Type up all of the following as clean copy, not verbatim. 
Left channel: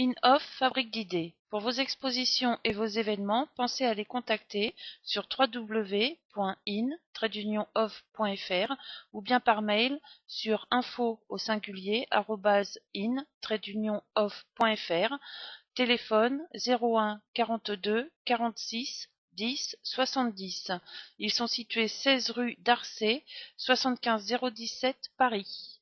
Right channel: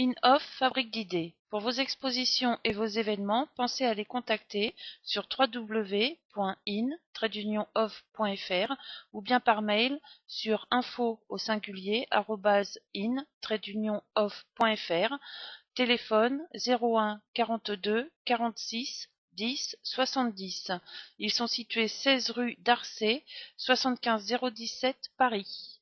In-Off fabrique d'idées. Pour vos expositions et vos événements, pensez à les contacter sur www.in-off.fr ou bien par mail sur info@in-off.fr. Téléphone 01 42 46 10 70. Ils sont situés 16 rue d'Arcet, 75 017 Paris.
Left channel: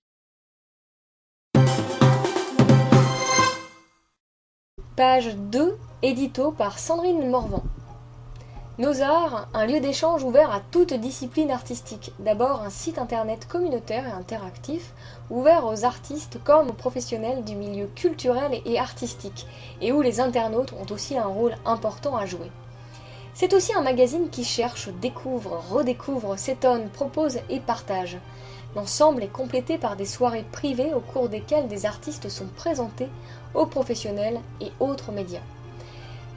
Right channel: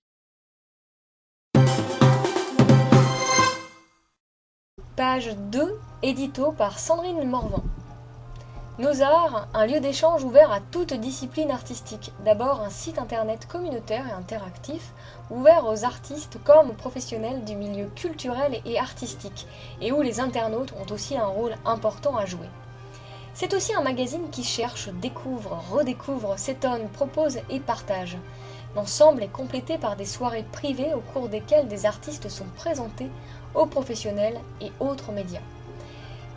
Page 2, édito par Sandrine Morvan. Nos Arts, un lieu d'échange ouvert à toute discipline artistique. D'abord un site internet communautaire et interactif, ouvert aux artistes comme aux professionnels du milieu culturel et artistique, et où les internautes ont aussi un rôle important à jouer. C'est aussi un magazine qui cherche, découvre, redécouvre, s'étonne, propose et partage. L'ensemble est complété par des soirées privées au cours desquelles des artistes sont présentés aux professionnels et autres médias.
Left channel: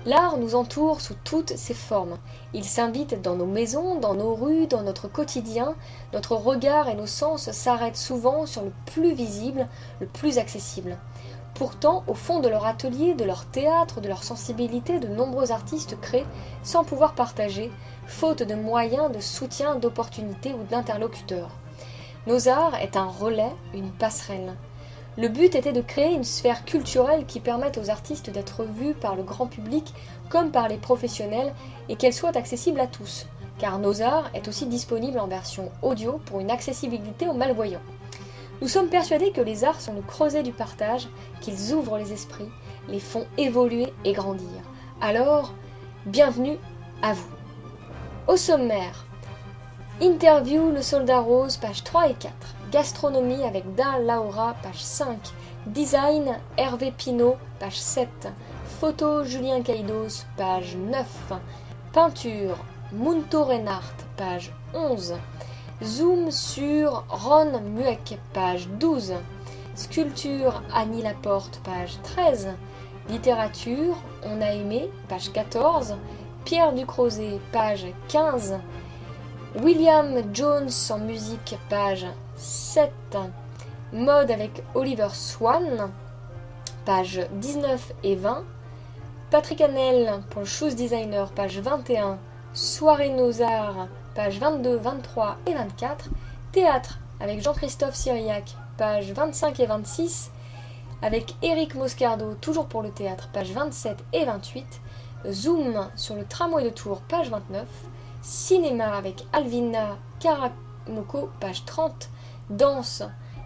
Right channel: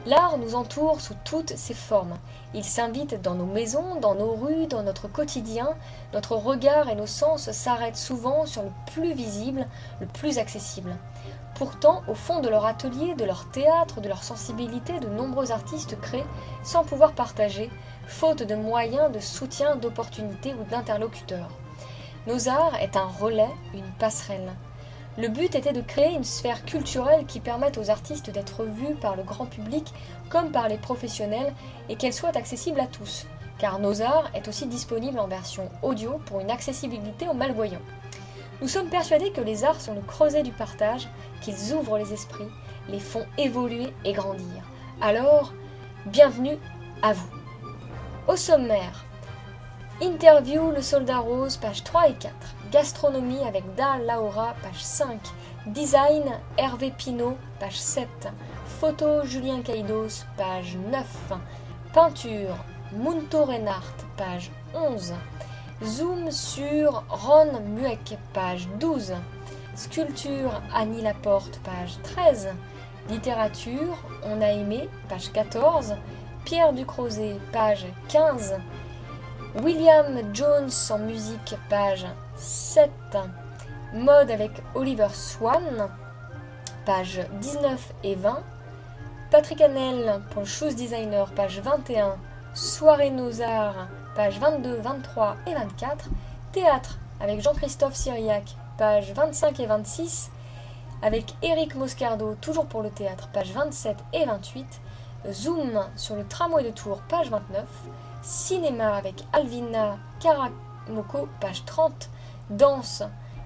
L'art nous entoure sous toutes ses formes. Il s'invite dans nos maisons, dans nos rues, dans notre quotidien. Notre regard et nos sens s'arrêtent souvent sur le plus visible, le plus accessible. Pourtant, au fond de leur atelier, de leur théâtre, de leur sensibilité, de nombreux artistes créent sans pouvoir partager, faute de moyens, de soutien, d'opportunités ou d'interlocuteurs. Nos Arts est un relais, une passerelle. Le but était de créer une sphère culturelle qui permette aux artistes d'être vus par le grand public comme par les professionnels et qu'elle soit accessible à tous, car Nos Arts est aussi disponible en version audio pour une accessibilité aux malvoyants. Nous sommes persuadés que les arts sont le creuset du partage, qu'ils ouvrent les esprits, les font évoluer et grandir. Alors, bienvenue à vous. Au sommaire, interview Le Soldat Rose, pages 3 et 4. Gastronomie avec Dan Laura, page 5. Design, Hervé Pinault, page 7. Photo, Julien Caïdos, page 9. Peinture, Munto Reinhardt, page 11. Zoom sur Ron Mueck, page 12. Sculpture, Annie Laporte, page 13. Littérature, On a aimé, page 14. Pierre Ducrozet, page 15. William Jones en musique, page 7. Mode avec Oliver Swan, page 19 et 20. Patrick Hanel pour le Shoes Designer, page 21. Soirée Nos Arts, page 22, 23 et 24. Théâtre avec Jean-Christophe Syriac, page 25 et 26. Avec Éric Moscardo, toujours pour le théâtre, page 27 et 28. Zoom sur le tramway de Tours, page 29. Cinéma avec Alvina Karamoko, page 30. Danse,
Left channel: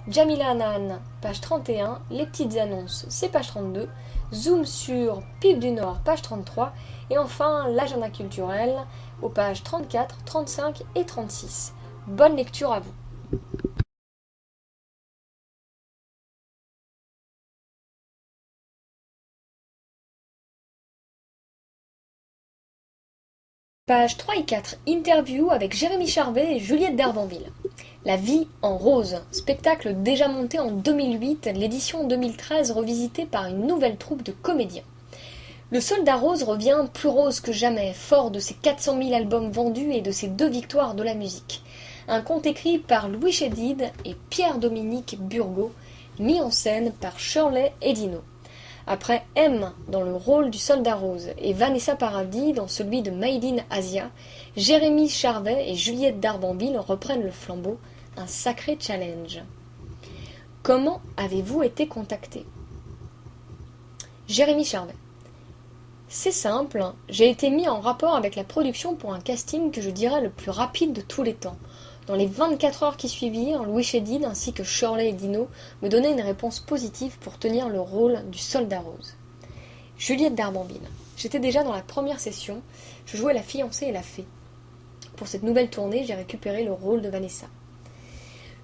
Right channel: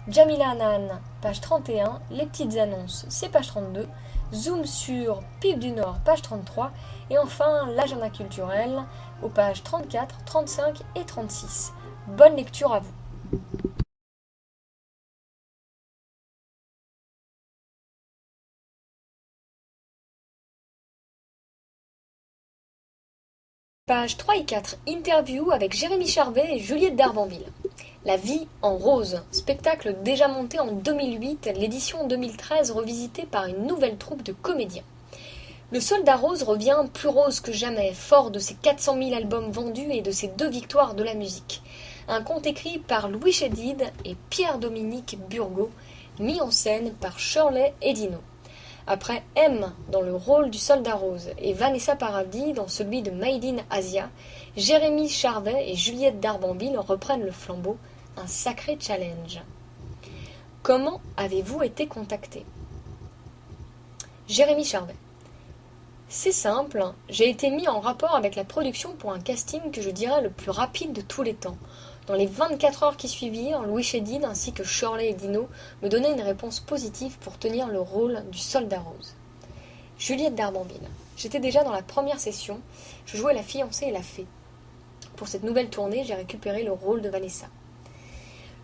Jamila Hanan, page 31. Les petites annonces, c'est page 32. Zoom sur Pipe du Nord, page 33. Et enfin, l'agenda culturel aux pages 34, 35 et 36. Bonne lecture à vous. Pages 3 et 4, interview avec Jérémy Charvet et Juliette d'Arbanville. La vie en rose, spectacle déjà monté en 2008, l'édition 2013 revisitée par une nouvelle troupe de comédiens. Le Soldat Rose revient plus rose que jamais, fort de ses 400 000 albums vendus et de ses 2 victoires de la musique. Un conte écrit par Louis Chédid et Pierre-Dominique Burgot, mis en scène par Shirley Edino. Après M dans le rôle du Soldat Rose et Vanessa Paradis dans celui de Made in Asia, Jérémy Charvet et Juliette d'Arbanville reprennent le flambeau, un sacré challenge. Comment avez-vous été contacté ? Jérémy Charvet. C'est simple, j'ai été mis en rapport avec la production pour un casting que je dirais le plus rapide de tous les temps. Dans les 24 heures qui suivirent, Louis Chédid ainsi que Shirley Edino me donnaient une réponse positive pour tenir le rôle du Soldat Rose. Juliette d'Arbanville. J'étais déjà dans la première session, je jouais la fiancée et la fée. Pour cette nouvelle tournée, j'ai récupéré le rôle de Vanessa.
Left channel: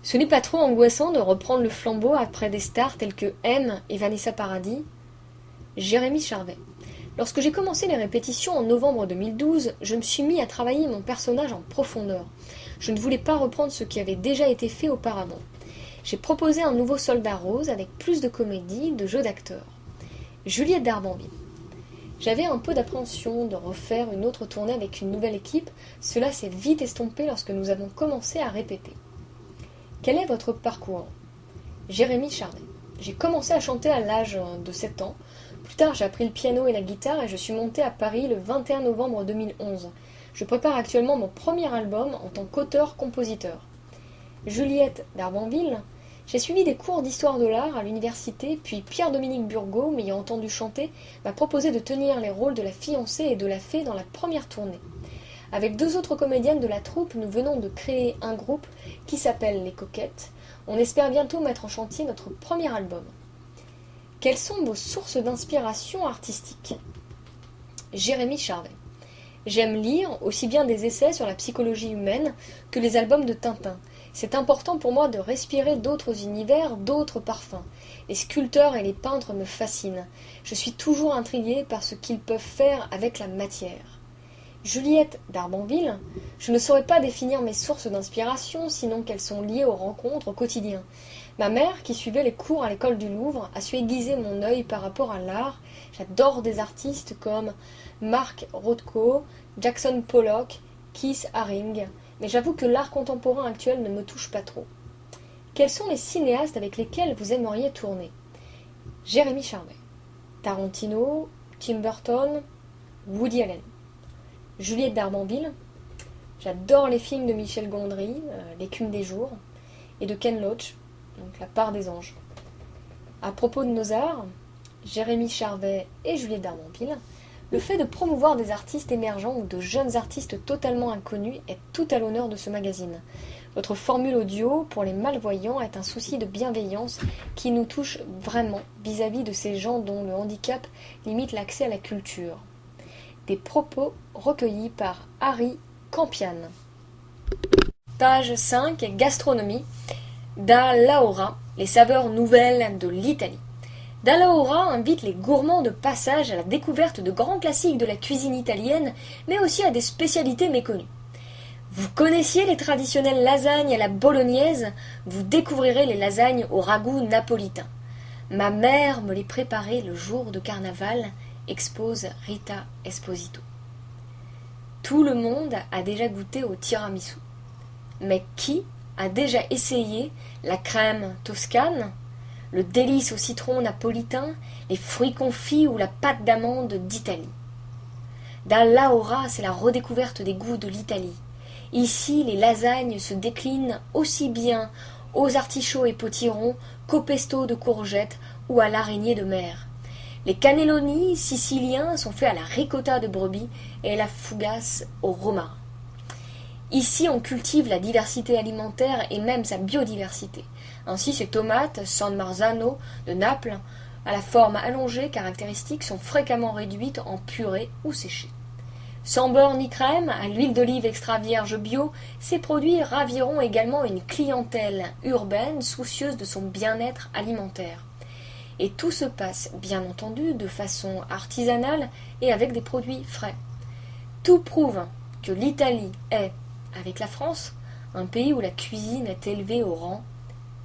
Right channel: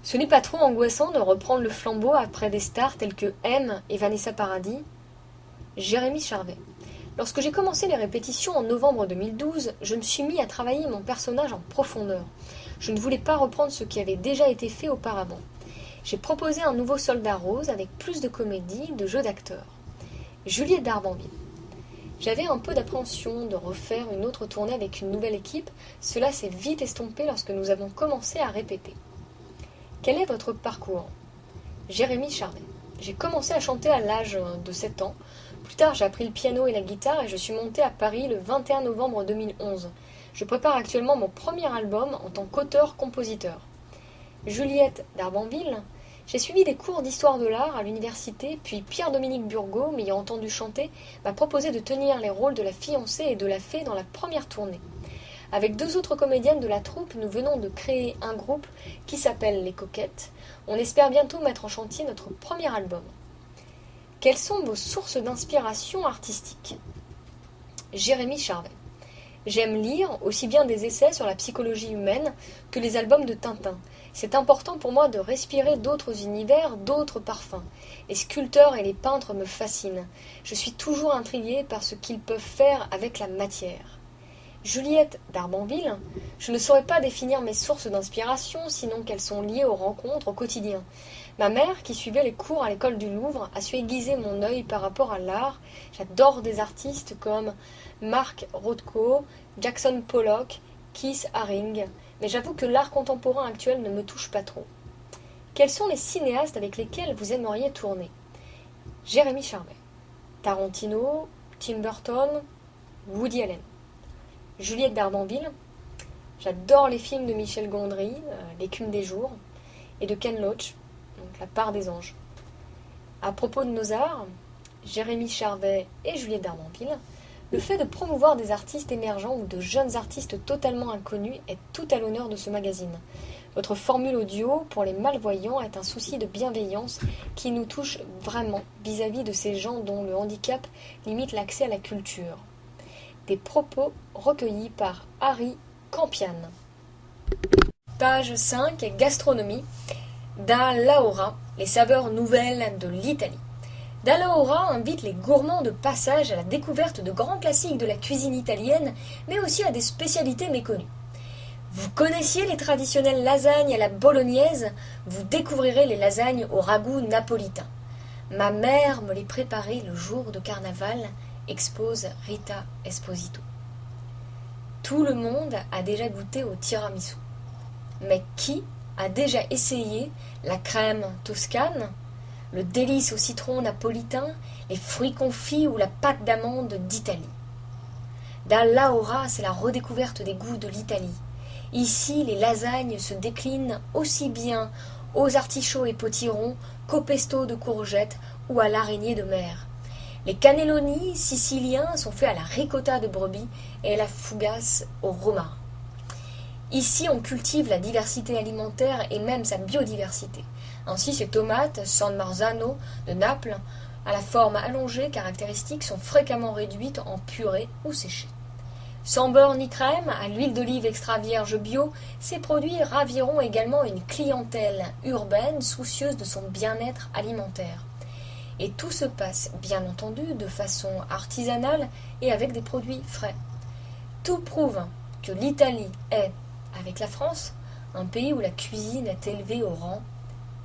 Ce n'est pas trop angoissant de reprendre le flambeau après des stars telles que M et Vanessa Paradis. Jérémy Charvet. Lorsque j'ai commencé les répétitions en novembre 2012, je me suis mis à travailler mon personnage en profondeur. Je ne voulais pas reprendre ce qui avait déjà été fait auparavant. J'ai proposé un nouveau Soldat Rose avec plus de comédie, de jeux d'acteurs. Juliette d'Arbanville. J'avais un peu d'appréhension de refaire une autre tournée avec une nouvelle équipe. Cela s'est vite estompé lorsque nous avons commencé à répéter. Quel est votre parcours ? Jérémy Charvet. J'ai commencé à chanter à l'âge de 7 ans. Plus tard, j'ai appris le piano et la guitare et je suis montée à Paris le 21 novembre 2011. Je prépare actuellement mon premier album en tant qu'auteur-compositeur. Juliette d'Arbanville, j'ai suivi des cours d'histoire de l'art à l'université, puis Pierre-Dominique Burgot, m'ayant entendu chanter, m'a proposé de tenir les rôles de la fiancée et de la fée dans la première tournée. Avec deux autres comédiennes de la troupe, nous venons de créer un groupe qui s'appelle Les Coquettes. On espère bientôt mettre en chantier notre premier album. Quelles sont vos sources d'inspiration artistique? Jérémy Charvet. J'aime lire aussi bien des essais sur la psychologie humaine que les albums de Tintin. C'est important pour moi de respirer d'autres univers, d'autres parfums. Les sculpteurs et les peintres me fascinent. Je suis toujours intriguée par ce qu'ils peuvent faire avec la matière. Juliette d'Arbanville, je ne saurais pas définir mes sources d'inspiration, sinon qu'elles sont liées aux rencontres au quotidien. Ma mère, qui suivait les cours à l'école du Louvre, a su aiguiser mon œil par rapport à l'art. J'adore des artistes comme Mark Rothko, Jackson Pollock, Keith Haring, mais j'avoue que l'art contemporain actuel ne me touche pas trop. Quels sont les cinéastes avec lesquels vous aimeriez tourner? Jérémy Charvet, Tarantino, Tim Burton, Woody Allen. Juliette d'Arbanville, j'adore les films de Michel Gondry, L'écume des jours, et de Ken Loach, donc La part des anges. À propos de nos arts, Jérémy Charvet et Juliette d'Arbanville, le fait de promouvoir des artistes émergents ou de jeunes artistes totalement inconnus est tout à l'honneur de ce magazine. Votre formule audio pour les malvoyants est un souci de bienveillance qui nous touche vraiment vis-à-vis de ces gens dont le handicap limite l'accès à la culture. Des propos recueillis par Harry Campian. Page 5, gastronomie. Da Laura, les saveurs nouvelles de l'Italie. Da Laura invite les gourmands de passage à la découverte de grands classiques de la cuisine italienne, mais aussi à des spécialités méconnues. Vous connaissiez les traditionnelles lasagnes à la bolognaise, vous découvrirez les lasagnes au ragoût napolitain. Ma mère me les préparait le jour de carnaval, expose Rita Esposito. Tout le monde a déjà goûté au tiramisu. Mais qui a déjà essayé la crème toscane, le délice au citron napolitain, les fruits confits ou la pâte d'amande d'Italie? Da Laura, c'est la redécouverte des goûts de l'Italie. Ici, les lasagnes se déclinent aussi bien aux artichauts et potirons qu'au pesto de courgettes ou à l'araignée de mer. Les cannelloni siciliens sont faits à la ricotta de brebis et à la fougasse au romarin. Ici, on cultive la diversité alimentaire et même sa biodiversité. Ainsi, ces tomates San Marzano de Naples, à la forme allongée caractéristique, sont fréquemment réduites en purée ou séchées. Sans beurre ni crème, à l'huile d'olive extra vierge bio, ces produits raviront également une clientèle urbaine soucieuse de son bien-être alimentaire. Et tout se passe, bien entendu, de façon artisanale et avec des produits frais. Tout prouve que l'Italie est, avec la France, un pays où la cuisine est élevée au rang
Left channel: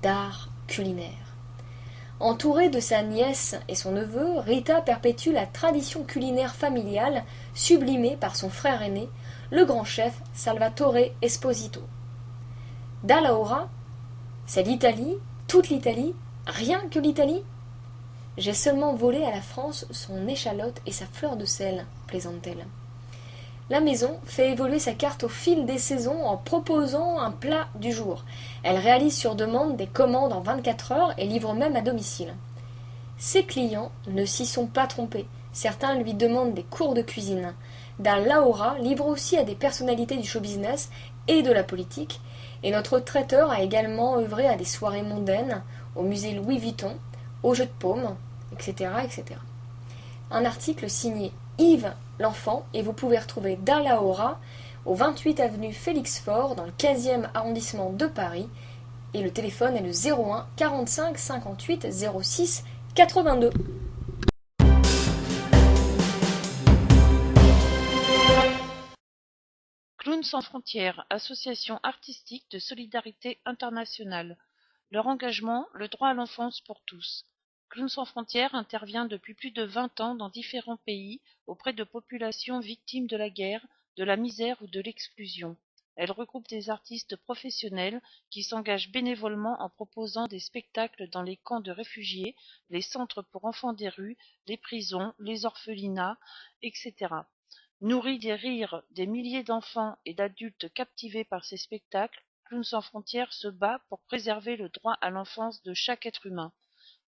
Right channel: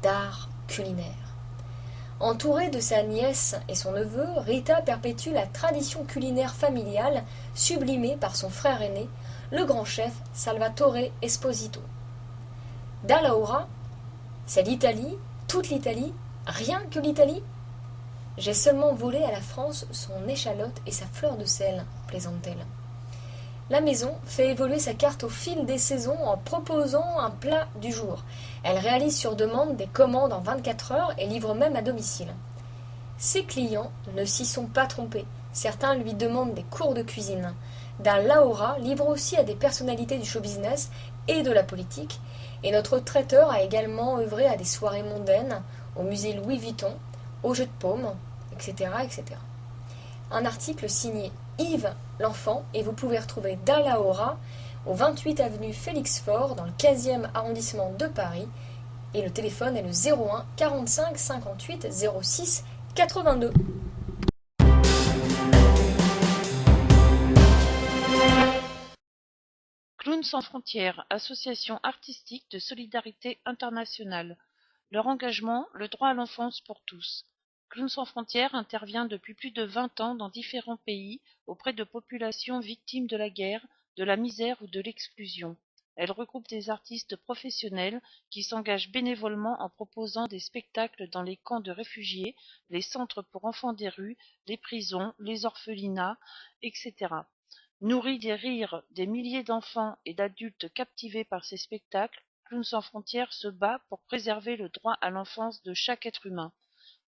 d'art culinaire. Entourée de sa nièce et son neveu, Rita perpétue la tradition culinaire familiale sublimée par son frère aîné, le grand chef Salvatore Esposito. Da Laura, c'est l'Italie, toute l'Italie, rien que l'Italie? J'ai seulement volé à la France son échalote et sa fleur de sel, plaisante-t-elle. La maison fait évoluer sa carte au fil des saisons en proposant un plat du jour. Elle réalise sur demande des commandes en 24 heures et livre même à domicile. Ses clients ne s'y sont pas trompés. Certains lui demandent des cours de cuisine. Da Laura livre aussi à des personnalités du show business et de la politique. Et notre traiteur a également œuvré à des soirées mondaines, au musée Louis Vuitton, au jeu de paume, etc., etc. Un article signé Yves L'Enfant et vous pouvez retrouver Da Laura au 28 avenue Félix Faure dans le 15e arrondissement de Paris et le téléphone est le 01 45 58 06 82. Clowns sans frontières, association artistique de solidarité internationale. Leur engagement, le droit à l'enfance pour tous. Clowns sans frontières intervient depuis plus de 20 ans dans différents pays auprès de populations victimes de la guerre, de la misère ou de l'exclusion. Elle regroupe des artistes professionnels qui s'engagent bénévolement en proposant des spectacles dans les camps de réfugiés, les centres pour enfants des rues, les prisons, les orphelinats, etc. Nourrie des rires des milliers d'enfants et d'adultes captivés par ces spectacles, Clowns sans frontières se bat pour préserver le droit à l'enfance de chaque être humain.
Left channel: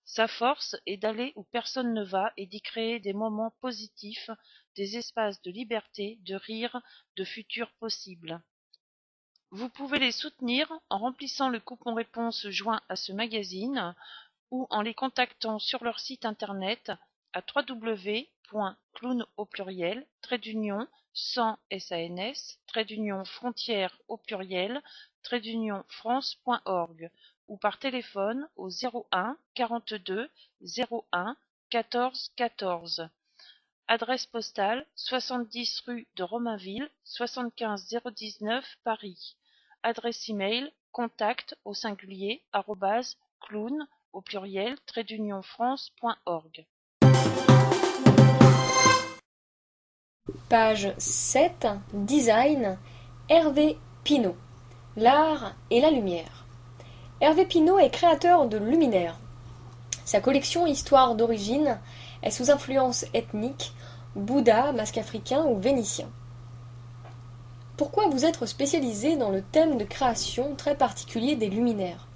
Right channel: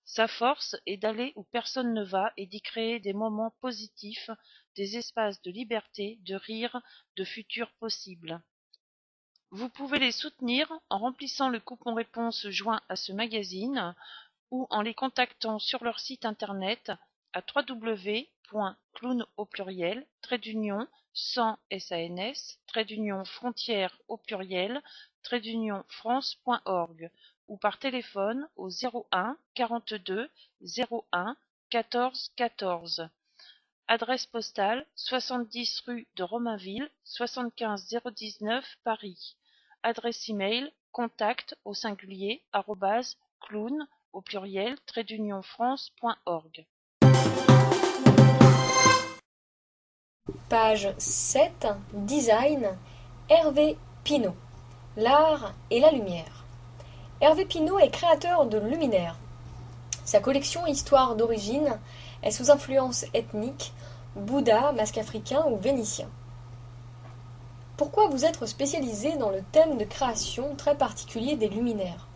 Sa force est d'aller où personne ne va et d'y créer des moments positifs, des espaces de liberté, de rire, de futur possible. Vous pouvez les soutenir en remplissant le coupon réponse joint à ce magazine ou en les contactant sur leur site internet à www.clown au pluriel sans frontières au pluriel france.org ou par téléphone au 01 42 01 14 14. Adresse postale 70 rue de Romainville 75 019 Paris. Adresse email contact au singulier @clown au pluriel france.org. Page 7, Design, Hervé Pinault. L'art et la lumière. Hervé Pinault est créateur de luminaires. Sa collection Histoire d'origine est sous influence ethnique, Bouddha, masque africain ou vénitien. Pourquoi vous être spécialisé dans le thème de création très particulier des luminaires?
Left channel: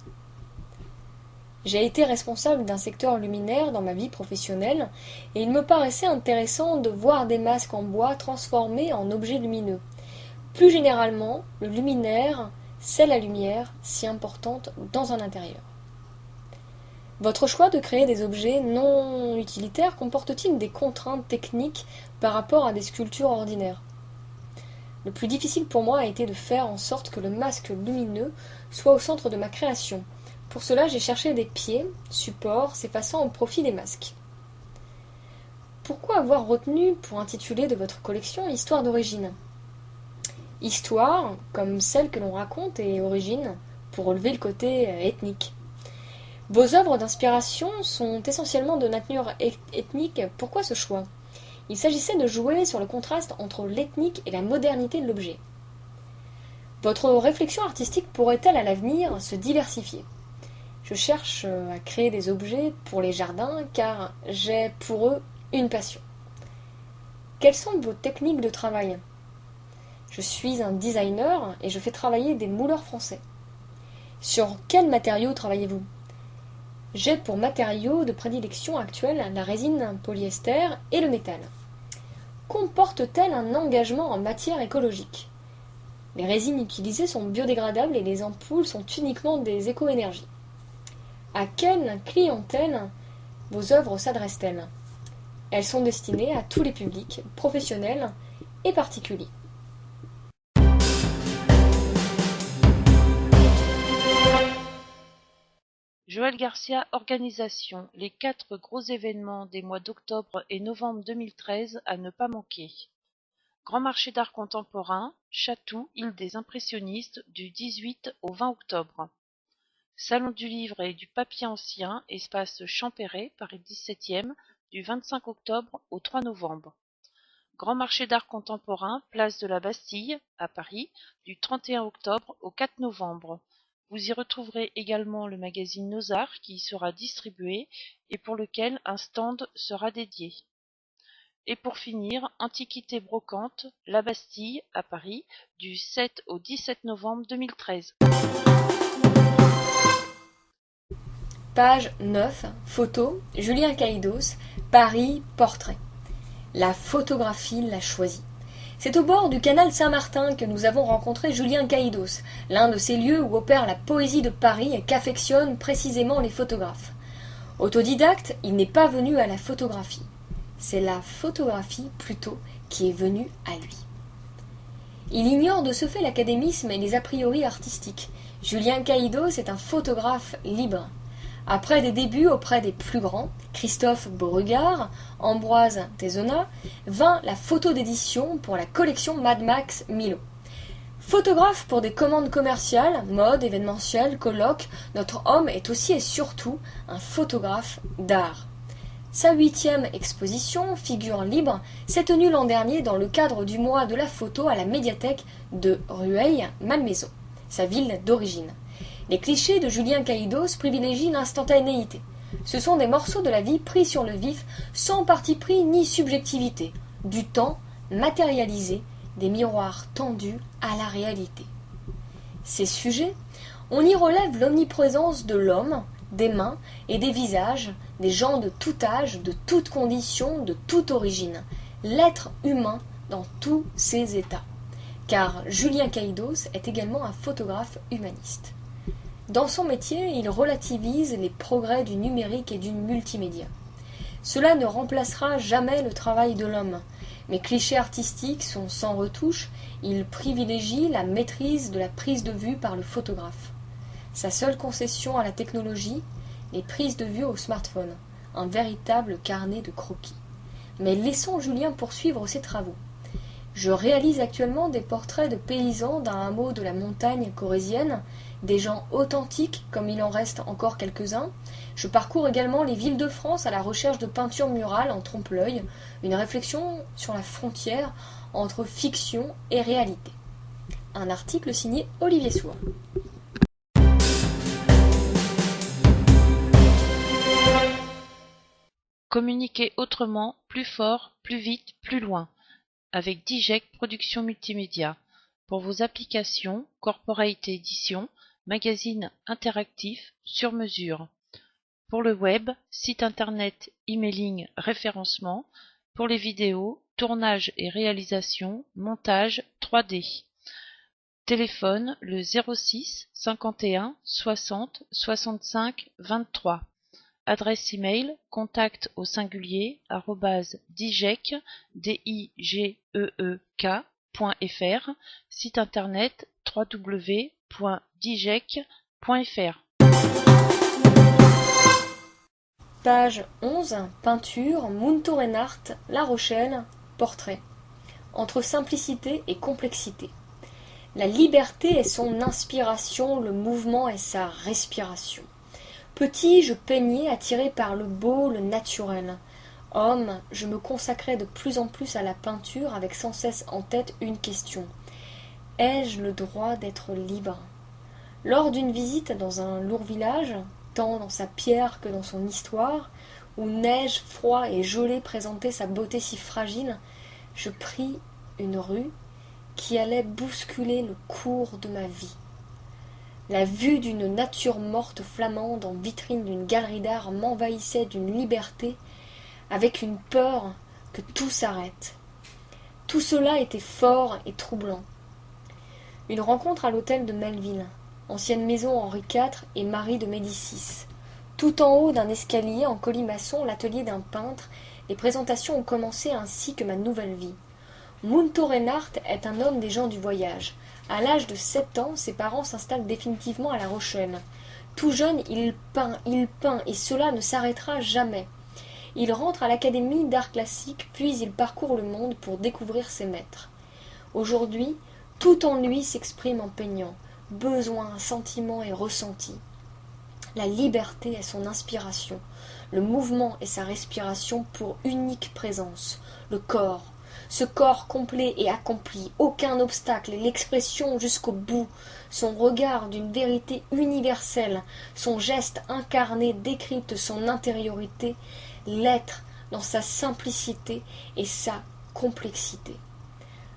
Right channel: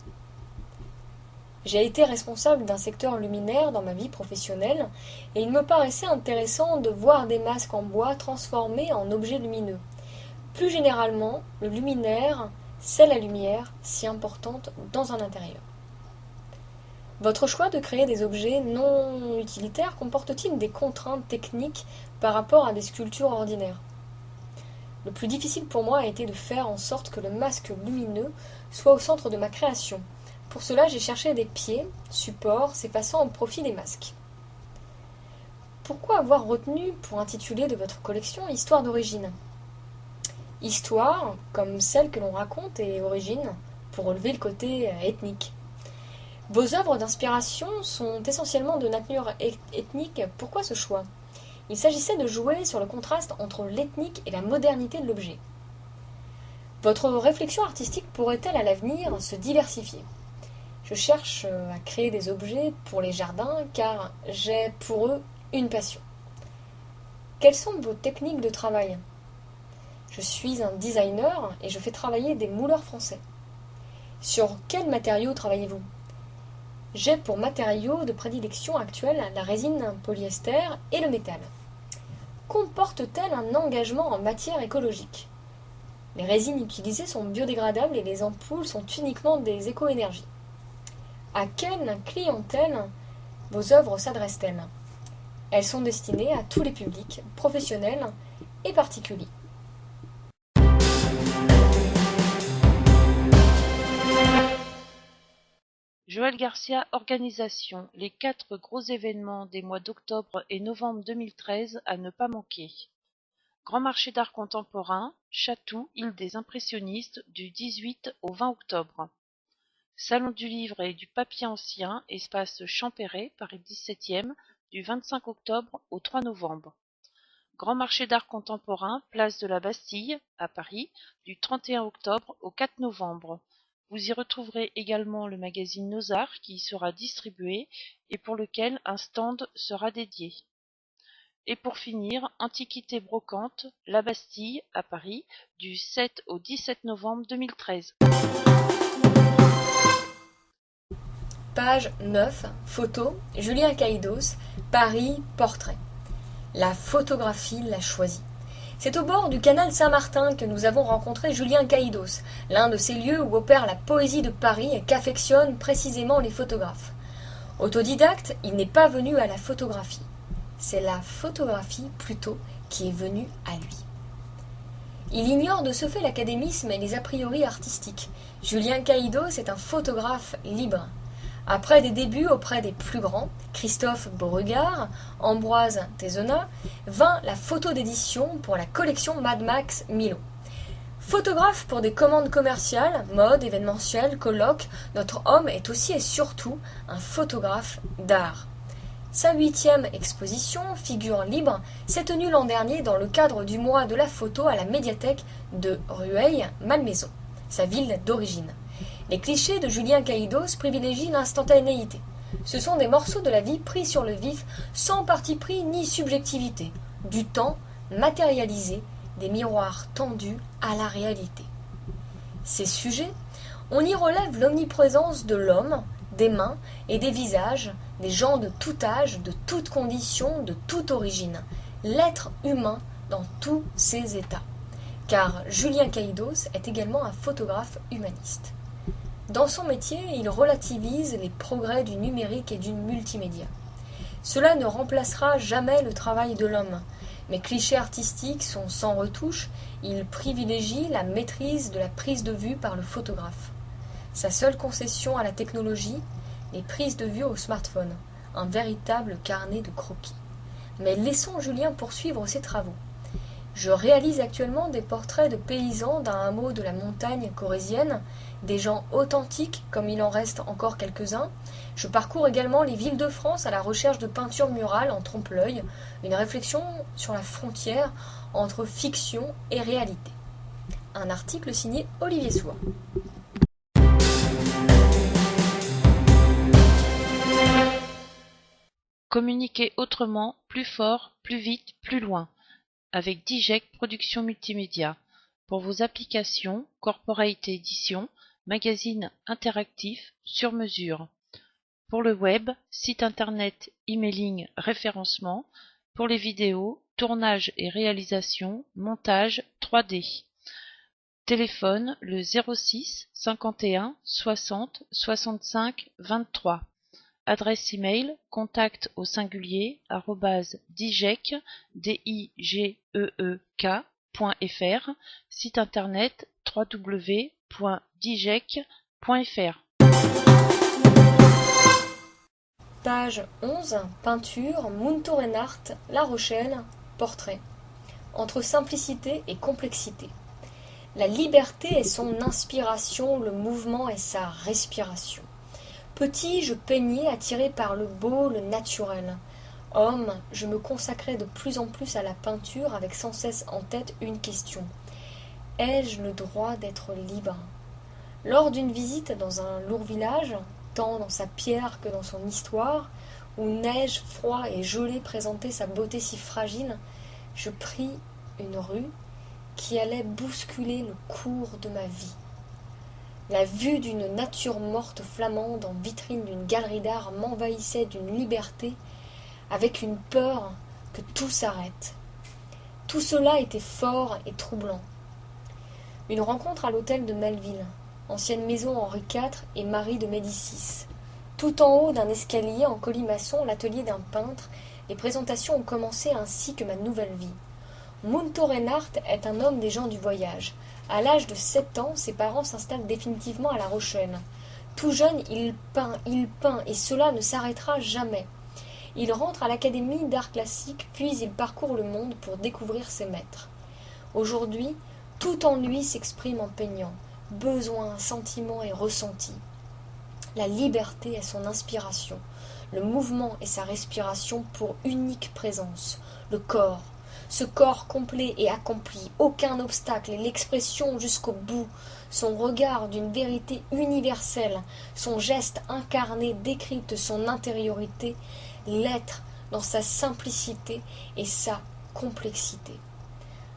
J'ai été responsable d'un secteur luminaire dans ma vie professionnelle et il me paraissait intéressant de voir des masques en bois transformés en objets lumineux. Plus généralement, le luminaire, c'est la lumière si importante dans un intérieur. Votre choix de créer des objets non utilitaires comporte-t-il des contraintes techniques par rapport à des sculptures ordinaires? Le plus difficile pour moi a été de faire en sorte que le masque lumineux soit au centre de ma création. Pour cela, j'ai cherché des pieds, supports, s'effaçant au profit des masques. Pourquoi avoir retenu pour intituler de votre collection Histoire d'origine? Histoire, comme celle que l'on raconte, et origine, pour relever le côté ethnique. Vos œuvres d'inspiration sont essentiellement de nature ethnique. Pourquoi ce choix? Il s'agissait de jouer sur le contraste entre l'ethnique et la modernité de l'objet. Votre réflexion artistique pourrait-elle à l'avenir se diversifier? Je cherche à créer des objets pour les jardins car j'ai pour eux une passion. Quelles sont vos techniques de travail? Je suis un designer et je fais travailler des mouleurs français. Sur quels matériaux travaillez-vous? J'ai pour matériaux de prédilection actuels la résine polyester et le métal. Comporte-t-elle un engagement en matière écologique? Les résines utilisées sont biodégradables et les ampoules sont uniquement des éco-énergies. À quelle clientèle vos œuvres s'adressent-elles? Elles sont destinées à tous les publics, professionnels et particuliers. Joël Garcia Organisation, les 4 gros événements des mois d'octobre et novembre 2013 à ne pas manquer. Grand marché d'art contemporain, Chatou, île des impressionnistes, du 18 au 20 octobre. Salon du livre et du papier ancien, espace Champéret, Paris 17e, du 25 octobre au 3 novembre. Grand marché d'art contemporain, place de la Bastille, à Paris, du 31 octobre au 4 novembre. Vous y retrouverez également le magazine Nos Arts qui y sera distribué et pour lequel un stand sera dédié. Et pour finir, Antiquité brocante, La Bastille, à Paris, du 7 au 17 novembre 2013. Page 9, photo, Julien Caïdos, Paris, portrait. La photographie l'a choisi. C'est au bord du canal Saint-Martin que nous avons rencontré Julien Caïdos, l'un de ces lieux où opère la poésie de Paris et qu'affectionnent précisément les photographes. Autodidacte, il n'est pas venu à la photographie. C'est la photographie, plutôt, qui est venue à lui. Il ignore de ce fait l'académisme et les a priori artistiques. Julien Caïdos est un photographe libre. Après des débuts auprès des plus grands, Christophe Beauregard, Ambroise Thézenat, vint la photo d'édition pour la collection Mad Max Milo. Photographe pour des commandes commerciales, mode, événementiel, colloques, notre homme est aussi et surtout un photographe d'art. Sa 8e exposition, Figures libres, s'est tenue l'an dernier dans le cadre du mois de la photo à la médiathèque de Rueil-Malmaison, sa ville d'origine. Les clichés de Julien Caïdos privilégient l'instantanéité. Ce sont des morceaux de la vie pris sur le vif, sans parti pris ni subjectivité, du temps matérialisé, des miroirs tendus à la réalité. Ces sujets, on y relève l'omniprésence de l'homme, des mains et des visages, des gens de tout âge, de toutes conditions, de toute origine, l'être humain dans tous ses états. Car Julien Caïdos est également un photographe humaniste. Dans son métier, il relativise les progrès du numérique et du multimédia. Cela ne remplacera jamais le travail de l'homme. Mes clichés artistiques sont sans retouche, il privilégie la maîtrise de la prise de vue par le photographe. Sa seule concession à la technologie, les prises de vue au smartphone, un véritable carnet de croquis. Mais laissons Julien poursuivre ses travaux. Je réalise actuellement des portraits de paysans d'un hameau de la montagne corrézienne, des gens authentiques comme il en reste encore quelques-uns. Je parcours également les villes de France à la recherche de peintures murales en trompe-l'œil, une réflexion sur la frontière entre fiction et réalité. Un article signé Olivier Sour. Communiquer autrement, plus fort, plus vite, plus loin, avec Dijek Productions Multimédia. Pour vos applications, corporate édition, magazine interactif, sur mesure. Pour le web, site internet, emailing, référencement. Pour les vidéos, tournage et réalisation, montage 3D. Téléphone le 06 51 60 65 23. Adresse email contact au singulier @dijek digeek.fr. Site internet www.dijek.fr. Page 11, peinture, Munto Reinhardt, La Rochelle, portrait. Entre simplicité et complexité. La liberté est son inspiration, le mouvement est sa respiration. Petit, je peignais, attiré par le beau, le naturel. Homme, je me consacrais de plus en plus à la peinture avec sans cesse en tête une question. Ai-je le droit d'être libre ? Lors d'une visite dans un lourd village, tant dans sa pierre que dans son histoire, où neige, froid et gelée présentaient sa beauté si fragile, je pris une rue qui allait bousculer le cours de ma vie. La vue d'une nature morte flamande en vitrine d'une galerie d'art m'envahissait d'une liberté, avec une peur que tout s'arrête. Tout cela était fort et troublant. Une rencontre à l'hôtel de Melville, ancienne maison Henri IV et Marie de Médicis. Tout en haut d'un escalier en colimaçon, l'atelier d'un peintre, les présentations ont commencé ainsi que ma nouvelle vie. Munto Reinhardt est un homme des gens du voyage. À l'âge de 7 ans, ses parents s'installent définitivement à La Rochelle. Tout jeune, il peint, et cela ne s'arrêtera jamais. Il rentre à l'Académie d'art classique, puis il parcourt le monde pour découvrir ses maîtres. Aujourd'hui, tout en lui s'exprime en peignant, besoin, sentiment et ressenti. La liberté est son inspiration, le mouvement est sa respiration pour unique présence, le corps. Ce corps complet et accompli, aucun obstacle et l'expression jusqu'au bout, son regard d'une vérité universelle, son geste incarné décrypte son intériorité, l'être dans sa simplicité et sa complexité.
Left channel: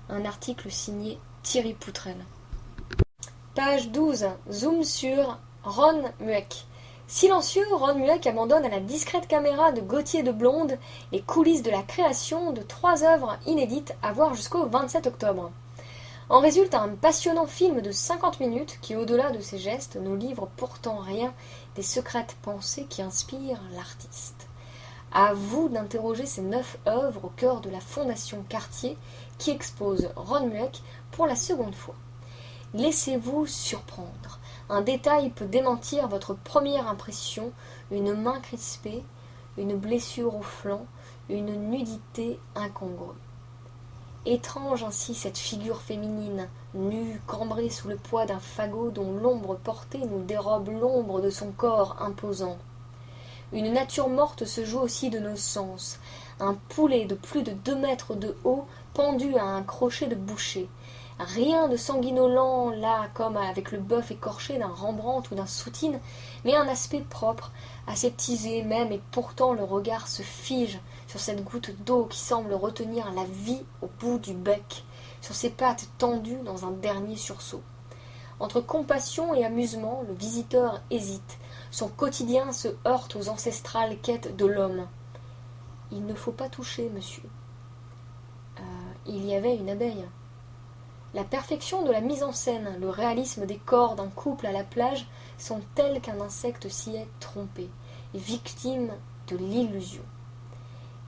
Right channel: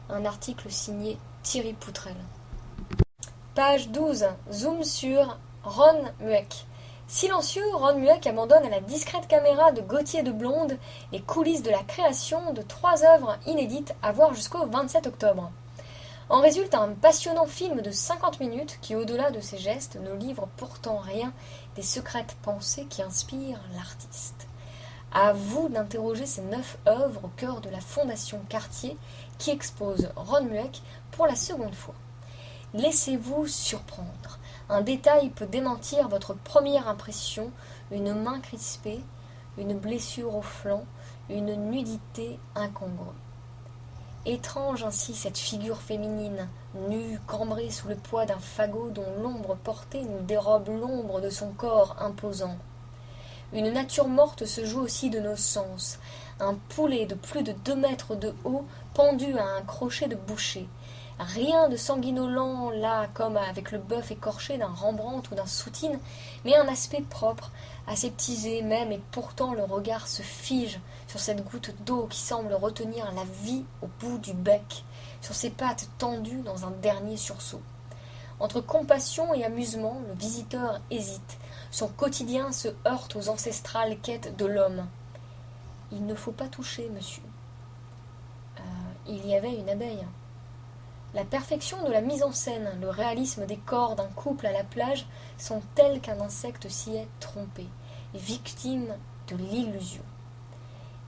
Un article signé Thierry Poutrel. Page 12. Zoom sur Ron Mueck. Silencieux, Ron Mueck abandonne à la discrète caméra de Gauthier de Blonde les coulisses de la création de 3 œuvres inédites à voir jusqu'au 27 octobre. En résulte un passionnant film de 50 minutes qui, au-delà de ses gestes, ne livre pourtant rien des secrètes pensées qui inspirent l'artiste. À vous d'interroger ces 9 œuvres au cœur de la Fondation Cartier qui expose Ron Mueck pour la seconde fois. Laissez-vous surprendre. Un détail peut démentir votre première impression, une main crispée, une blessure au flanc, une nudité incongrue. Étrange ainsi cette figure féminine, nue, cambrée sous le poids d'un fagot dont l'ombre portée nous dérobe l'ombre de son corps imposant. Une nature morte se joue aussi de nos sens. Un poulet de plus de 2 mètres de haut pendu à un crochet de boucher. Rien de sanguinolent là, comme avec le bœuf écorché d'un Rembrandt ou d'un Soutine, mais un aspect propre, aseptisé même, et pourtant le regard se fige sur cette goutte d'eau qui semble retenir la vie au bout du bec, sur ses pattes tendues dans un dernier sursaut. Entre compassion et amusement, le visiteur hésite. Son quotidien se heurte aux ancestrales quêtes de l'homme. Il ne faut pas toucher, monsieur. Il y avait une abeille. La perfection de la mise en scène, le réalisme des corps d'un couple à la plage sont tels qu'un insecte s'y est trompé, victime de l'illusion.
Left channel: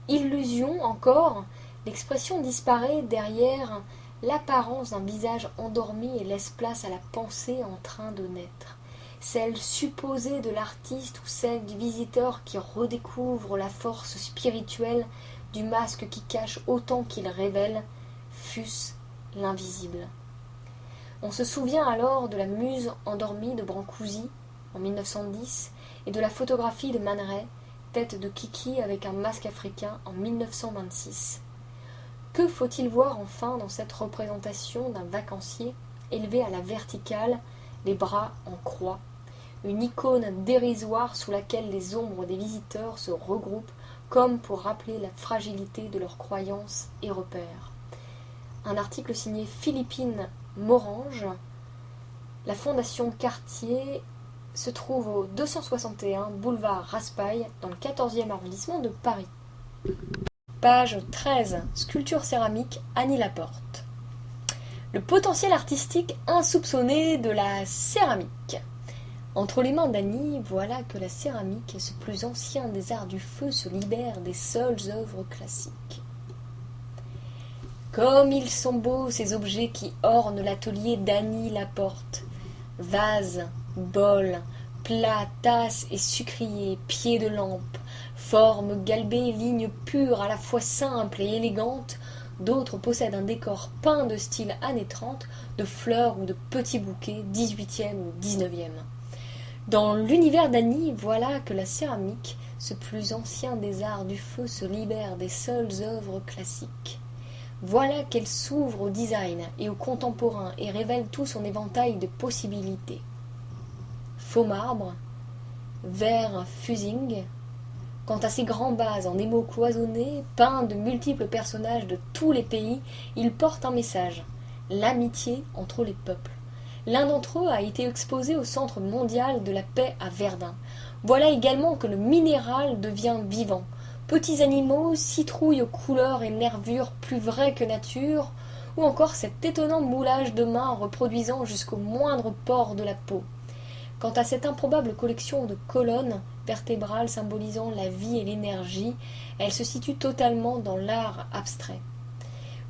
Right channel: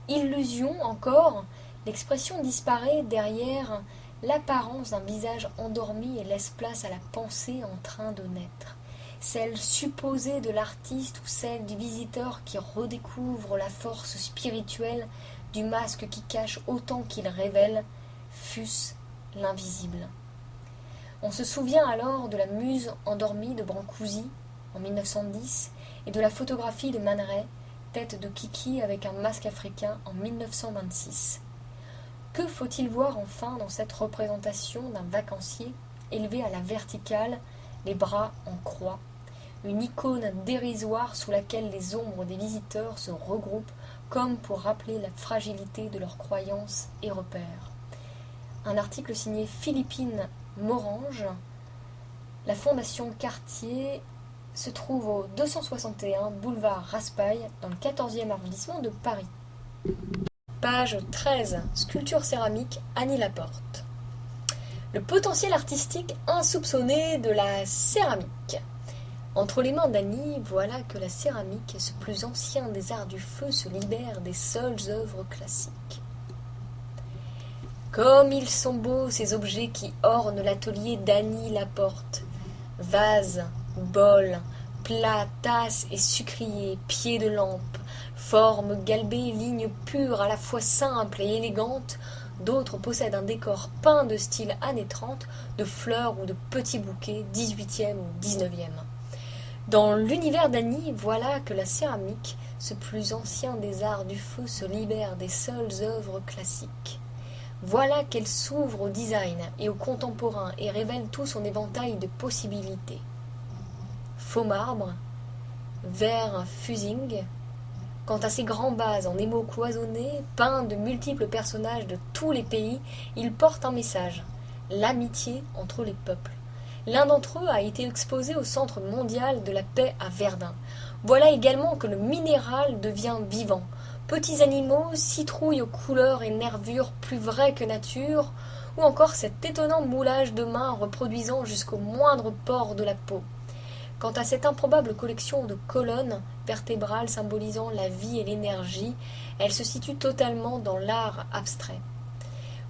Illusion encore, l'expression disparaît derrière l'apparence d'un visage endormi et laisse place à la pensée en train de naître. Celle supposée de l'artiste ou celle du visiteur qui redécouvre la force spirituelle du masque qui cache autant qu'il révèle, fût-ce l'invisible. On se souvient alors de la muse endormie de Brancusi en 1910 et de la photographie de Man Ray, tête de Kiki avec un masque africain en 1926. Que faut-il voir enfin dans cette représentation d'un vacancier élevé à la verticale, les bras en croix, une icône dérisoire sous laquelle les ombres des visiteurs se regroupent comme pour rappeler la fragilité de leurs croyances et repères. Un article signé Philippine Morange. La Fondation Cartier se trouve au 261 boulevard Raspail dans le 14e arrondissement de Paris. Page 13. Sculpture céramique Annie Laporte. Le potentiel artistique insoupçonné de la céramique. Entre les mains d'Annie, voilà que la céramique, ce plus ancien des arts du feu, se libère des seules œuvres classiques. Comme ils sont beaux ces objets qui ornent l'atelier d'Annie Laporte. Vases, bols, plats, tasses et sucriers, pieds de lampe, formes galbées, lignes pures à la fois simples et élégantes. D'autres possèdent un décor peint de style années 30, de fleurs ou de petits bouquets, 18e ou 19e. Dans l'univers d'Annie, voilà que la céramique, ce plus ancien des arts du feu, se libère des seules œuvres classiques. Voilà qu'elle s'ouvre au design et au contemporain et révèle tout son éventail de possibilités. Faux marbre, verre fusing. Quant à ces grands vases en émaux cloisonnés, peints de multiples personnages de tous les pays, ils portent un message, l'amitié entre les peuples. L'un d'entre eux a été exposé au Centre mondial de la paix à Verdun. Voilà également que le minéral devient vivant. Petits animaux, citrouilles aux couleurs et nervures plus vraies que nature, ou encore cet étonnant moulage de main reproduisant jusqu'au moindre pore de la peau. Quant à cette improbable collection de colonnes vertébrales symbolisant la vie et l'énergie, elle se situe totalement dans l'art abstrait.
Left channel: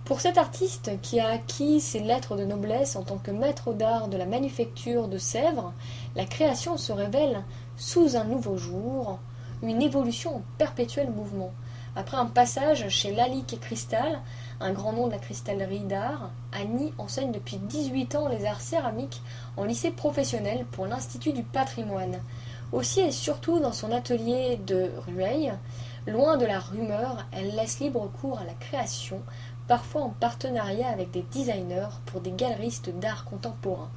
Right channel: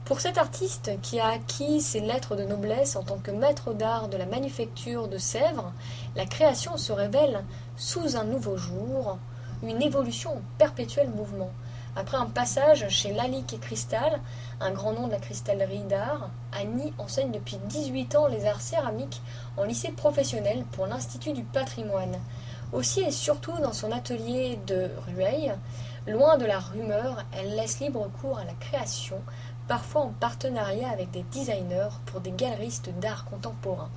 Pour cet artiste qui a acquis ses lettres de noblesse en tant que maître d'art de la manufacture de Sèvres, la création se révèle sous un nouveau jour, une évolution en perpétuel mouvement. Après un passage chez Lalique et Cristal, un grand nom de la cristallerie d'art, Annie enseigne depuis 18 ans les arts céramiques en lycée professionnel pour l'Institut du patrimoine. Aussi et surtout dans son atelier de Rueil, loin de la rumeur, elle laisse libre cours à la création, parfois en partenariat avec des designers pour des galeristes d'art contemporain.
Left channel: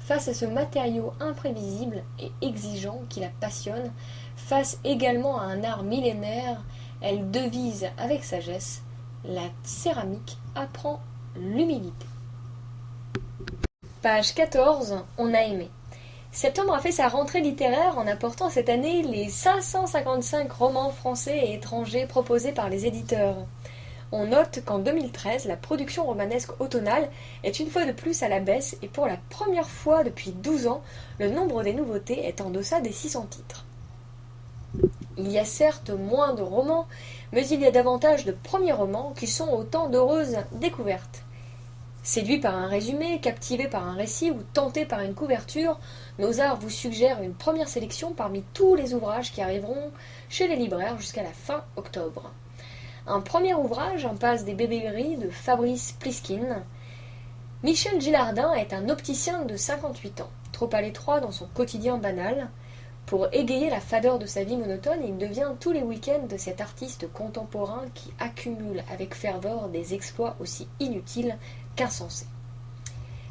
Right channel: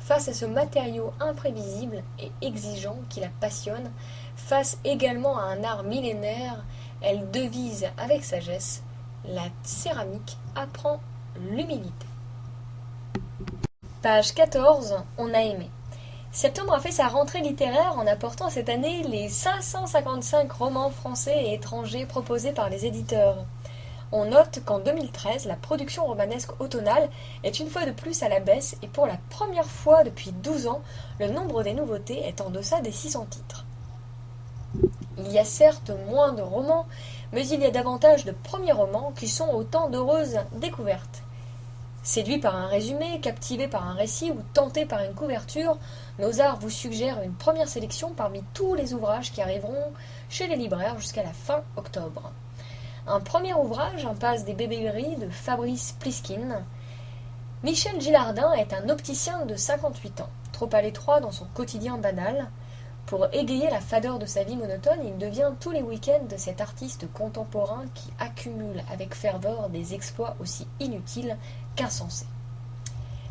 Face à ce matériau imprévisible et exigeant qui la passionne, face également à un art millénaire, elle devise avec sagesse: la céramique apprend l'humilité. Page 14, on a aimé. Septembre a fait sa rentrée littéraire en apportant cette année les 555 romans français et étrangers proposés par les éditeurs. On note qu'en 2013, la production romanesque automnale est une fois de plus à la baisse et pour la première fois depuis 12 ans, le nombre des nouveautés est en deçà des 600 titres. Il y a certes moins de romans, mais il y a davantage de premiers romans qui sont autant d'heureuses découvertes. Séduits par un résumé, captivés par un récit ou tentés par une couverture, Nos Arts vous suggère une première sélection parmi tous les ouvrages qui arriveront chez les libraires jusqu'à la fin octobre. Un premier ouvrage, Impasse des bébés gris de Fabrice Pliskine. Michel Gillardin est un opticien de 58 ans, trop à l'étroit dans son quotidien banal. Pour égayer la fadeur de sa vie monotone, il devient tous les week-ends cet artiste contemporain qui accumule avec ferveur des exploits aussi inutiles qu'insensés.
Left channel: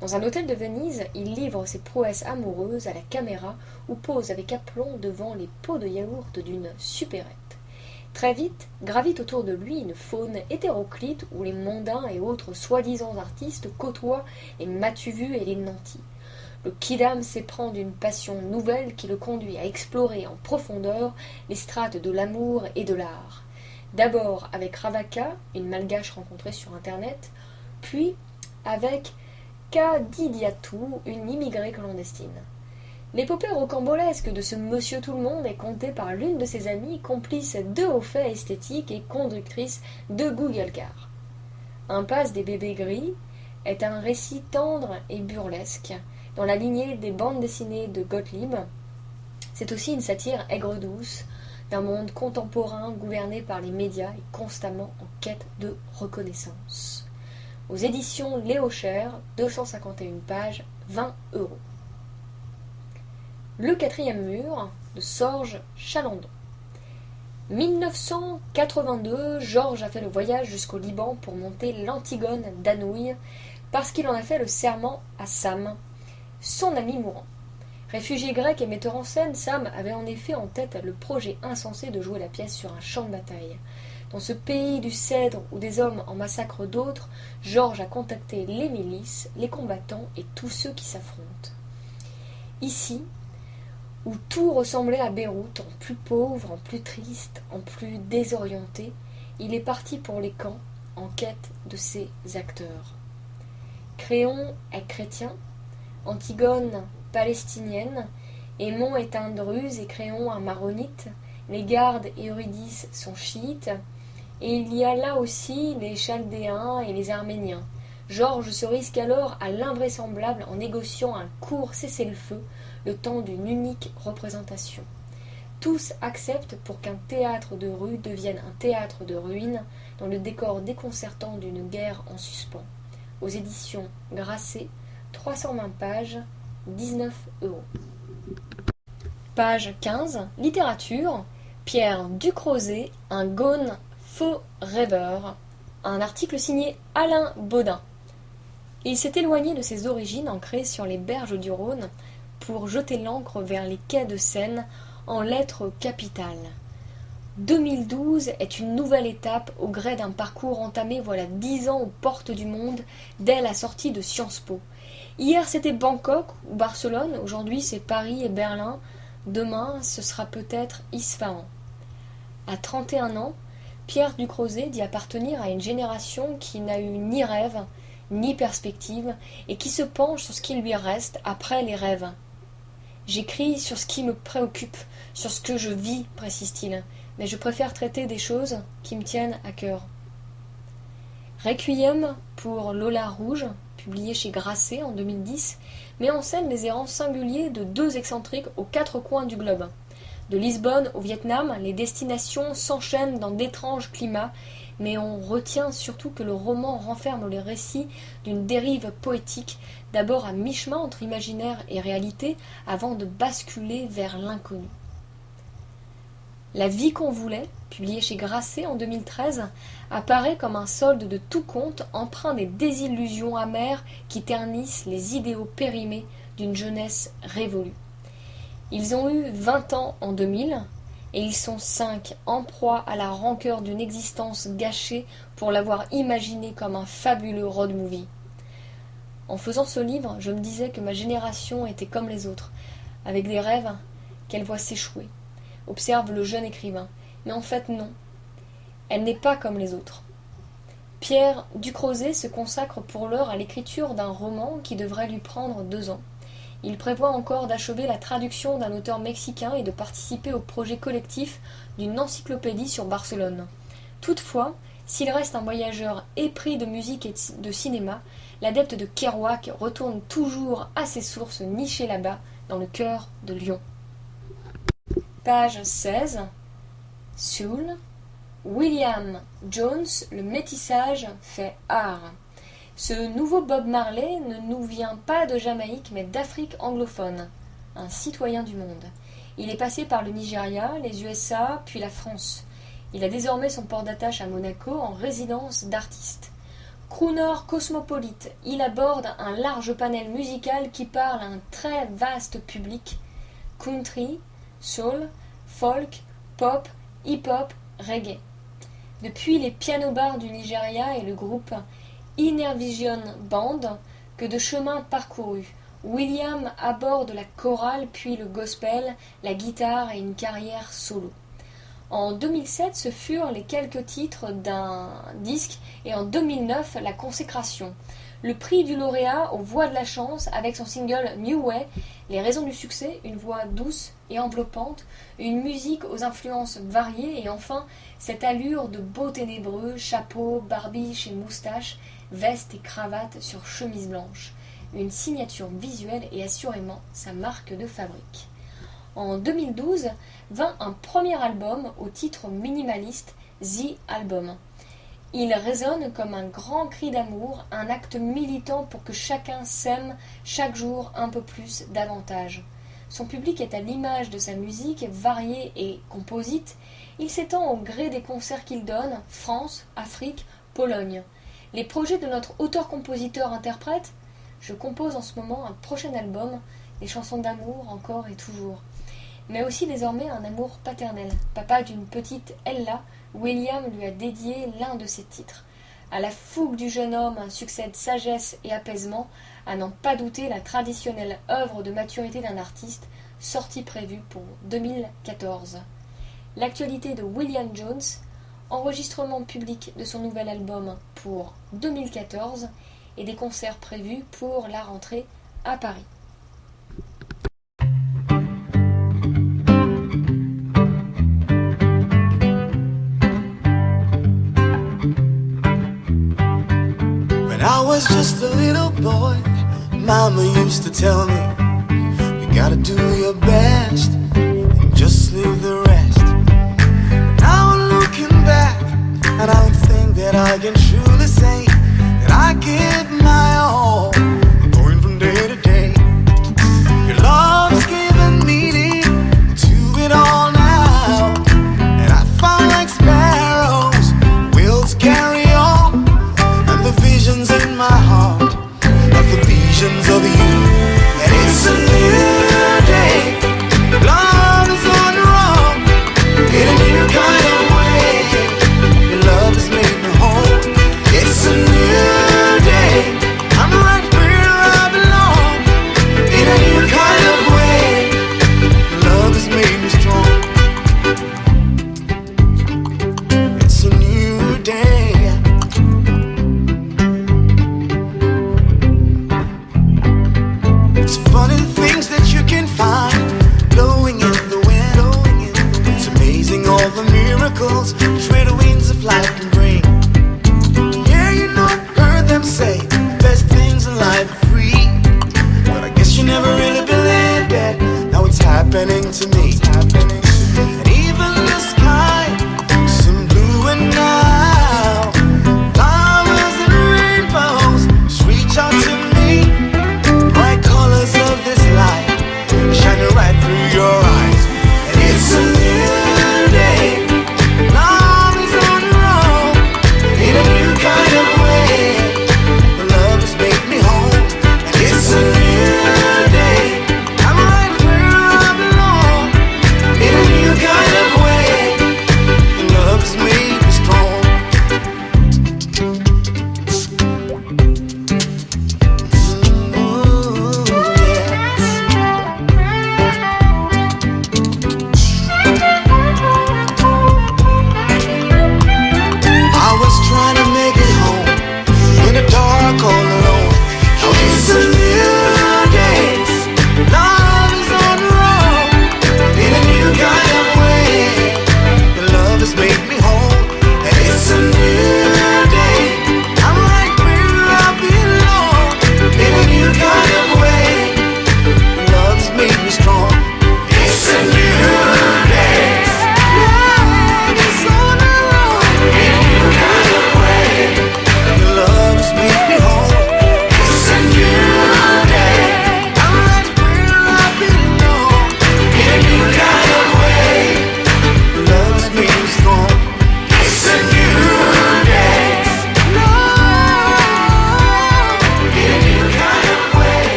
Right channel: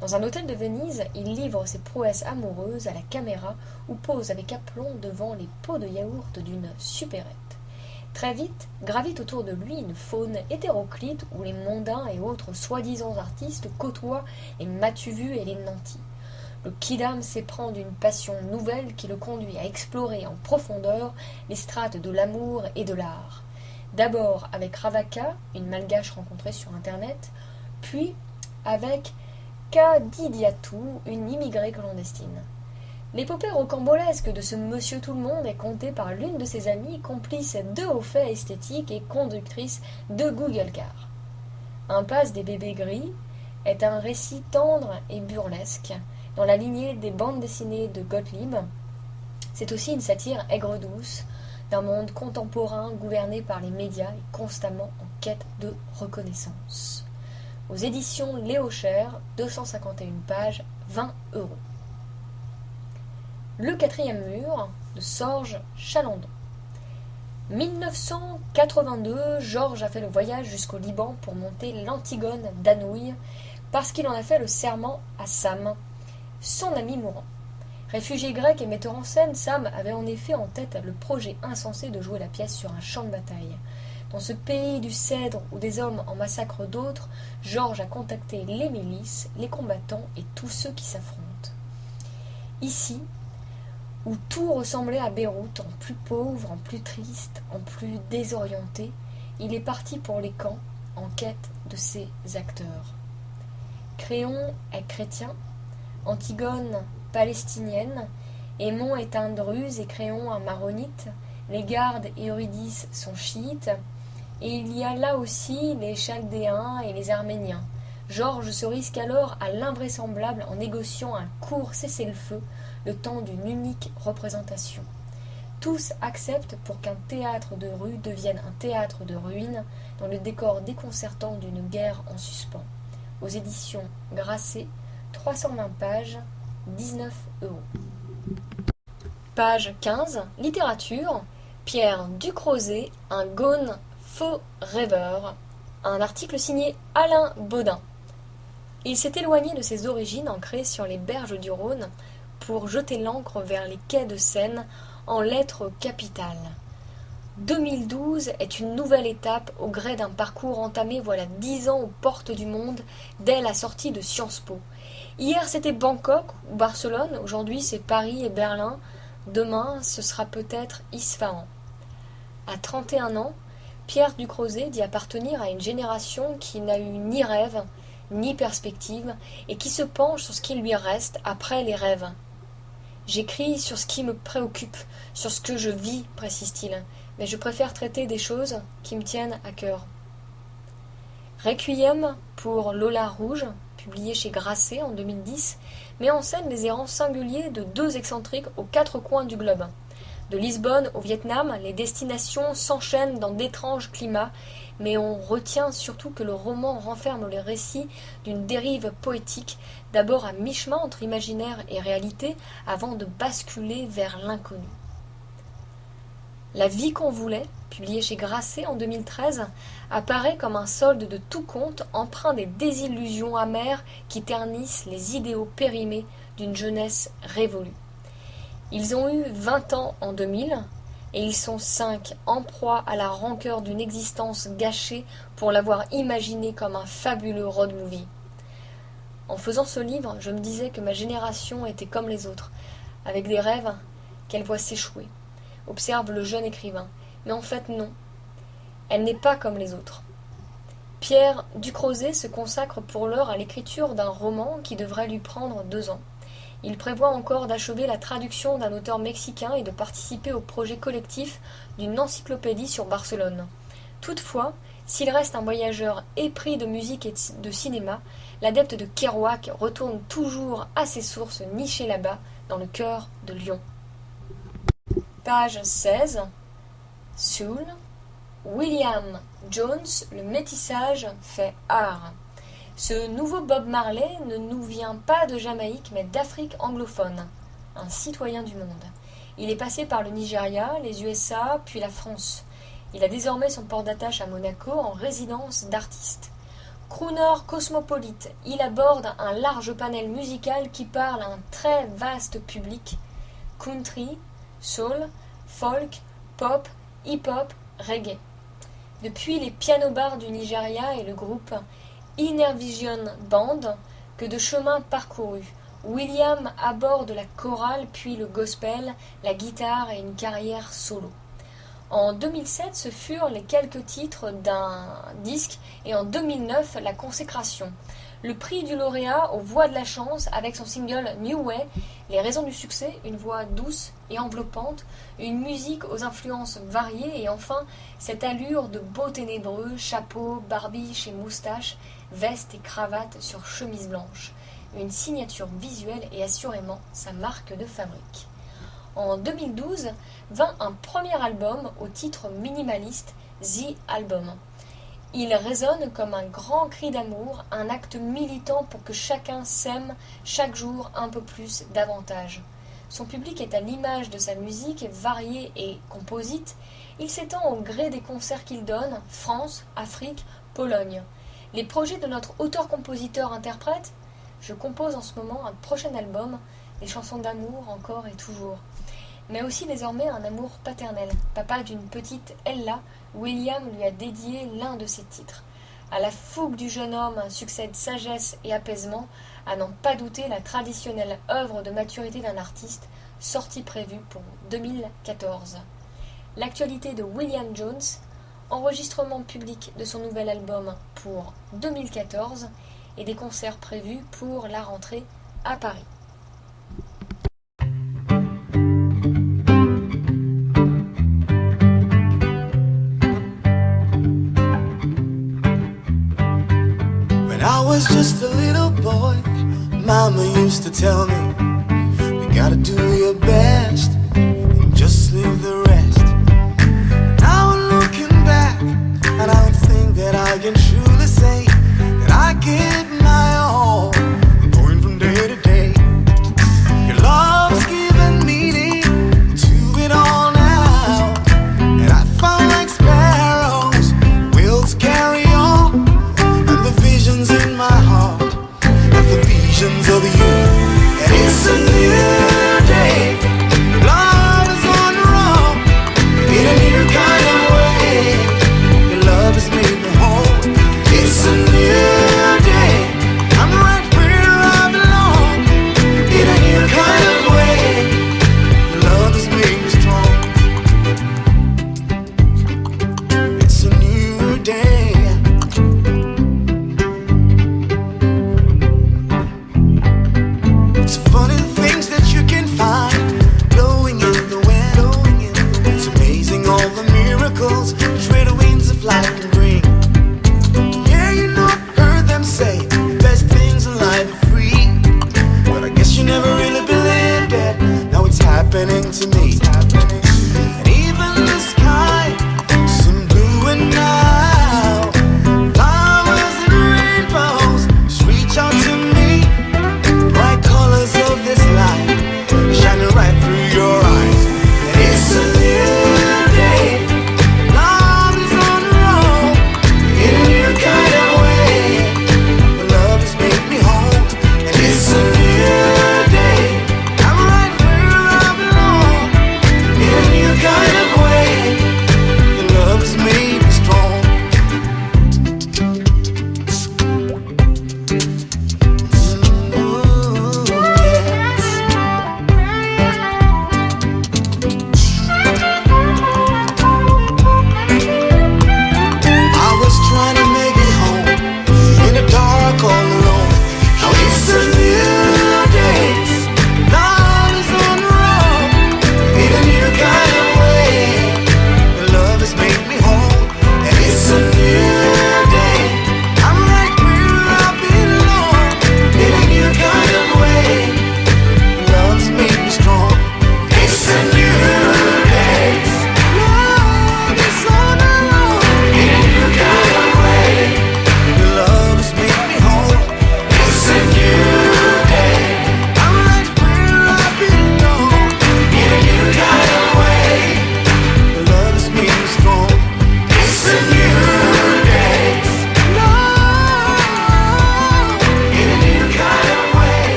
Dans un hôtel de Venise, il livre ses prouesses amoureuses à la caméra ou pose avec aplomb devant les pots de yaourt d'une supérette. Très vite, gravite autour de lui une faune hétéroclite où les mondains et autres soi-disant artistes côtoient les m'as-tu-vu et les nantis. Le kidam s'éprend d'une passion nouvelle qui le conduit à explorer en profondeur les strates de l'amour et de l'art. D'abord avec Ravaka, une malgache rencontrée sur Internet, puis avec Kadidiatou, une immigrée clandestine. L'épopée rocambolesque de ce monsieur tout-le-monde est contée par l'une de ses amies, complice de hauts faits esthétiques et conductrice de Google Car. Impasse des bébés gris est un récit tendre et burlesque, dans la lignée des bandes dessinées de Gottlieb. C'est aussi une satire aigre-douce d'un monde contemporain gouverné par les médias et constamment en quête de reconnaissance. Aux éditions Léo Cher, 251 pages, 20 €. Le quatrième mur de Sorge Chalandon. 1982, Georges a fait le voyage jusqu'au Liban pour monter l'Antigone d'Anouilh parce qu'il en a fait le serment à Sam, son ami mourant. Réfugié grec et metteur en scène, Sam avait en effet en tête le projet insensé de jouer la pièce sur un champ de bataille. Dans ce pays du cèdre où des hommes en massacrent d'autres, Georges a contacté les milices, les combattants et tous ceux qui s'affrontent. Ici, où tout ressemblait à Beyrouth, en plus pauvre, en plus triste, en plus désorienté, il est parti pour les camps en quête de ses acteurs. Créon est chrétien, Antigone palestinienne, Aimon est un druze et Créon un maronite, les gardes et Eurydice sont chiites, et il y a là aussi les Chaldéens et les Arméniens. Georges se risque alors à l'invraisemblable en négociant un court cessez-le-feu, le temps d'une unique représentation. Tous acceptent pour qu'un théâtre de rue devienne un théâtre de ruines dans le décor déconcertant d'une guerre en suspens. Aux éditions Grasset, 320 pages, 19 €. Page 15, littérature, Pierre Ducrozet, un gone faux rêveur, un article signé Alain Baudin. Il s'est éloigné de ses origines ancrées sur les berges du Rhône pour jeter l'ancre vers les quais de Seine en lettres capitales. 2012 est une nouvelle étape au gré d'un parcours entamé voilà 10 ans aux portes du monde dès la sortie de Sciences Po. Hier c'était Bangkok ou Barcelone, aujourd'hui c'est Paris et Berlin, demain ce sera peut-être Isfahan. À 31 ans, Pierre Ducrozet dit appartenir à une génération qui n'a eu ni rêve, ni perspective, et qui se penche sur ce qui lui reste après les rêves. J'écris sur ce qui me préoccupe, sur ce que je vis, précise-t-il, mais je préfère traiter des choses qui me tiennent à cœur. Requiem pour Lola Rouge, publié chez Grasset en 2010, met en scène les errants singuliers de deux excentriques aux quatre coins du globe. De Lisbonne au Vietnam, les destinations s'enchaînent dans d'étranges climats, mais on retient surtout que le roman renferme les récits d'une dérive poétique, d'abord à mi-chemin entre imaginaire et réalité, avant de basculer vers l'inconnu. La vie qu'on voulait, publié chez Grasset en 2013, apparaît comme un solde de tout compte empreint des désillusions amères qui ternissent les idéaux périmés d'une jeunesse révolue. Ils ont eu 20 ans en 2000, et ils sont 5 en proie à la rancœur d'une existence gâchée pour l'avoir imaginée comme un fabuleux road movie. En faisant ce livre, je me disais que ma génération était comme les autres, avec des rêves qu'elle voit s'échouer, observe le jeune écrivain. Mais en fait, non. Elle n'est pas comme les autres. Pierre Ducrozet se consacre pour l'heure à l'écriture d'un roman qui devrait lui prendre 2 ans. Il prévoit encore d'achever la traduction d'un auteur mexicain et de participer au projet collectif d'une encyclopédie sur Barcelone. Toutefois, s'il reste un voyageur épris de musique et de cinéma, l'adepte de Kerouac retourne toujours à ses sources nichées là-bas, dans le cœur de Lyon. Page 16. Soul. William Jones, le métissage fait art. Ce nouveau Bob Marley ne nous vient pas de Jamaïque, mais d'Afrique anglophone, un citoyen du monde. Il est passé par le Nigeria, les USA, puis la France. Il a désormais son port d'attache à Monaco en résidence d'artiste. Crooner cosmopolite, il aborde un large panel musical qui parle à un très vaste public. Country, soul, folk, pop, hip-hop, reggae. Depuis les piano-bars du Nigeria et le groupe Inner Vision Band, que de chemins parcourus. William aborde la chorale, puis le gospel, la guitare et une carrière solo. En 2007, ce furent les quelques titres d'un disque et en 2009, la consécration. Le prix du lauréat aux voix de la chance avec son single New Way, les raisons du succès, une voix douce et enveloppante, une musique aux influences variées et enfin cette allure de beau ténébreux, chapeau, barbiche et moustache, veste et cravate sur chemise blanche. Une signature visuelle et assurément sa marque de fabrique. En 2012, vint un premier album au titre minimaliste, The Album. Il résonne comme un grand cri d'amour, un acte militant pour que chacun s'aime chaque jour un peu plus davantage. Son public est à l'image de sa musique, variée et composite. Il s'étend au gré des concerts qu'il donne, France, Afrique, Pologne. Les projets de notre auteur-compositeur-interprète, je compose en ce moment un prochain album, des chansons d'amour encore et toujours. Mais aussi désormais un amour paternel. Papa d'une petite Ella, William lui a dédié l'un de ses titres. À la fougue du jeune homme succède sagesse et apaisement, à n'en pas douter la traditionnelle œuvre de maturité d'un artiste, sortie prévue pour 2014. L'actualité de William Jones, enregistrement public de son nouvel album pour 2014 et des concerts prévus pour la rentrée à Paris. When I was just a little boy, Mama used to tell me, you gotta do your best and just leave the rest. But now I'm looking back, and I don't think that I can truly say that I give my all, going from day to day. Your love's given meaning to it all now, and I found like sparrows, will to carry on, and the visions in my heart are the visions of you. And it's a new day, love is on the road in a new kind of way. Your love has made me whole,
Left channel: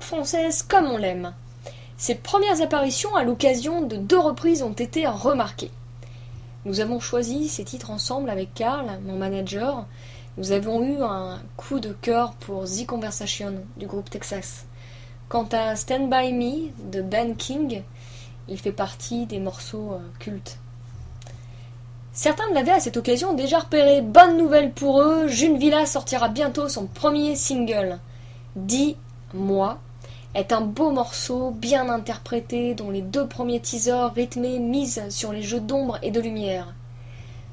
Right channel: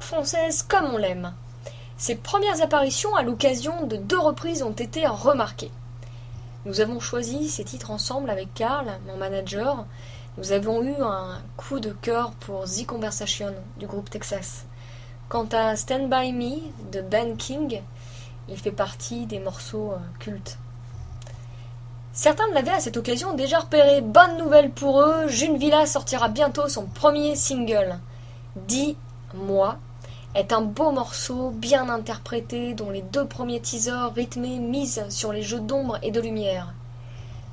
pop française comme on l'aime. Ses premières apparitions à l'occasion de 2 reprises ont été remarquées. Nous avons choisi ces titres ensemble avec Karl, mon manager. Nous avons eu un coup de cœur pour The Conversation du groupe Texas. Quant à Stand By Me de Ben King, il fait partie des morceaux cultes. Certains l'avaient à cette occasion déjà repéré. Bonne nouvelle pour eux, June Villa sortira bientôt son premier single. Dis-moi est un beau morceau, bien interprété, dont les 2 premiers teasers rythmés misent sur les jeux d'ombre et de lumière.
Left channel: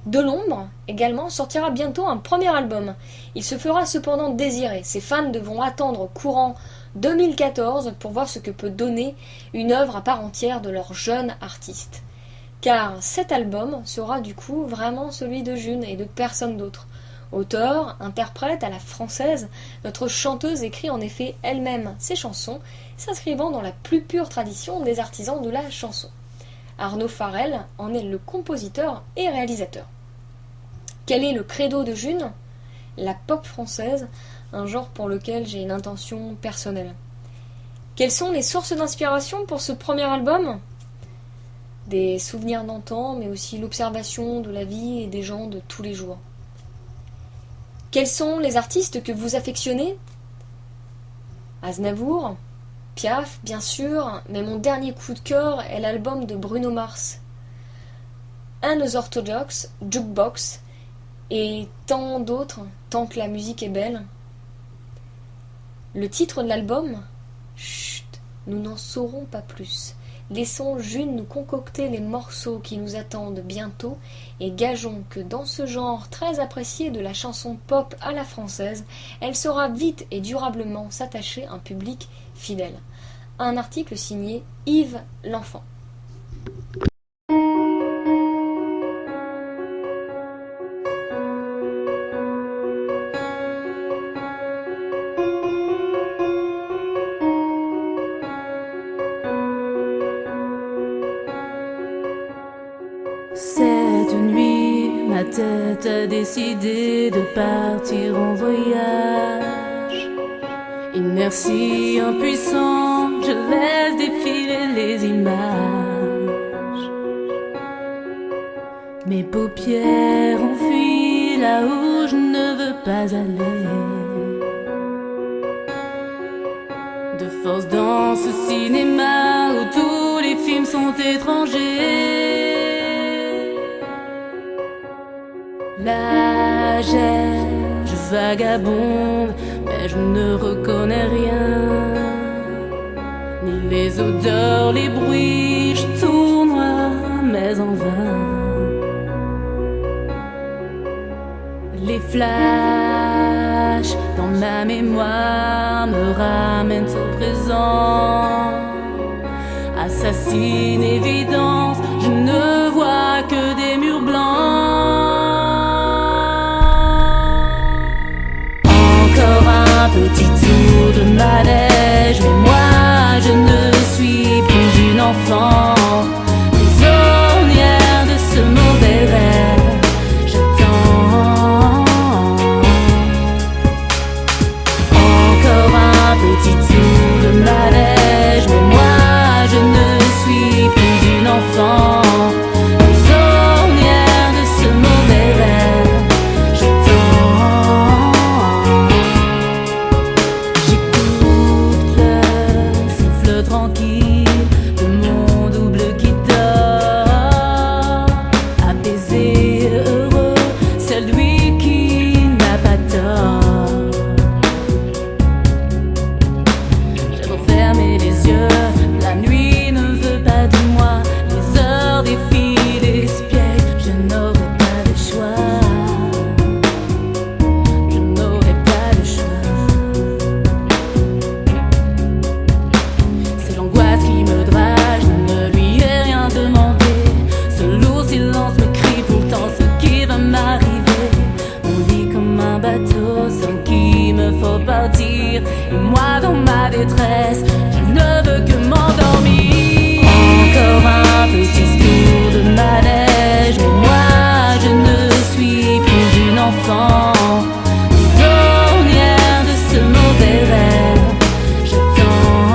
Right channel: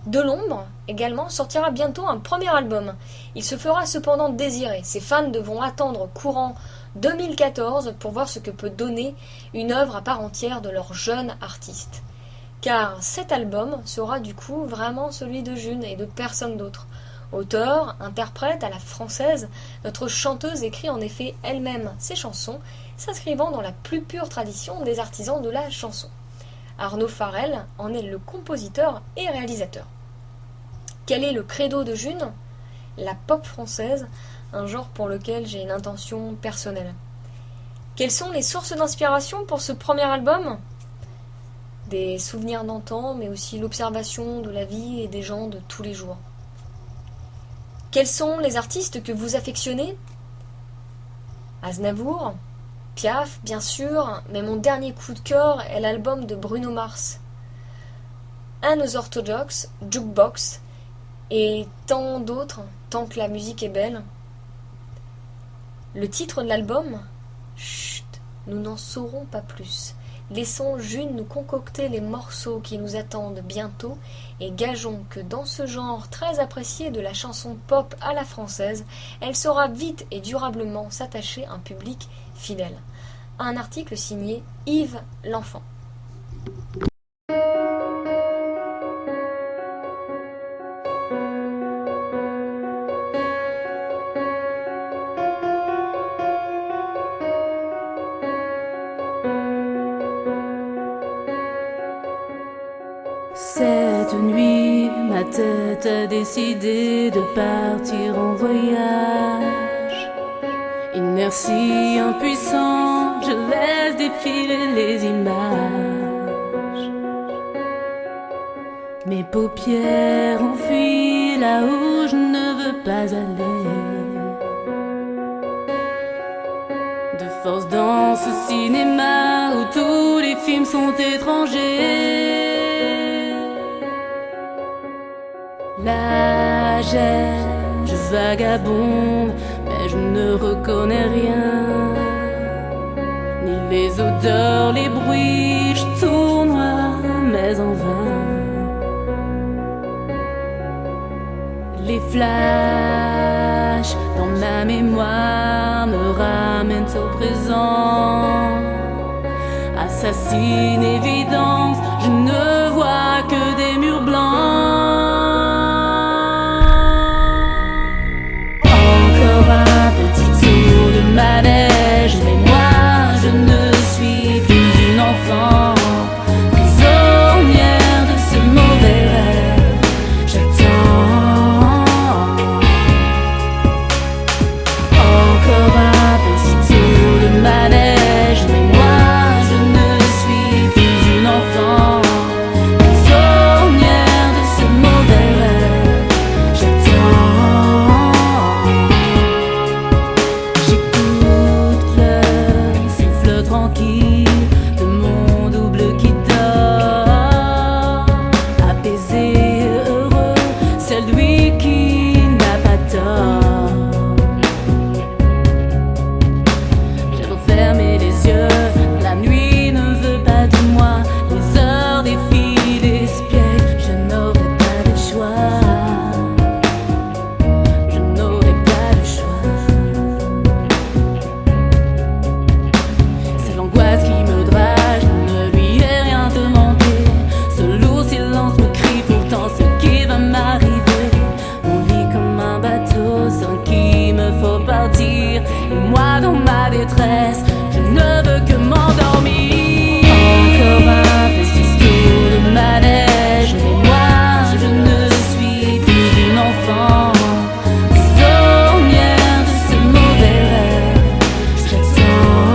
De l'ombre, également, sortira bientôt un premier album. Il se fera cependant désirer. Ses fans devront attendre courant 2014 pour voir ce que peut donner une œuvre à part entière de leur jeune artiste. Car cet album sera du coup vraiment celui de June et de personne d'autre. Auteur, interprète à la française, notre chanteuse écrit en effet elle-même ses chansons, s'inscrivant dans la plus pure tradition des artisans de la chanson. Arnaud Farel en est le compositeur et réalisateur. Quel est le credo de June ? La pop française, un genre pour lequel j'ai une intention personnelle. Quelles sont les sources d'inspiration pour ce premier album ? Des souvenirs d'antan, mais aussi l'observation de la vie et des gens de tous les jours. Quels sont les artistes que vous affectionnez ? Aznavour, Piaf, bien sûr, mais mon dernier coup de cœur est l'album de Bruno Mars. Unorthodox, Jukebox, et tant d'autres, tant que la musique est belle. Le titre de l'album ? Chut, nous n'en saurons pas plus. Laissons June nous concocter les morceaux qui nous attendent bientôt et gageons que dans ce genre très apprécié de la chanson pop à la française, elle saura vite et durablement s'attacher à un public fidèle. Un article signé Yves L'Enfant. Cette nuit, ma tête a décidé de partir en voyage. Inertie impuissante, je laisse défiler les images. Mes paupières ont fui là où je ne veux pas aller. De force dans ce cinéma où tous les films sont étrangers. Là je vagabonde, mais je ne reconnais rien. Ni les odeurs, les bruits, je tournoie, mais en vain. Les flashs dans ma mémoire me ramènent au présent. Assassine évidence, je ne vois que des murs blancs. Encore un petit tour de manège, mais moi je ne suis plus une enfant. Prisonnière de ce mauvais rêve, j'attends. Encore un petit tour de manège, mais moi je ne suis plus une enfant. Prisonnière de ce mauvais rêve, j'attends. J'écoute le souffle tranquille de mon double qui dort. Apaisé, heureux, celui qui n'a pas tort. J'ai beau fermer les yeux, la nuit ne veut pas de moi. Les heures défilent, espièglent, je n'aurai pas de choix. Je n'aurai pas de choix. C'est l'angoisse qui me drague, je ne lui ai rien demandé. Ce lourd silence me crie pourtant ce qui va m'arriver. On vit comme un bateau sans qui me faut partir. Et moi dans ma détresse, je ne veux que m'endormir. Encore un petit tour de manège, mais moi je ne suis plus une enfant. Prisonnière de ce mauvais rêve, j'attends.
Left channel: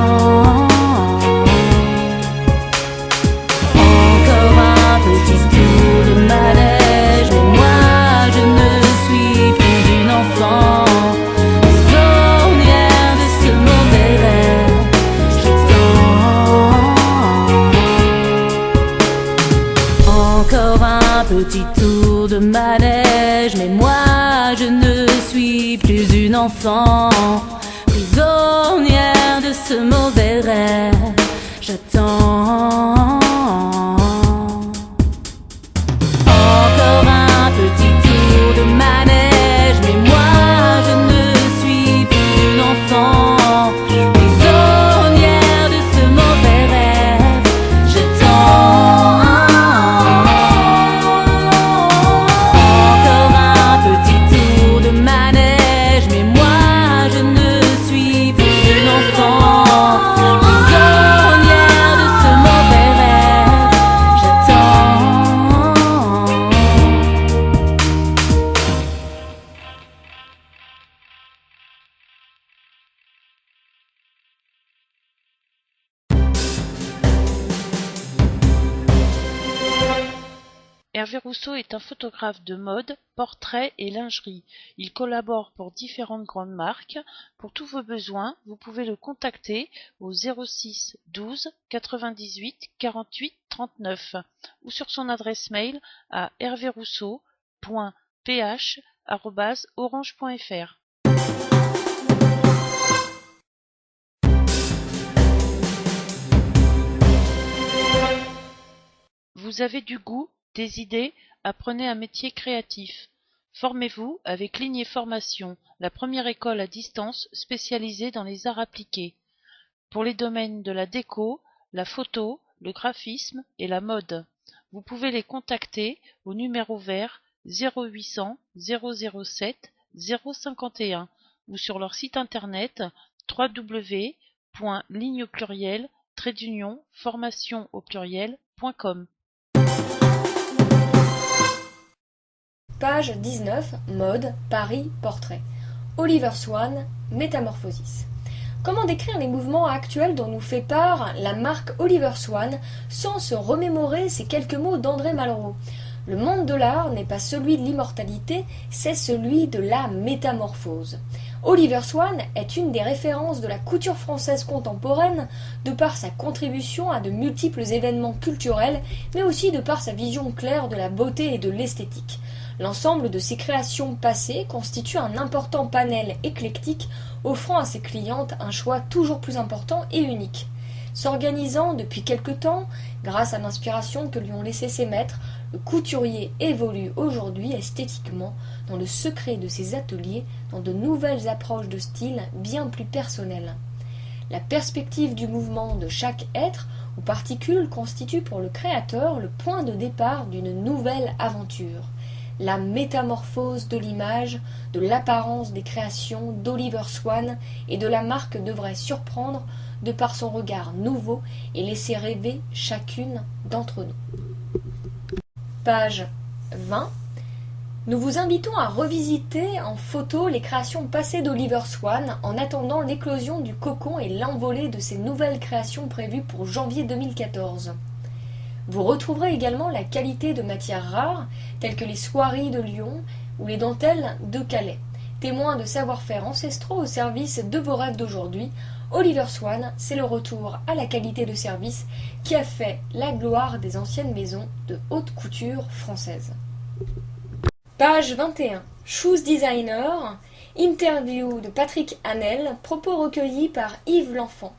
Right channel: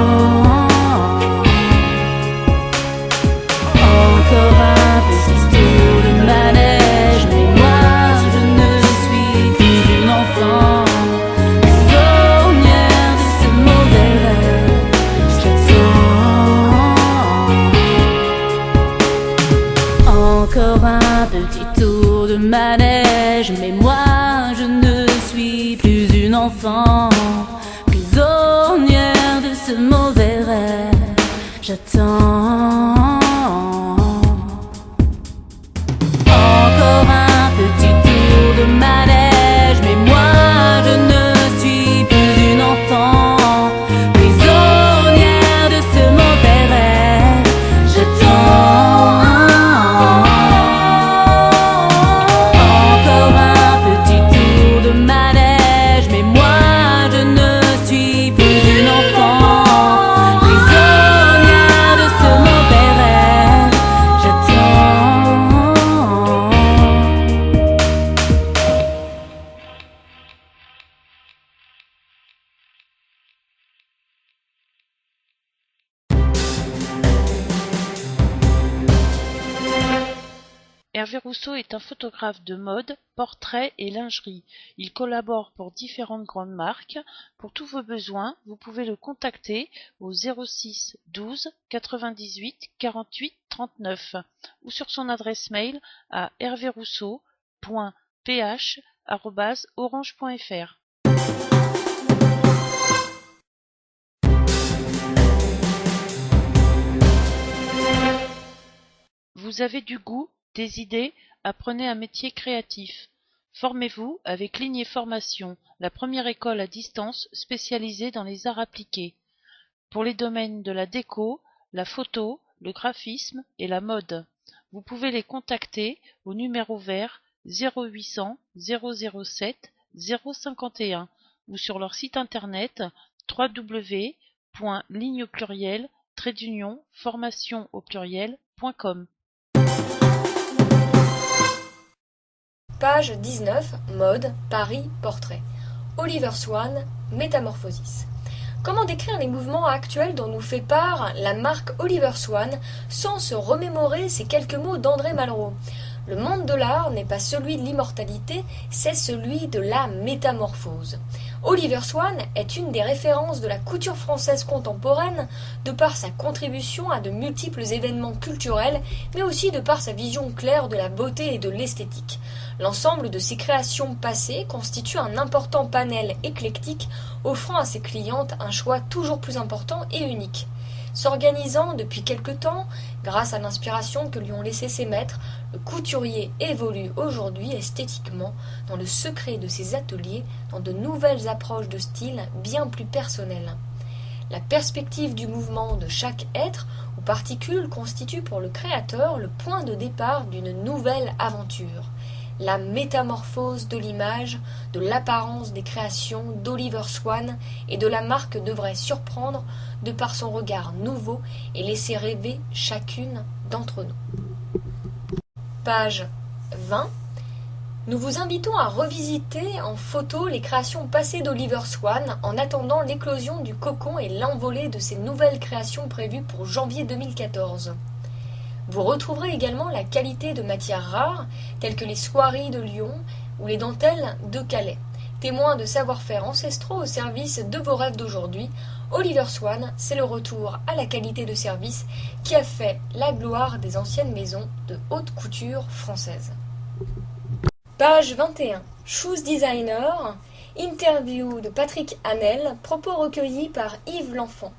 Hervé Rousseau est un photographe de mode, portrait et lingerie. Il collabore pour différentes grandes marques. Pour tous vos besoins, vous pouvez le contacter au 06 12 98 48 39 ou sur son adresse mail à hervérousseau.ph@orange.fr. Vous avez du goût, des idées, apprenez un métier créatif. Formez-vous avec Lignée Formation, la première école à distance spécialisée dans les arts appliqués. Pour les domaines de la déco, la photo, le graphisme et la mode. Vous pouvez les contacter au numéro vert 0800 007 051 ou sur leur site internet www.ligne-formation-formation.com. Page 19, mode, Paris, portrait. Oliver Swan, Métamorphosis. Comment décrire les mouvements actuels dont nous fait part la marque Oliver Swan sans se remémorer ces quelques mots d'André Malraux? Le monde de l'art n'est pas celui de l'immortalité, c'est celui de la métamorphose. Oliver Swan est une des références de la couture française contemporaine de par sa contribution à de multiples événements culturels, mais aussi de par sa vision claire de la beauté et de l'esthétique. L'ensemble de ses créations passées constitue un important panel éclectique, offrant à ses clientes un choix toujours plus important et unique. S'organisant depuis quelque temps, grâce à l'inspiration que lui ont laissé ses maîtres, le couturier évolue aujourd'hui esthétiquement dans le secret de ses ateliers, dans de nouvelles approches de style bien plus personnelles. La perspective du mouvement de chaque être ou particule constitue pour le créateur le point de départ d'une nouvelle aventure. La métamorphose de l'image, de l'apparence des créations d'Oliver Swan et de la marque devrait surprendre de par son regard nouveau et laisser rêver chacune d'entre nous. Page 20. Nous vous invitons à revisiter en photo les créations passées d'Oliver Swan en attendant l'éclosion du cocon et l'envolée de ses nouvelles créations prévues pour janvier 2014. Vous retrouverez également la qualité de matières rares, telles que les soieries de Lyon ou les dentelles de Calais. Témoins de savoir-faire ancestraux au service de vos rêves d'aujourd'hui, Oliver Swan, c'est le retour à la qualité de service qui a fait la gloire des anciennes maisons de haute couture française. Page 21. Shoes Designer, interview de Patrick Hanel, propos recueillis par Yves L'Enfant.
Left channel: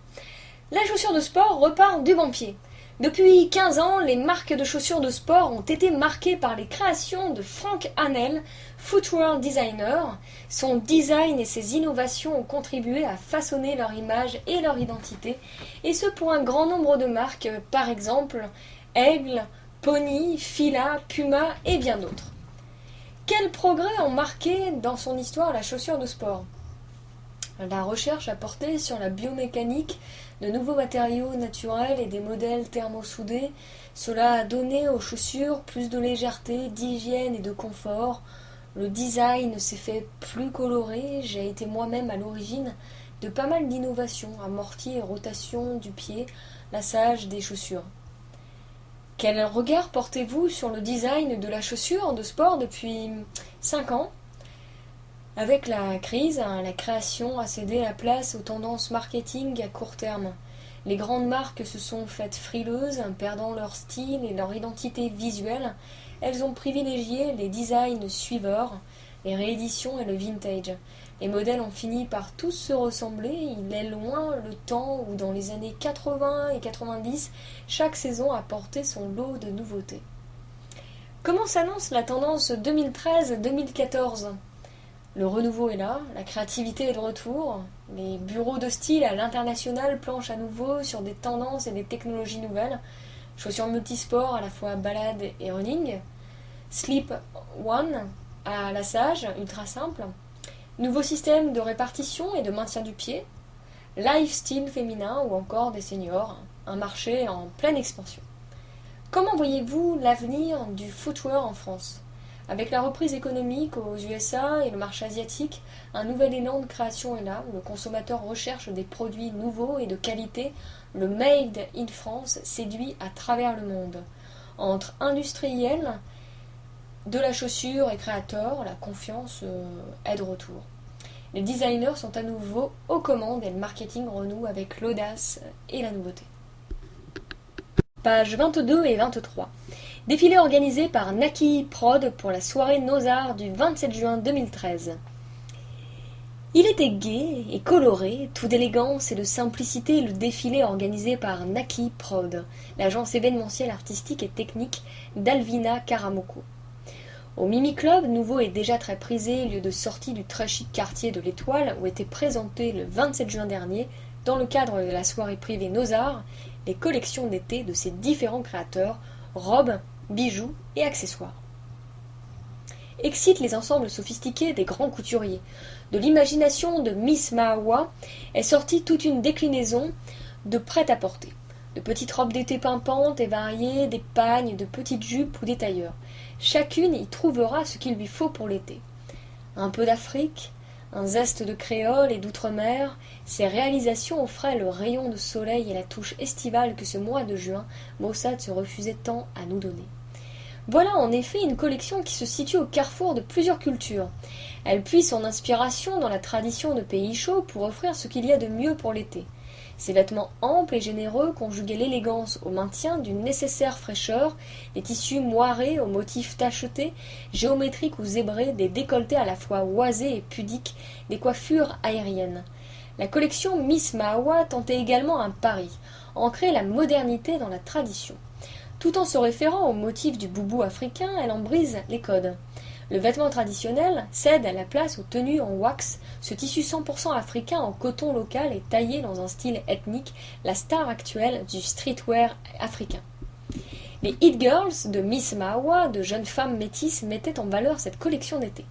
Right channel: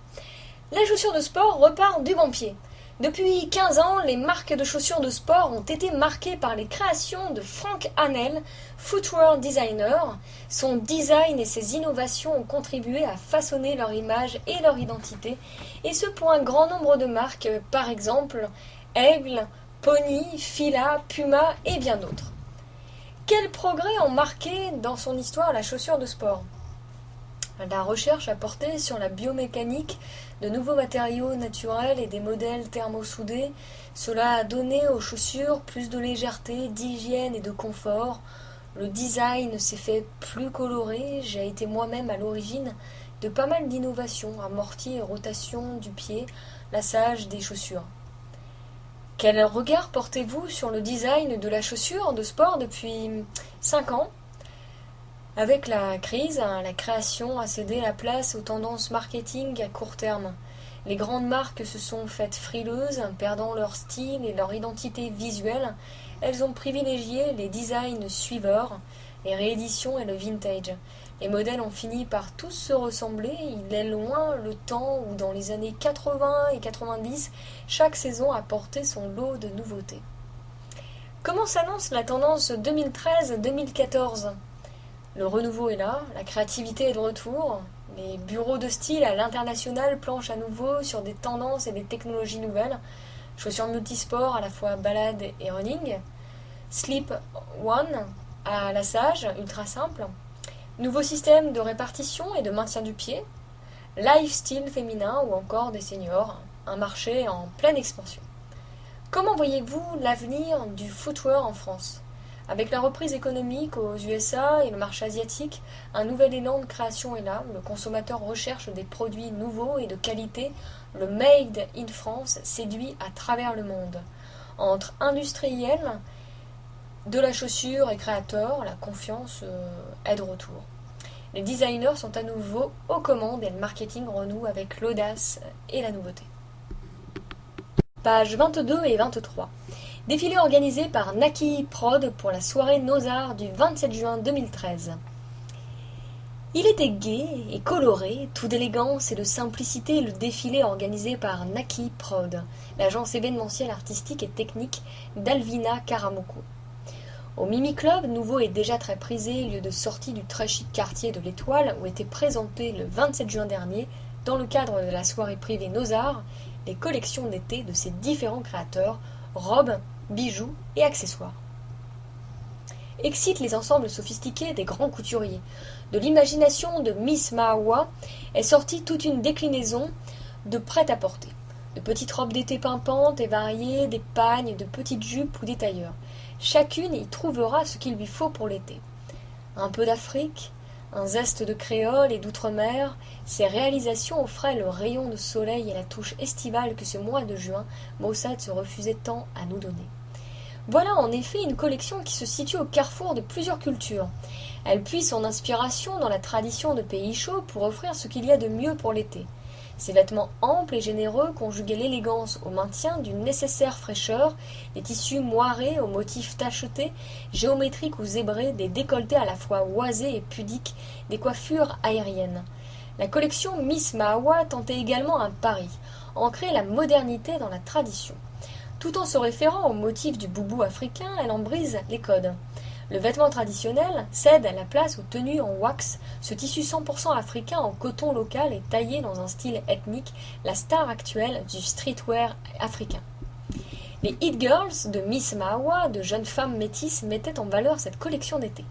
La chaussure de sport repart du bon pied. Depuis 15 ans, les marques de chaussures de sport ont été marquées par les créations de Frank Hanel, footwear designer. Son design et ses innovations ont contribué à façonner leur image et leur identité, et ce pour un grand nombre de marques, par exemple Aigle, Pony, Fila, Puma et bien d'autres. Quels progrès ont marqué dans son histoire la chaussure de sport? La recherche a porté sur la biomécanique, de nouveaux matériaux naturels et des modèles thermosoudés. Cela a donné aux chaussures plus de légèreté, d'hygiène et de confort. Le design s'est fait plus coloré. J'ai été moi-même à l'origine de pas mal d'innovations, amorti et rotation du pied, lassage des chaussures. Quel regard portez-vous sur le design de la chaussure de sport depuis 5 ans? Avec la crise, la création a cédé la place aux tendances marketing à court terme. Les grandes marques se sont faites frileuses, perdant leur style et leur identité visuelle. Elles ont privilégié les designs suiveurs, les rééditions et le vintage. Les modèles ont fini par tous se ressembler. Il est loin le temps où, dans les années 80 et 90, chaque saison apportait son lot de nouveautés. Comment s'annonce la tendance 2013-2014 ? Le renouveau est là, la créativité est de retour, les bureaux de style à l'international planchent à nouveau sur des tendances et des technologies nouvelles, chaussures multisports à la fois balade et running, slip one à lassage, ultra simple, nouveau système de répartition et de maintien du pied, lifestyle féminin ou encore des seniors, un marché en pleine expansion. Comment voyez-vous l'avenir du footwear en France ? Avec la reprise économique aux USA et le marché asiatique, un nouvel élan de création est là. Le consommateur recherche des produits nouveaux et de qualité. Le Made in France séduit à travers le monde. Entre industriels De la chaussure et créateur, la confiance est de retour. Les designers sont à nouveau aux commandes et le marketing renoue avec l'audace et la nouveauté. Pages 22 et 23. Défilé organisé par Naki Prod pour la soirée Nos-Arts du 27 juin 2013. Il était gai et coloré, tout d'élégance et de simplicité, le défilé organisé par Naki Prod, l'agence événementielle artistique et technique d'Alvina Karamoko. Au Mimi Club, nouveau et déjà très prisé, lieu de sortie du très chic quartier de l'Étoile, où étaient présentées le 27 juin dernier, dans le cadre de la soirée privée Nos-Arts, les collections d'été de ces différents créateurs, robes, bijoux et accessoires. Excite les ensembles sophistiqués des grands couturiers. De l'imagination de Miss Mahawa est sortie toute une déclinaison de prêt-à-porter. De petites robes d'été pimpantes et variées, des pagnes, de petites jupes ou des tailleurs. Chacune y trouvera ce qu'il lui faut pour l'été. Un peu d'Afrique, un zeste de créole et d'outre-mer, ces réalisations offraient le rayon de soleil et la touche estivale que ce mois de juin, Mossad se refusait tant à nous donner. Voilà en effet une collection qui se situe au carrefour de plusieurs cultures. Elle puise son inspiration dans la tradition de pays chauds pour offrir ce qu'il y a de mieux pour l'été. Ses vêtements amples et généreux conjuguaient l'élégance au maintien d'une nécessaire fraîcheur, des tissus moirés aux motifs tachetés, géométriques ou zébrés, des décolletés à la fois oisés et pudiques, des coiffures aériennes. La collection Miss Mahawa tentait également un pari, ancrer la modernité dans la tradition. Tout en se référant au motif du boubou africain, elle en brise les codes. Le vêtement traditionnel cède la place aux tenues en wax, ce tissu 100% africain en coton local et taillé dans un style ethnique, la star actuelle du streetwear africain. Les It Girls de Miss Mahawa, de jeunes femmes métisses, mettaient en valeur cette collection d'été.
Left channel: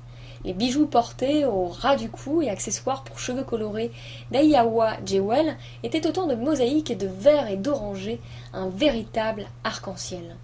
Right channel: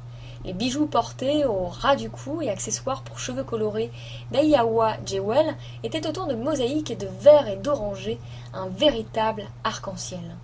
Les bijoux portés au ras du cou et accessoires pour cheveux colorés d'Aiyawa Jewel étaient autant de mosaïques et de vert et d'oranger, un véritable arc-en-ciel.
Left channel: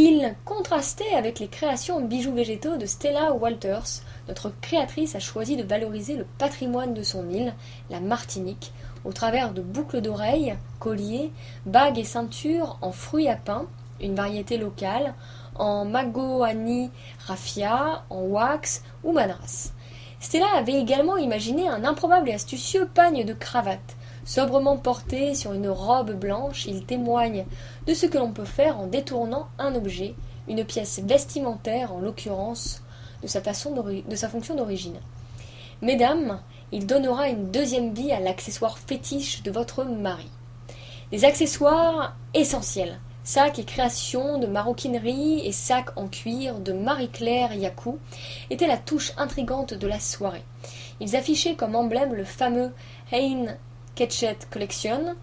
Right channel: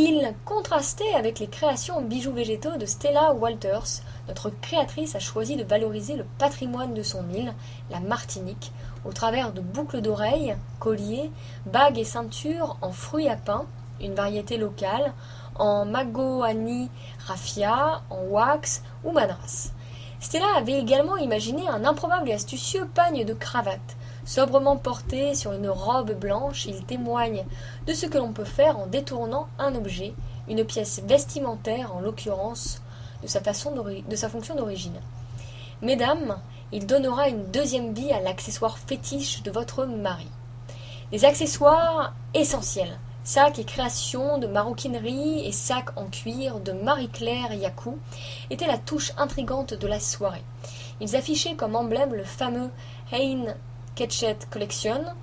Il contrastait avec les créations bijoux végétaux de Stella Walters. Notre créatrice a choisi de valoriser le patrimoine de son île, la Martinique, au travers de boucles d'oreilles, colliers, bagues et ceintures en fruits à pain, une variété locale, en magoani raffia, en wax ou madras. Stella avait également imaginé un improbable et astucieux pagne de cravate. Sobrement porté sur une robe blanche, il témoigne de ce que l'on peut faire en détournant un objet, une pièce vestimentaire en l'occurrence, de sa fonction d'origine. Mesdames, il donnera une deuxième vie à l'accessoire fétiche de votre mari. Les accessoires essentiels, sacs et créations de maroquinerie et sacs en cuir de Marie-Claire Yakou, étaient la touche intrigante de la soirée. Ils affichaient comme emblème le fameux Hein Ketchet Collection,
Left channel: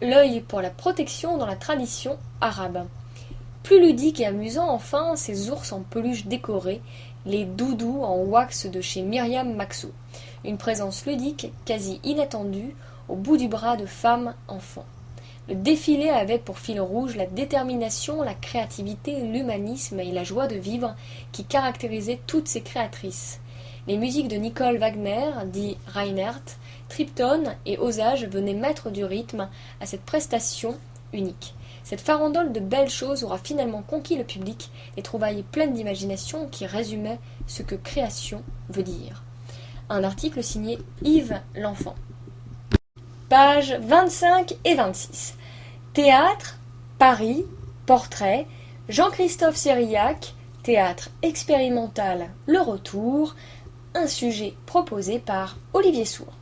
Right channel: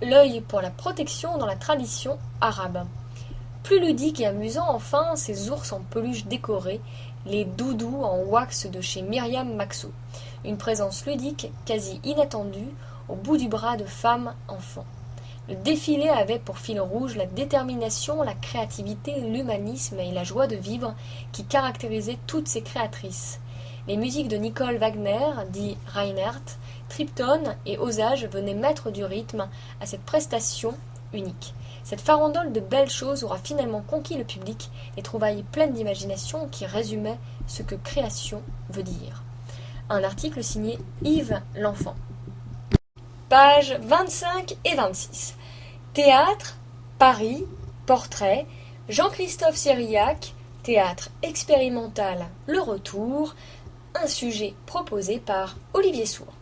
l'œil pour la protection dans la tradition arabe. Plus ludique et amusant enfin, ces ours en peluche décorés, les doudous en wax de chez Myriam Maxo. Une présence ludique quasi inattendue au bout du bras de femmes enfants. Le défilé avait pour fil rouge la détermination, la créativité, l'humanisme et la joie de vivre qui caractérisaient toutes ces créatrices. Les musiques de Nicole Wagner, dit Reinhardt, Tripton et Osage venaient mettre du rythme à cette prestation unique. Cette farandole de belles choses aura finalement conquis le public et trouvailles pleines d'imagination qui résumaient ce que création veut dire. Un article signé Yves L'Enfant. Pages 25 et 26. Théâtre, Paris, portrait, Jean-Christophe Cyriac, théâtre expérimental Le Retour, un sujet proposé par Olivier Sourd.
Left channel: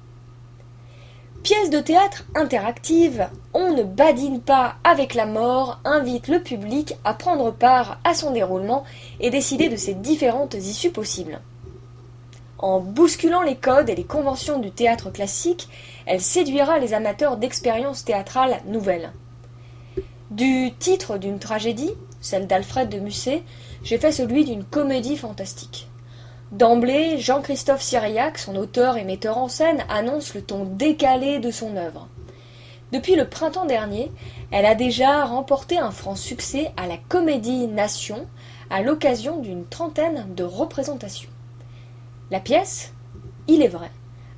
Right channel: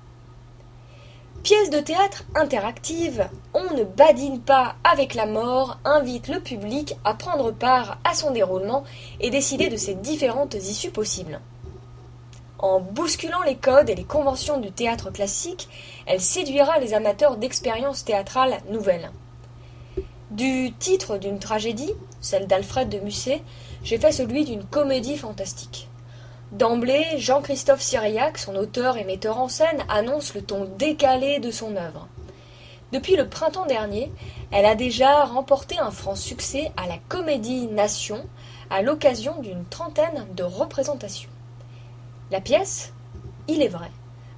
Pièce de théâtre interactive, On ne badine pas avec la mort invite le public à prendre part à son déroulement et décider de ses différentes issues possibles. En bousculant les codes et les conventions du théâtre classique, elle séduira les amateurs d'expériences théâtrales nouvelles. Du titre d'une tragédie, celle d'Alfred de Musset, j'ai fait celui d'une comédie fantastique. D'emblée, Jean-Christophe Cyriac, son auteur et metteur en scène, annonce le ton décalé de son œuvre. Depuis le printemps dernier, elle a déjà remporté un franc succès à la Comédie Nation à l'occasion d'une trentaine de représentations. La pièce, il est vrai,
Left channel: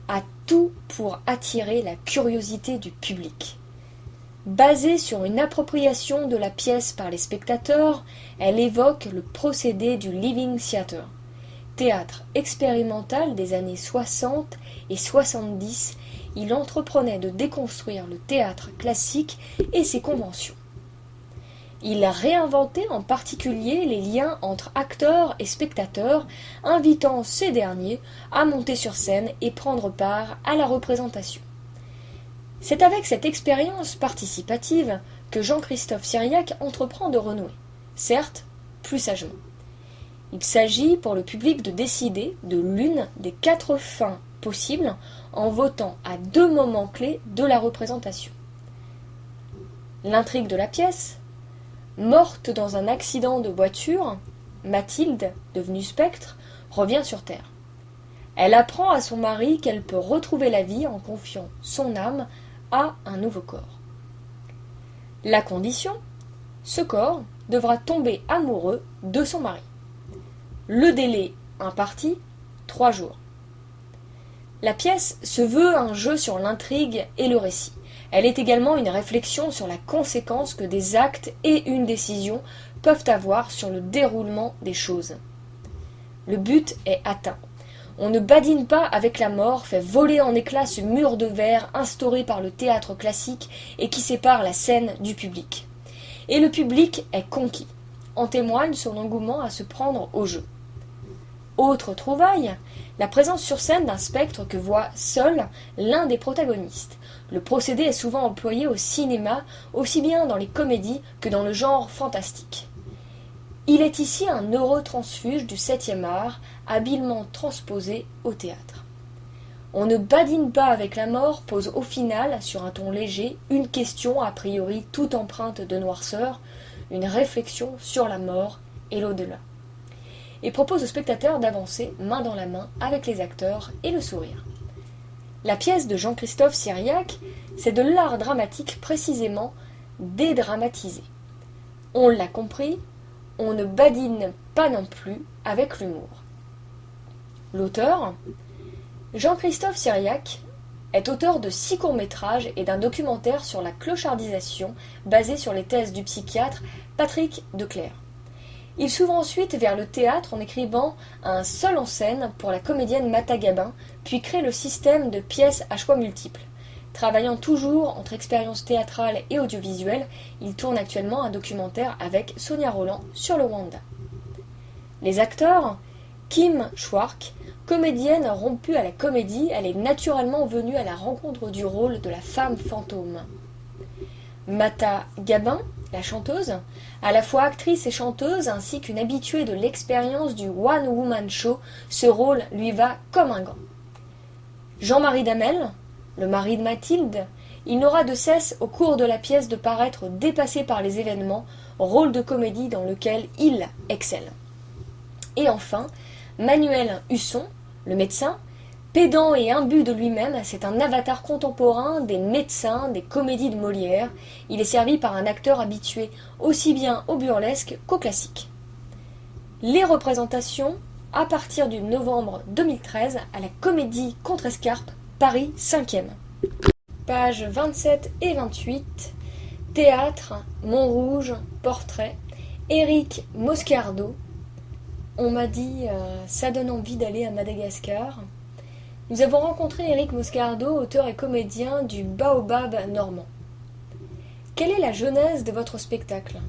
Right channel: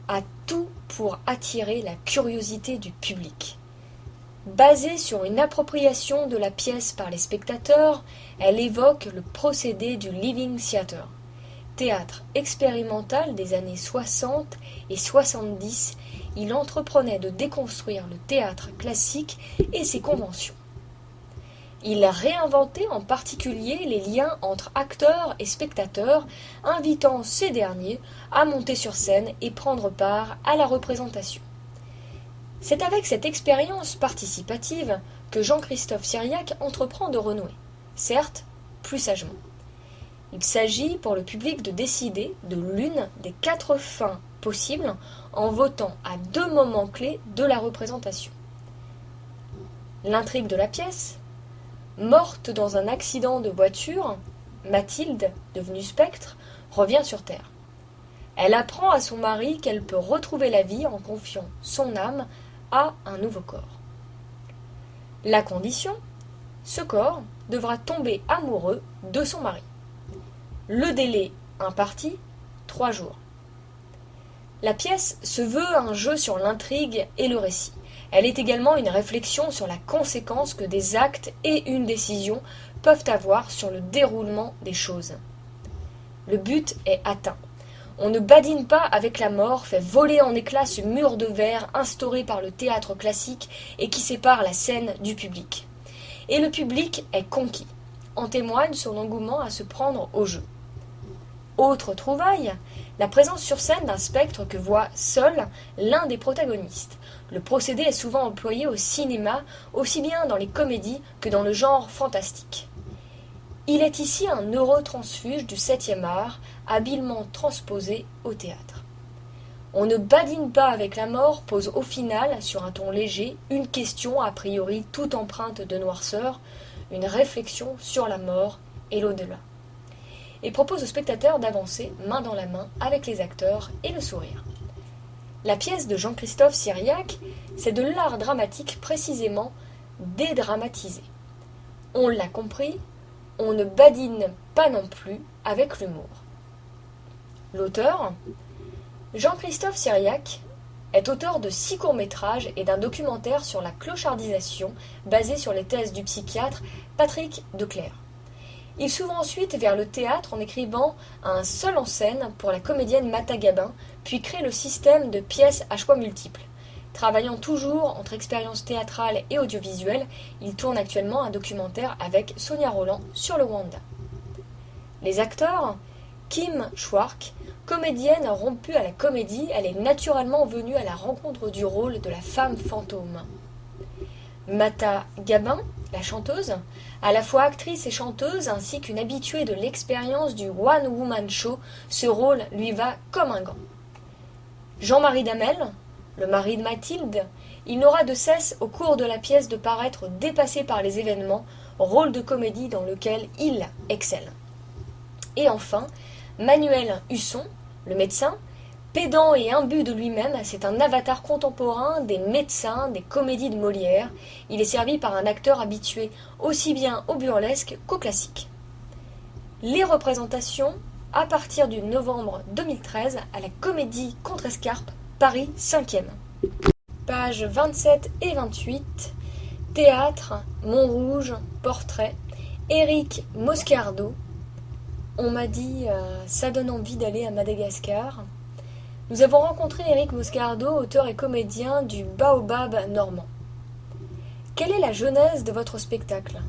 a tout pour attirer la curiosité du public. Basée sur une appropriation de la pièce par les spectateurs, elle évoque le procédé du Living Theatre, théâtre expérimental des années 60 et 70. Il entreprenait de déconstruire le théâtre classique et ses conventions. Il réinventait en particulier les liens entre acteurs et spectateurs, invitant ces derniers à monter sur scène et prendre part à la représentation. C'est avec cette expérience participative que Jean-Christophe Cyriac entreprend de renouer, certes plus sagement. Il s'agit pour le public de décider de l'une des 4 fins possibles en votant à 2 moments clés de la représentation. L'intrigue de la pièce, morte dans un accident de voiture, Mathilde, devenue spectre, revient sur Terre. Elle apprend à son mari qu'elle peut retrouver la vie en confiant son âme à un nouveau corps. La condition, ce corps devra tomber amoureux de son mari. Le délai imparti, 3 jours. La pièce se veut un jeu sur l'intrigue et le récit. Elle est également une réflexion sur la conséquence que des actes et une décision peuvent avoir sur le déroulement des choses. Le but est atteint. On ne badine pas avec la mort, fait voler en éclats ce mur de verre instauré par le théâtre classique et qui sépare la scène du public. Et le public est conquis. En témoigne son engouement à se prendre au jeu. Autre trouvaille, la présence sur scène d'un spectre que voit seul l'un des protagonistes. Le procédé est souvent employé au cinéma, aussi bien dans les comédies que dans le genre fantastique. Il est ici un neurotransfuge du 7e art, habilement transposé au théâtre. On ne badine pas avec la mort pose au final, sur un ton léger, une question a priori toute empreinte de noirceur, une réflexion sur la mort et l'au-delà. Et propose au spectateur d'avancer main dans la main avec les acteurs et le sourire. La pièce de Jean-Christophe Cyriac, c'est de l'art dramatique précisément dédramatisé. On l'a compris, on ne badine pas non plus avec l'humour. L'auteur, Jean-Christophe Cyriac, est auteur de 6 courts-métrages et d'un documentaire sur la clochardisation basé sur les thèses du psychiatre Patrick Declercq. Il s'ouvre ensuite vers le théâtre en écrivant un seul en scène pour la comédienne Mata Gabin, puis crée le système de pièces à choix multiples. Travaillant toujours entre expérience théâtrale et audiovisuelle, il tourne actuellement un documentaire avec Sonia Rolland sur le Rwanda. Les acteurs, Kim Schwark, comédienne rompue à la comédie, elle est naturellement venue à la rencontre du rôle de la femme fantôme. Mata Gabin, la chanteuse, à la fois actrice et chanteuse, ainsi qu'une habituée de l'expérience du One Woman Show, ce rôle lui va comme un gant. Jean-Marie Damel, le mari de Mathilde, il n'aura de cesse au cours de la pièce de paraître dépassé par les événements, rôle de comédie dans lequel il excelle. Et enfin, Manuel Husson, le médecin, pédant et imbu de lui-même, c'est un avatar contemporain des médecins, des comédies de Molière. Il est servi par un acteur habitué aussi bien au burlesque qu'au classique. Les représentations à partir du novembre 2013 à la Comédie Contrescarpe, Paris 5e. Pages 27 et 28, Théâtre, Montrouge, Portrait, Éric Moscardo. On m'a dit ça donne envie d'aller à Madagascar. Nous avons rencontré Éric Moscardo, auteur et comédien du Baobab normand. Quelle est la genèse de votre spectacle ?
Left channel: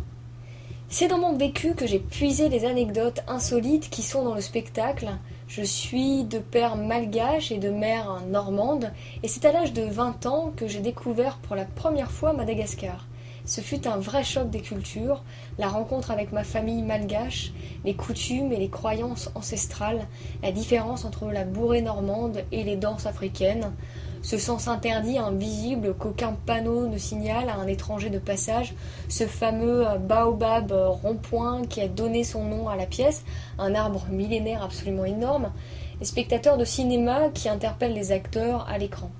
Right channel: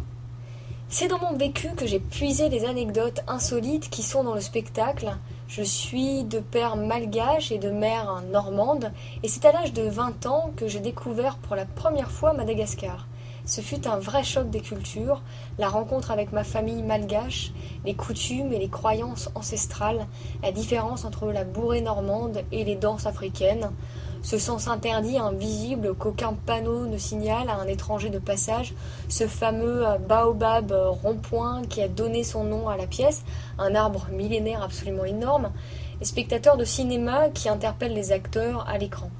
C'est dans mon vécu que j'ai puisé les anecdotes insolites qui sont dans le spectacle. Je suis de père malgache et de mère normande, et c'est à l'âge de 20 ans que j'ai découvert pour la première fois Madagascar. Ce fut un vrai choc des cultures, la rencontre avec ma famille malgache, les coutumes et les croyances ancestrales, la différence entre la bourrée normande et les danses africaines, ce sens interdit invisible qu'aucun panneau ne signale à un étranger de passage, ce fameux baobab rond-point qui a donné son nom à la pièce, un arbre millénaire absolument énorme, et spectateurs de cinéma qui interpellent les acteurs à l'écran.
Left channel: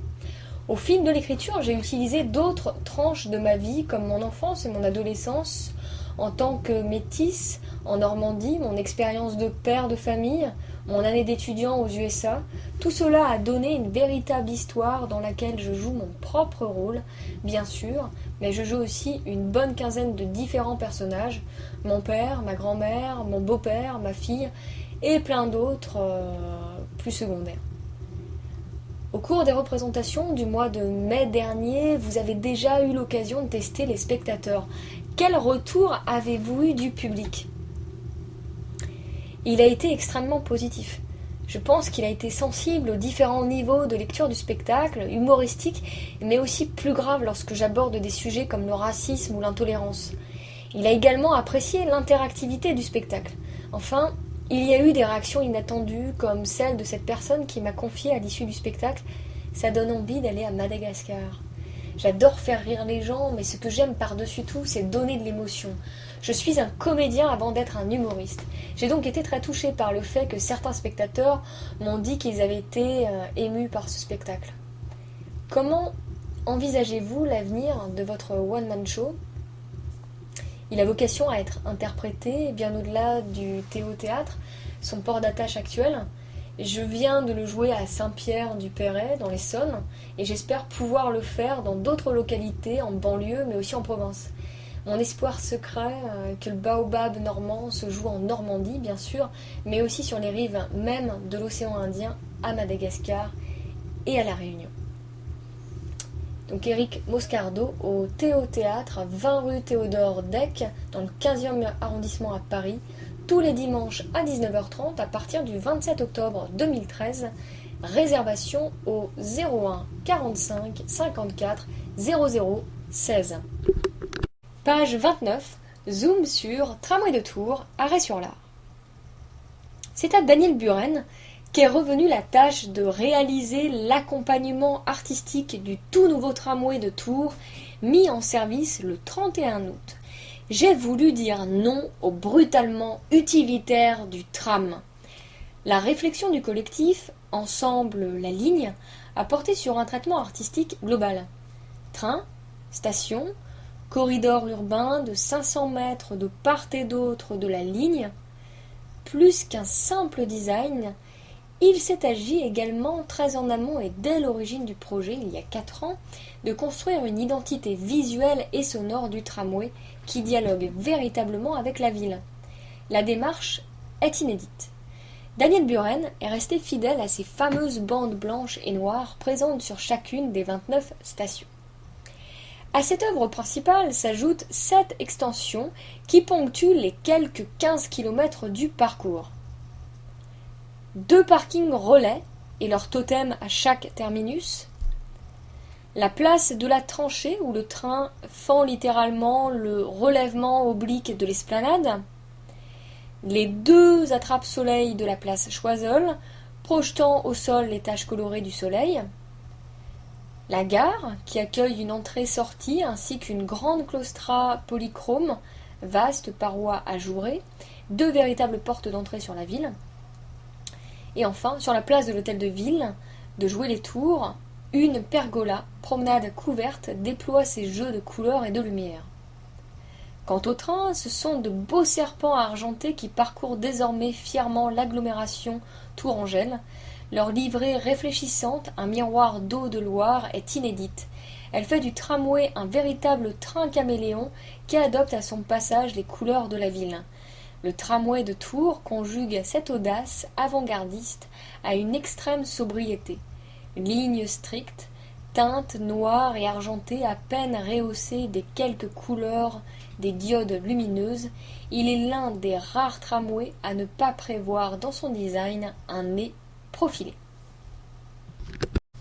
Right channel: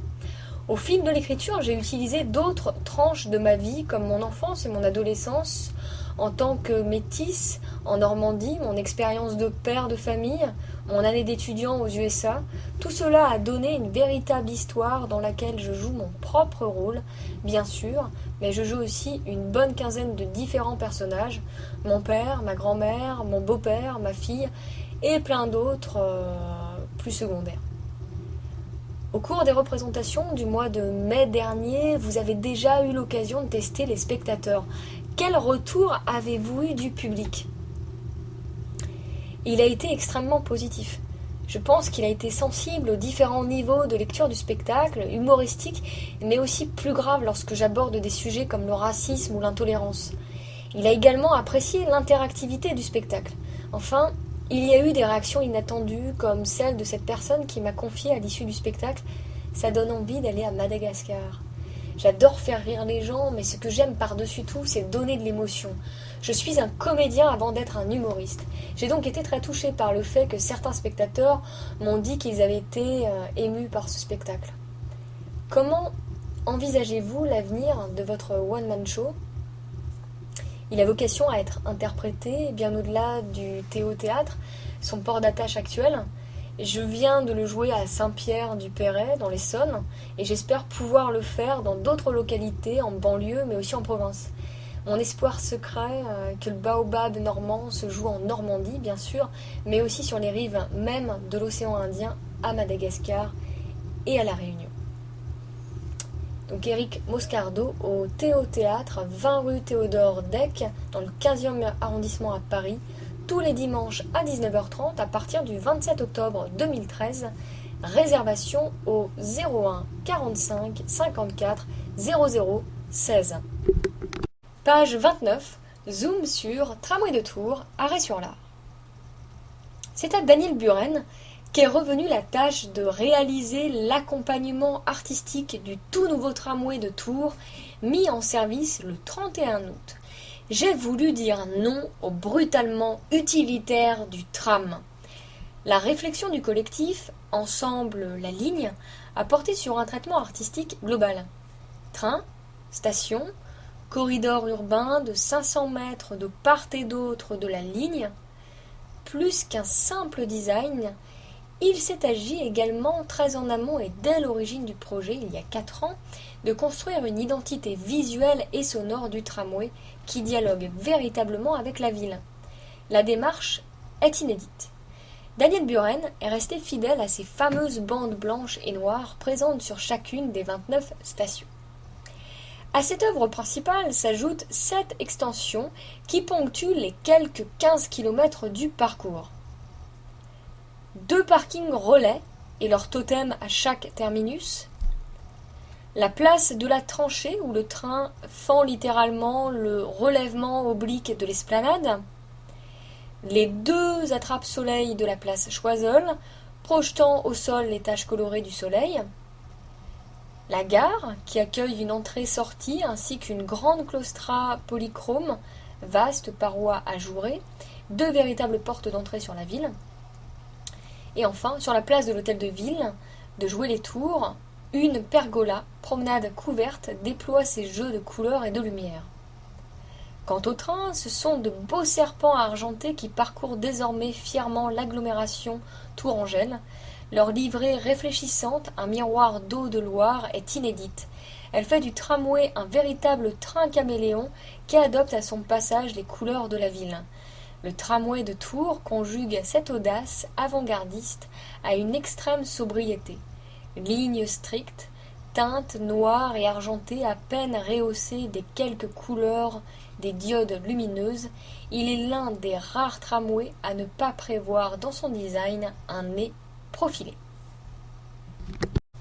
Au fil de l'écriture, j'ai utilisé d'autres tranches de ma vie, comme mon enfance et mon adolescence, en tant que métisse en Normandie, mon expérience de père de famille, mon année d'étudiant aux USA. Tout cela a donné une véritable histoire dans laquelle je joue mon propre rôle, bien sûr, mais je joue aussi une bonne quinzaine de différents personnages, mon père, ma grand-mère, mon beau-père, ma fille, et plein d'autres plus secondaires. Au cours des représentations du mois de mai dernier, vous avez déjà eu l'occasion de tester les spectateurs. Quel retour avez-vous eu du public ? Il a été extrêmement positif. Je pense qu'il a été sensible aux différents niveaux de lecture du spectacle, humoristique, mais aussi plus grave lorsque j'aborde des sujets comme le racisme ou l'intolérance. Il a également apprécié l'interactivité du spectacle. Enfin, il y a eu des réactions inattendues, comme celle de cette personne qui m'a confié à l'issue du spectacle « Ça donne envie d'aller à Madagascar ». J'adore faire rire les gens, mais ce que j'aime par-dessus tout, c'est donner de l'émotion. Je suis un comédien avant d'être un humoriste. J'ai donc été très touchée par le fait que certains spectateurs m'ont dit qu'ils avaient été émus par ce spectacle. Comment envisagez-vous l'avenir de votre one-man show ? Il a vocation à être interprété bien au-delà du théâtre, son port d'attache actuel. Je viens de le jouer à Saint-Pierre-du-Perret, dans l'Essonne, et j'espère pouvoir le faire dans d'autres localités, en banlieue, mais aussi en province. Mon espoir secret, que le baobab normand se joue en Normandie, bien sûr, mais aussi sur les rives même de l'océan Indien, à Madagascar et à La Réunion. Donc Éric Moscardo au Théâtre, 20 rue Théodore Deck, dans le 15e arrondissement à Paris, tous les dimanches à 19h30 à partir du 27 octobre 2013. Réservation au 01 45 54 00 16. Page 29, zoom sur Tramway de Tours, arrêt sur l'Ar. C'est à Daniel Buren qu'est revenue la tâche de réaliser l'accompagnement artistique du tout nouveau tramway de Tours, mis en service le 31 août. J'ai voulu dire non au brutalement utilitaire du tram. La réflexion du collectif, Ensemble la ligne, a porté sur un traitement artistique global. Train, station, corridor urbain de 500 mètres de part et d'autre de la ligne, plus qu'un simple design, il s'est agi également très en amont et dès l'origine du projet, il y a 4 ans, de construire une identité visuelle et sonore du tramway qui dialogue véritablement avec la ville. La démarche est inédite. Daniel Buren est resté fidèle à ces fameuses bandes blanches et noires présentes sur chacune des 29 stations. À cette œuvre principale s'ajoutent 7 extensions qui ponctuent les quelques 15 km du parcours. 2 parkings relais et leur totem à chaque terminus. La place de la tranchée où le train fend littéralement le relèvement oblique de l'esplanade. Les 2 attrape-soleil de la place Choiseul, projetant au sol les taches colorées du soleil. La gare, qui accueille une entrée-sortie ainsi qu'une grande claustra polychrome, vaste paroi ajourée, 2 véritables portes d'entrée sur la ville. Et enfin, sur la place de l'hôtel de ville, de jouer les tours, une pergola, promenade couverte, déploie ses jeux de couleurs et de lumière. Quant au train, ce sont de beaux serpents argentés qui parcourent désormais fièrement l'agglomération tourangelle. Leur livrée réfléchissante, un miroir d'eau de Loire, est inédite. Elle fait du tramway un véritable train caméléon qui adopte à son passage les couleurs de la ville. Le tramway de Tours conjugue cette audace avant-gardiste à une extrême sobriété. Lignes strictes, teintes noires et argentées à peine rehaussées des quelques couleurs des diodes lumineuses, il est l'un des rares tramways à ne pas prévoir dans son design un nez profilé.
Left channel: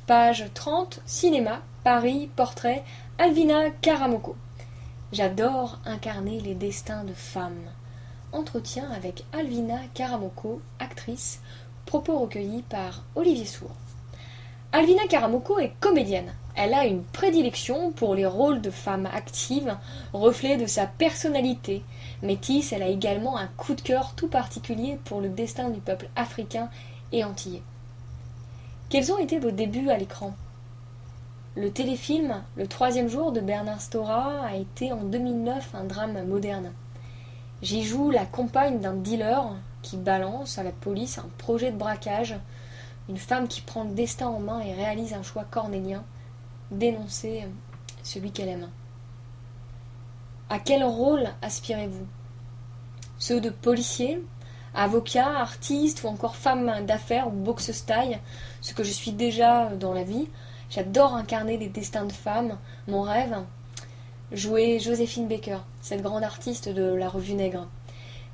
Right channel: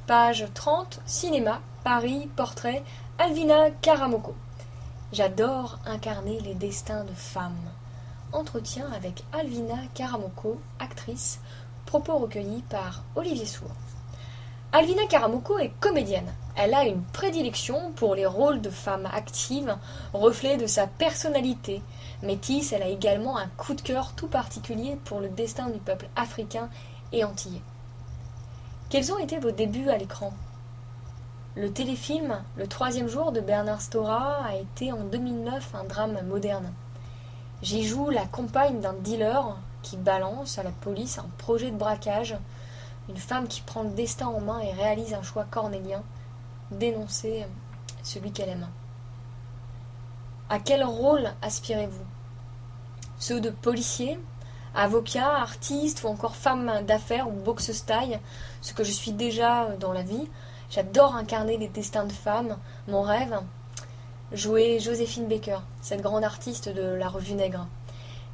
Page 30, cinéma, Paris, portrait, Alvina Karamoko. J'adore incarner les destins de femmes. Entretien avec Alvina Karamoko, actrice, propos recueillis par Olivier Sour. Alvina Karamoko est comédienne. Elle a une prédilection pour les rôles de femmes actives, reflet de sa personnalité. Métisse, elle a également un coup de cœur tout particulier pour le destin du peuple africain et antillais. Quels ont été vos débuts à l'écran ? Le téléfilm Le troisième jour de Bernard Stora a été en 2009 un drame moderne. J'y joue la compagne d'un dealer qui balance à la police un projet de braquage, une femme qui prend le destin en main et réalise un choix cornélien, dénoncer celui qu'elle aime. À quel rôle aspirez-vous? Ceux de policier, avocat, artiste ou encore femme d'affaires ou boxeuse taille, ce que je suis déjà dans la vie. J'adore incarner des destins de femmes. Mon rêve, jouer Joséphine Baker, cette grande artiste de la revue Nègre.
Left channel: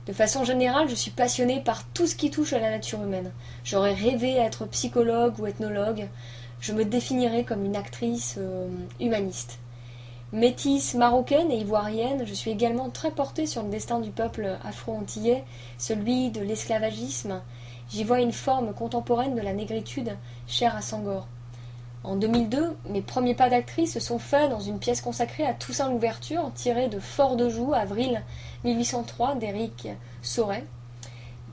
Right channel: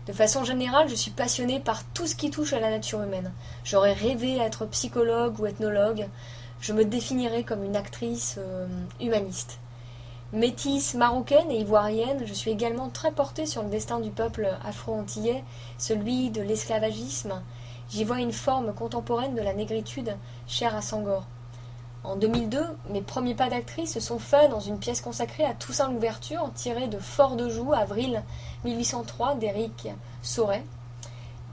De façon générale, je suis passionnée par tout ce qui touche à la nature humaine. J'aurais rêvé être psychologue ou ethnologue. Je me définirais comme une actrice humaniste. Métisse marocaine et ivoirienne, je suis également très portée sur le destin du peuple afro-antillais, celui de l'esclavagisme. J'y vois une forme contemporaine de la négritude, chère à Senghor. En 2002, mes premiers pas d'actrice se sont faits dans une pièce consacrée à Toussaint Louverture, tirée de Fort de Joux, avril 1803, d'Éric Sauret.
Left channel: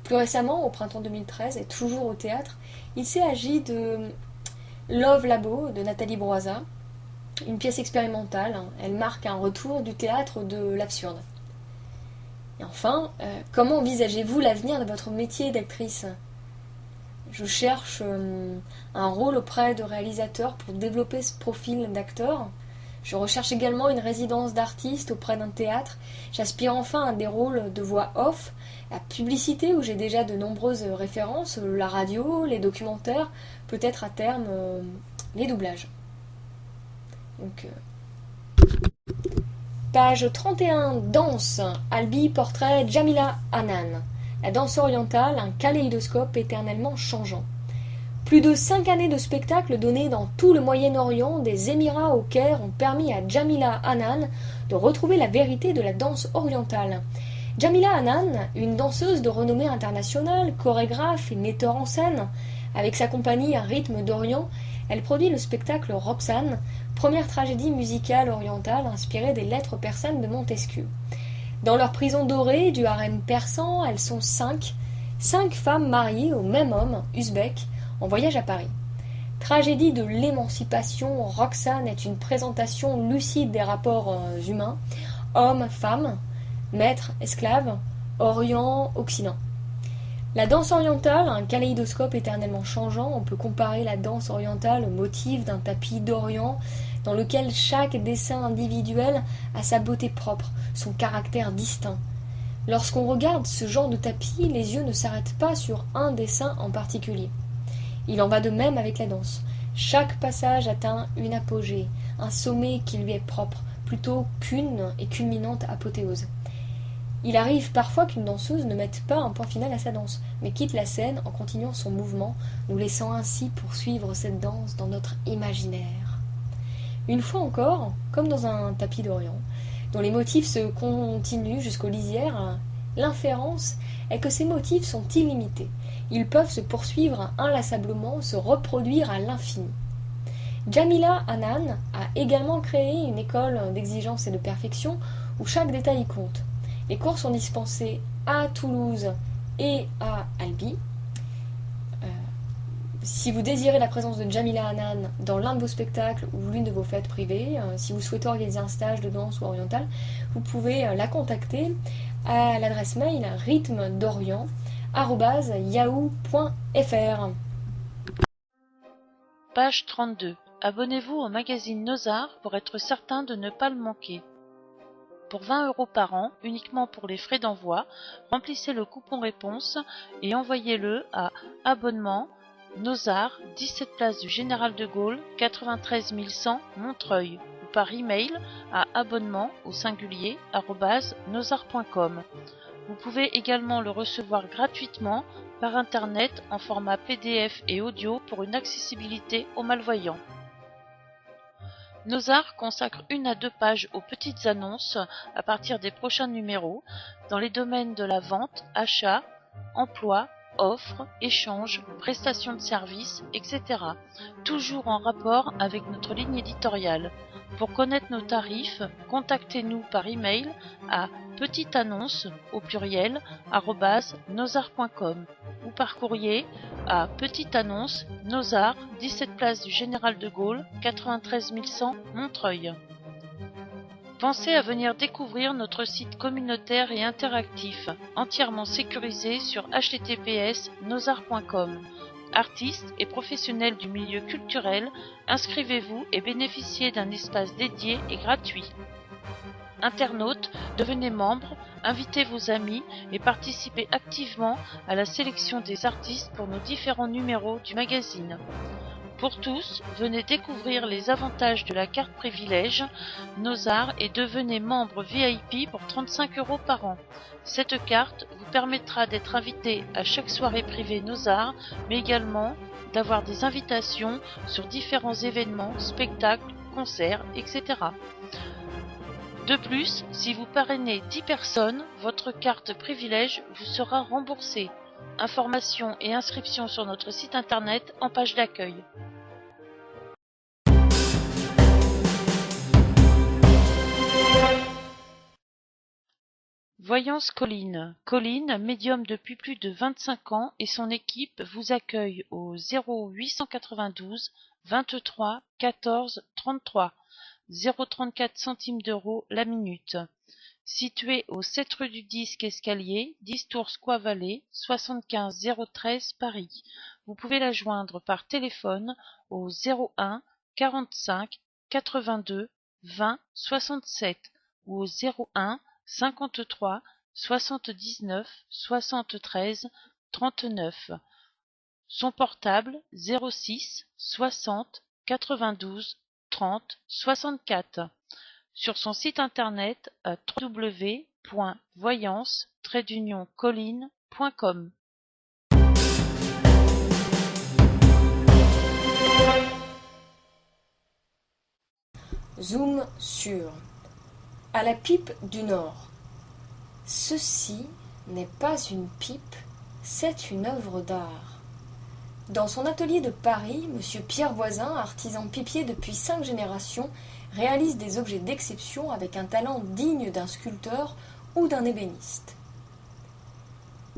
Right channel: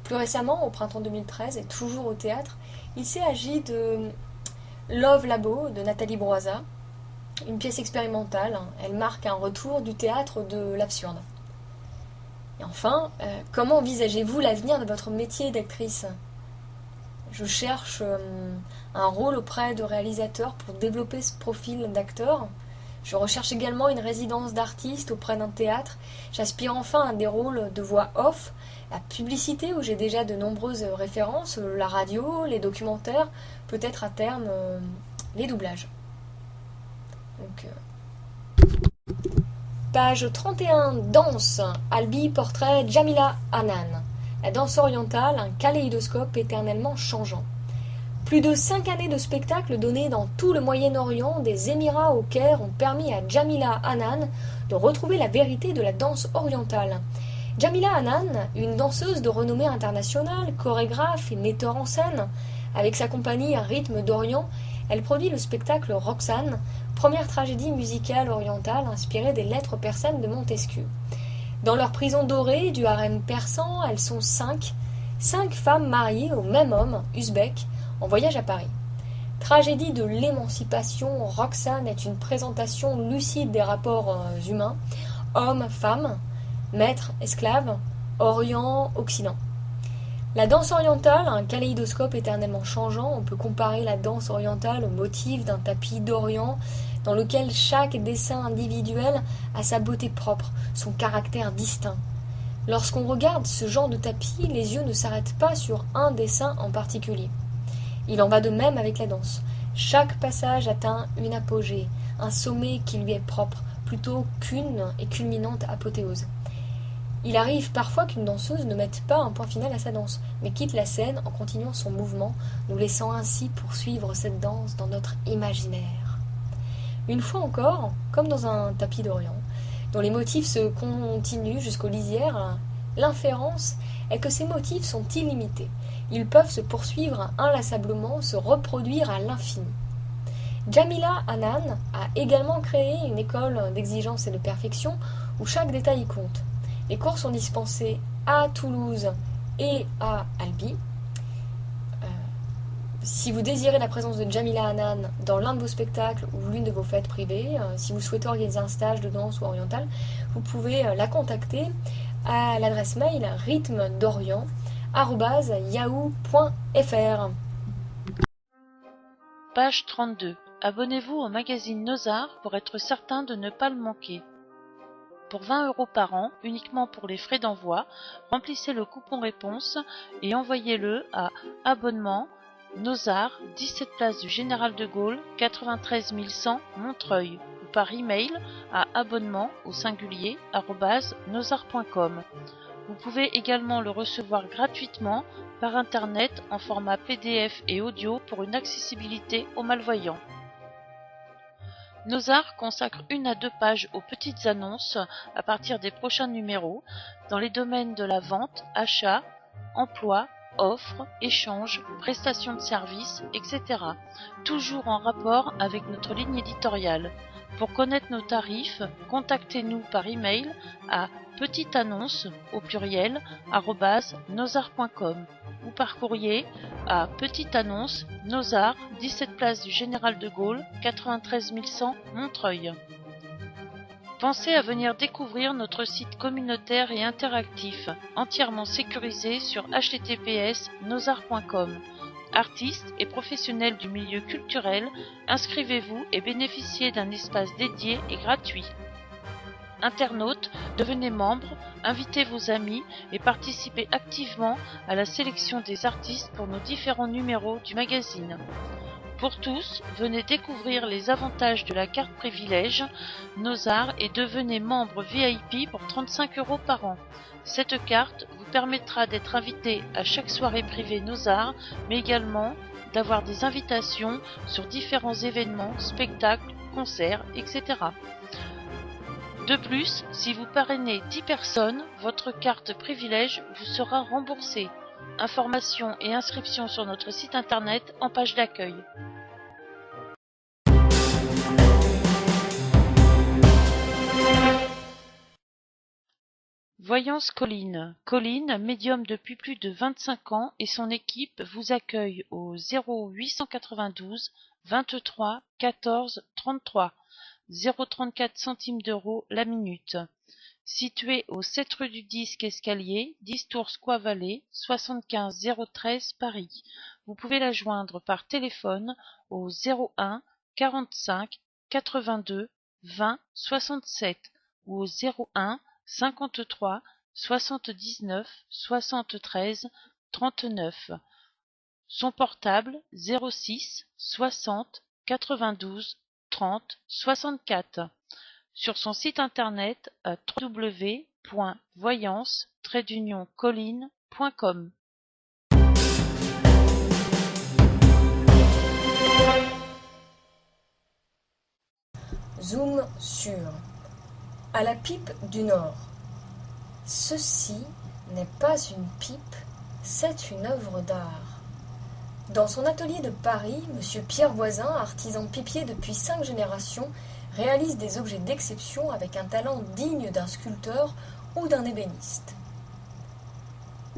Plus récemment, au printemps 2013, et toujours au théâtre, il s'est agi de Love Labo de Nathalie Broisa, une pièce expérimentale. Elle marque un retour du théâtre de l'absurde. Et enfin, comment envisagez-vous l'avenir de votre métier d'actrice? Je cherche un rôle auprès de réalisateurs pour développer ce profil d'acteur. Je recherche également une résidence d'artiste auprès d'un théâtre. J'aspire enfin à des rôles de voix off, la publicité où j'ai déjà de nombreuses références, la radio, les documentaires, peut-être à terme les doublages. Donc, page 31, danse. Albi, portrait Jamila Hanan. La danse orientale, un kaléidoscope éternellement changeant. Plus de 5 années de spectacles donnés dans tout le Moyen-Orient, des Émirats au Caire, ont permis à Jamila Hanan de retrouver la vérité de la danse orientale. Jamila Hanan, une danseuse de renommée internationale, chorégraphe et metteur en scène, avec sa compagnie à rythme d'Orient, elle produit le spectacle Roxane, première tragédie musicale orientale inspirée des lettres persanes de Montesquieu. Dans leur prison dorée du harem persan, elles sont 5 femmes mariées au même homme, Uzbek, en voyage à Paris. Tragédie de l'émancipation, Roxane est une présentation lucide des rapports humains, hommes-femmes, maîtres, esclaves, Orient, Occident. La danse orientale, un kaléidoscope éternellement changeant, on peut comparer la danse orientale au motif d'un tapis d'Orient dans lequel chaque dessin individuel a sa beauté propre, son caractère distinct. Lorsqu'on regarde ce genre de tapis, les yeux ne s'arrêtent pas sur un dessin en particulier. Il en va de même avec la danse. Chaque passage atteint une apogée, un sommet qui lui est propre, plutôt qu'une et culminante apothéose. Il arrive parfois qu'une danseuse ne mette pas un point final à sa danse, mais quitte la scène en continuant son mouvement, nous laissant ainsi poursuivre cette danse dans notre imaginaire. Une fois encore, comme dans un tapis d'Orient, dont les motifs se continuent jusqu'aux lisières, l'inférence est que ces motifs sont illimités. Ils peuvent se poursuivre inlassablement, se reproduire à l'infini. Jamila Hanan a également créé une école d'exigence et de perfection où chaque détail compte. Les cours sont dispensés à Toulouse et à Albi. Si vous désirez la présence de Jamila Hanan dans l'un de vos spectacles ou l'une de vos fêtes privées, si vous souhaitez organiser un stage de danse ou orientale, vous pouvez la contacter à l'adresse mail rythme-d'orient@yahoo.fr. Page 32. Abonnez-vous au magazine Nos Arts pour être certain de ne pas le manquer. Pour 20 € par an, uniquement pour les frais d'envoi, remplissez le coupon réponse et envoyez-le à abonnement Nos Arts, 17 place du Général de Gaulle, 93 100 Montreuil, ou par email à abonnement au singulier @nosarts.com. Vous pouvez également le recevoir gratuitement par internet en format PDF et audio pour une accessibilité aux malvoyants. Nos Arts consacre 1 à 2 pages aux petites annonces à partir des prochains numéros dans les domaines de la vente, achat, emploi, offres, échanges, prestations de services, etc. Toujours en rapport avec notre ligne éditoriale. Pour connaître nos tarifs, contactez-nous par email à petiteannonce au pluriel @nosarts.com ou par courrier à Petite Annonce, Nos Arts, 17 place du Général de Gaulle, 93 100 Montreuil. Pensez à venir découvrir notre site communautaire et interactif, entièrement sécurisé sur https://nosarts.com. Artistes et professionnels du milieu culturel, inscrivez-vous et bénéficiez d'un espace dédié et gratuit. Internautes, devenez membre, invitez vos amis et participez activement à la sélection des artistes pour nos différents numéros du magazine. Pour tous, venez découvrir les avantages de la carte privilège Nos Arts et devenez membre VIP pour 35 € par an. Cette carte vous permettra d'être invité à chaque soirée privée Nos Arts, mais également d'avoir des invitations sur différents événements, spectacles, concerts, etc. De plus, si vous parrainez 10 personnes, votre carte privilège vous sera remboursée. Informations et inscriptions sur notre site internet en page d'accueil. Voyance Colline. Colline, médium depuis plus de 25 ans et son équipe vous accueille au 0892 23 14 33, 0,34 centimes d'euros la minute. Situé au 7 rue du Disque Escalier, 10 Tours Square Vallée, 75 013 Paris. Vous pouvez la joindre par téléphone au 01 45 82 20 67 ou au 01 53 79 73 39. Son portable 06 60 92 30 64. Sur son site internet à www.voyance-colline.com. Zoom sur à la pipe du Nord. Ceci n'est pas une pipe, c'est une œuvre d'art. Dans son atelier de Paris, M. Pierre Voisin, artisan pipier depuis 5 générations, réalise des objets d'exception avec un talent digne d'un sculpteur ou d'un ébéniste.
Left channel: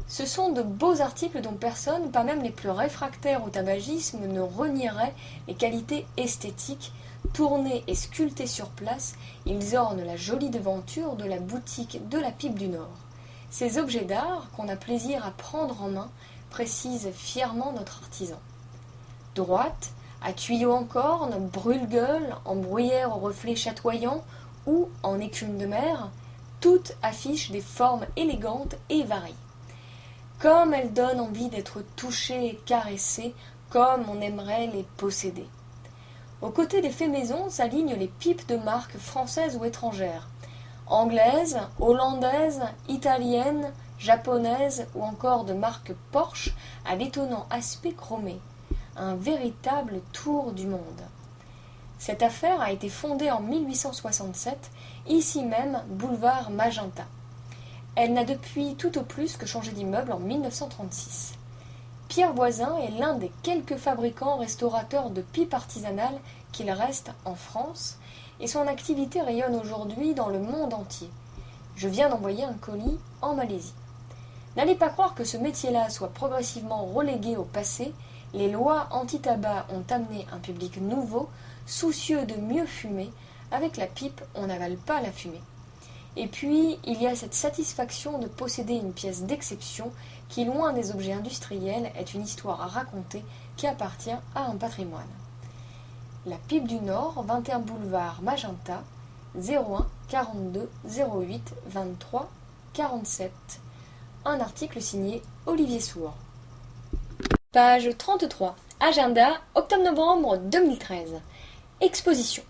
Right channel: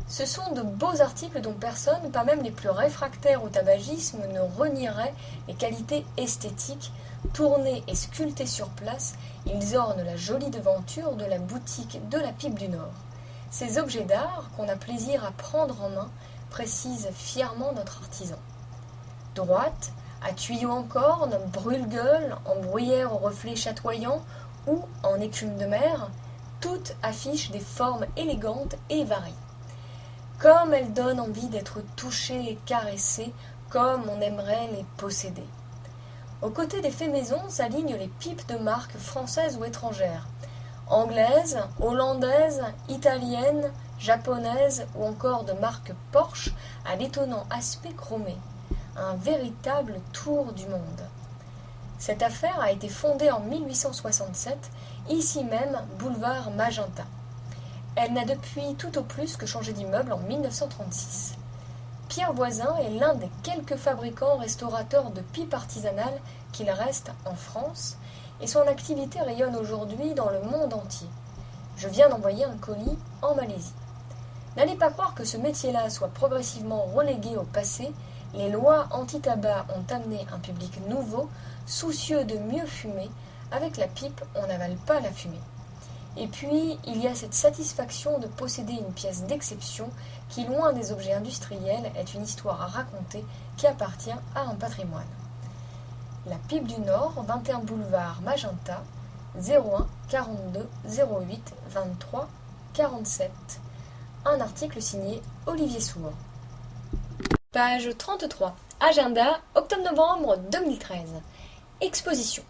Ce sont de beaux articles dont personne, pas même les plus réfractaires au tabagisme, ne renierait les qualités esthétiques. Tournés et sculptés sur place, ils ornent la jolie devanture de la boutique de la Pipe du Nord. Ces objets d'art qu'on a plaisir à prendre en main, précise fièrement notre artisan. Droite, à tuyaux en corne, brûle-gueule, en bruyère aux reflets chatoyants ou en écume de mer, toutes affichent des formes élégantes et variées. Comme elles donnent envie d'être touchées et caressées, comme on aimerait les posséder. Aux côtés des faits maison s'alignent les pipes de marques françaises ou étrangères, anglaises, hollandaises, italiennes, japonaises ou encore de marques Porsche à l'étonnant aspect chromé. Un véritable tour du monde. Cette affaire a été fondée en 1867, ici même, boulevard Magenta. Elle n'a depuis tout au plus que changé d'immeuble en 1936. Pierre Voisin est l'un des quelques fabricants restaurateurs de pipes artisanales qu'il reste en France, et son activité rayonne aujourd'hui dans le monde entier. Je viens d'envoyer un colis en Malaisie. N'allez pas croire que ce métier-là soit progressivement relégué au passé. Les lois anti-tabac ont amené un public nouveau, soucieux de mieux fumer. Avec la pipe, on n'avale pas la fumée. Et puis, il y a cette satisfaction de posséder une pièce d'exception qui, loin des objets industriels, est une histoire à raconter qui appartient à un patrimoine. La Pipe du Nord, 21 boulevard Magenta, 01 42 08 23 47. Un article signé Olivier Sour. Page 33. Agenda, octobre-novembre 2013. Exposition.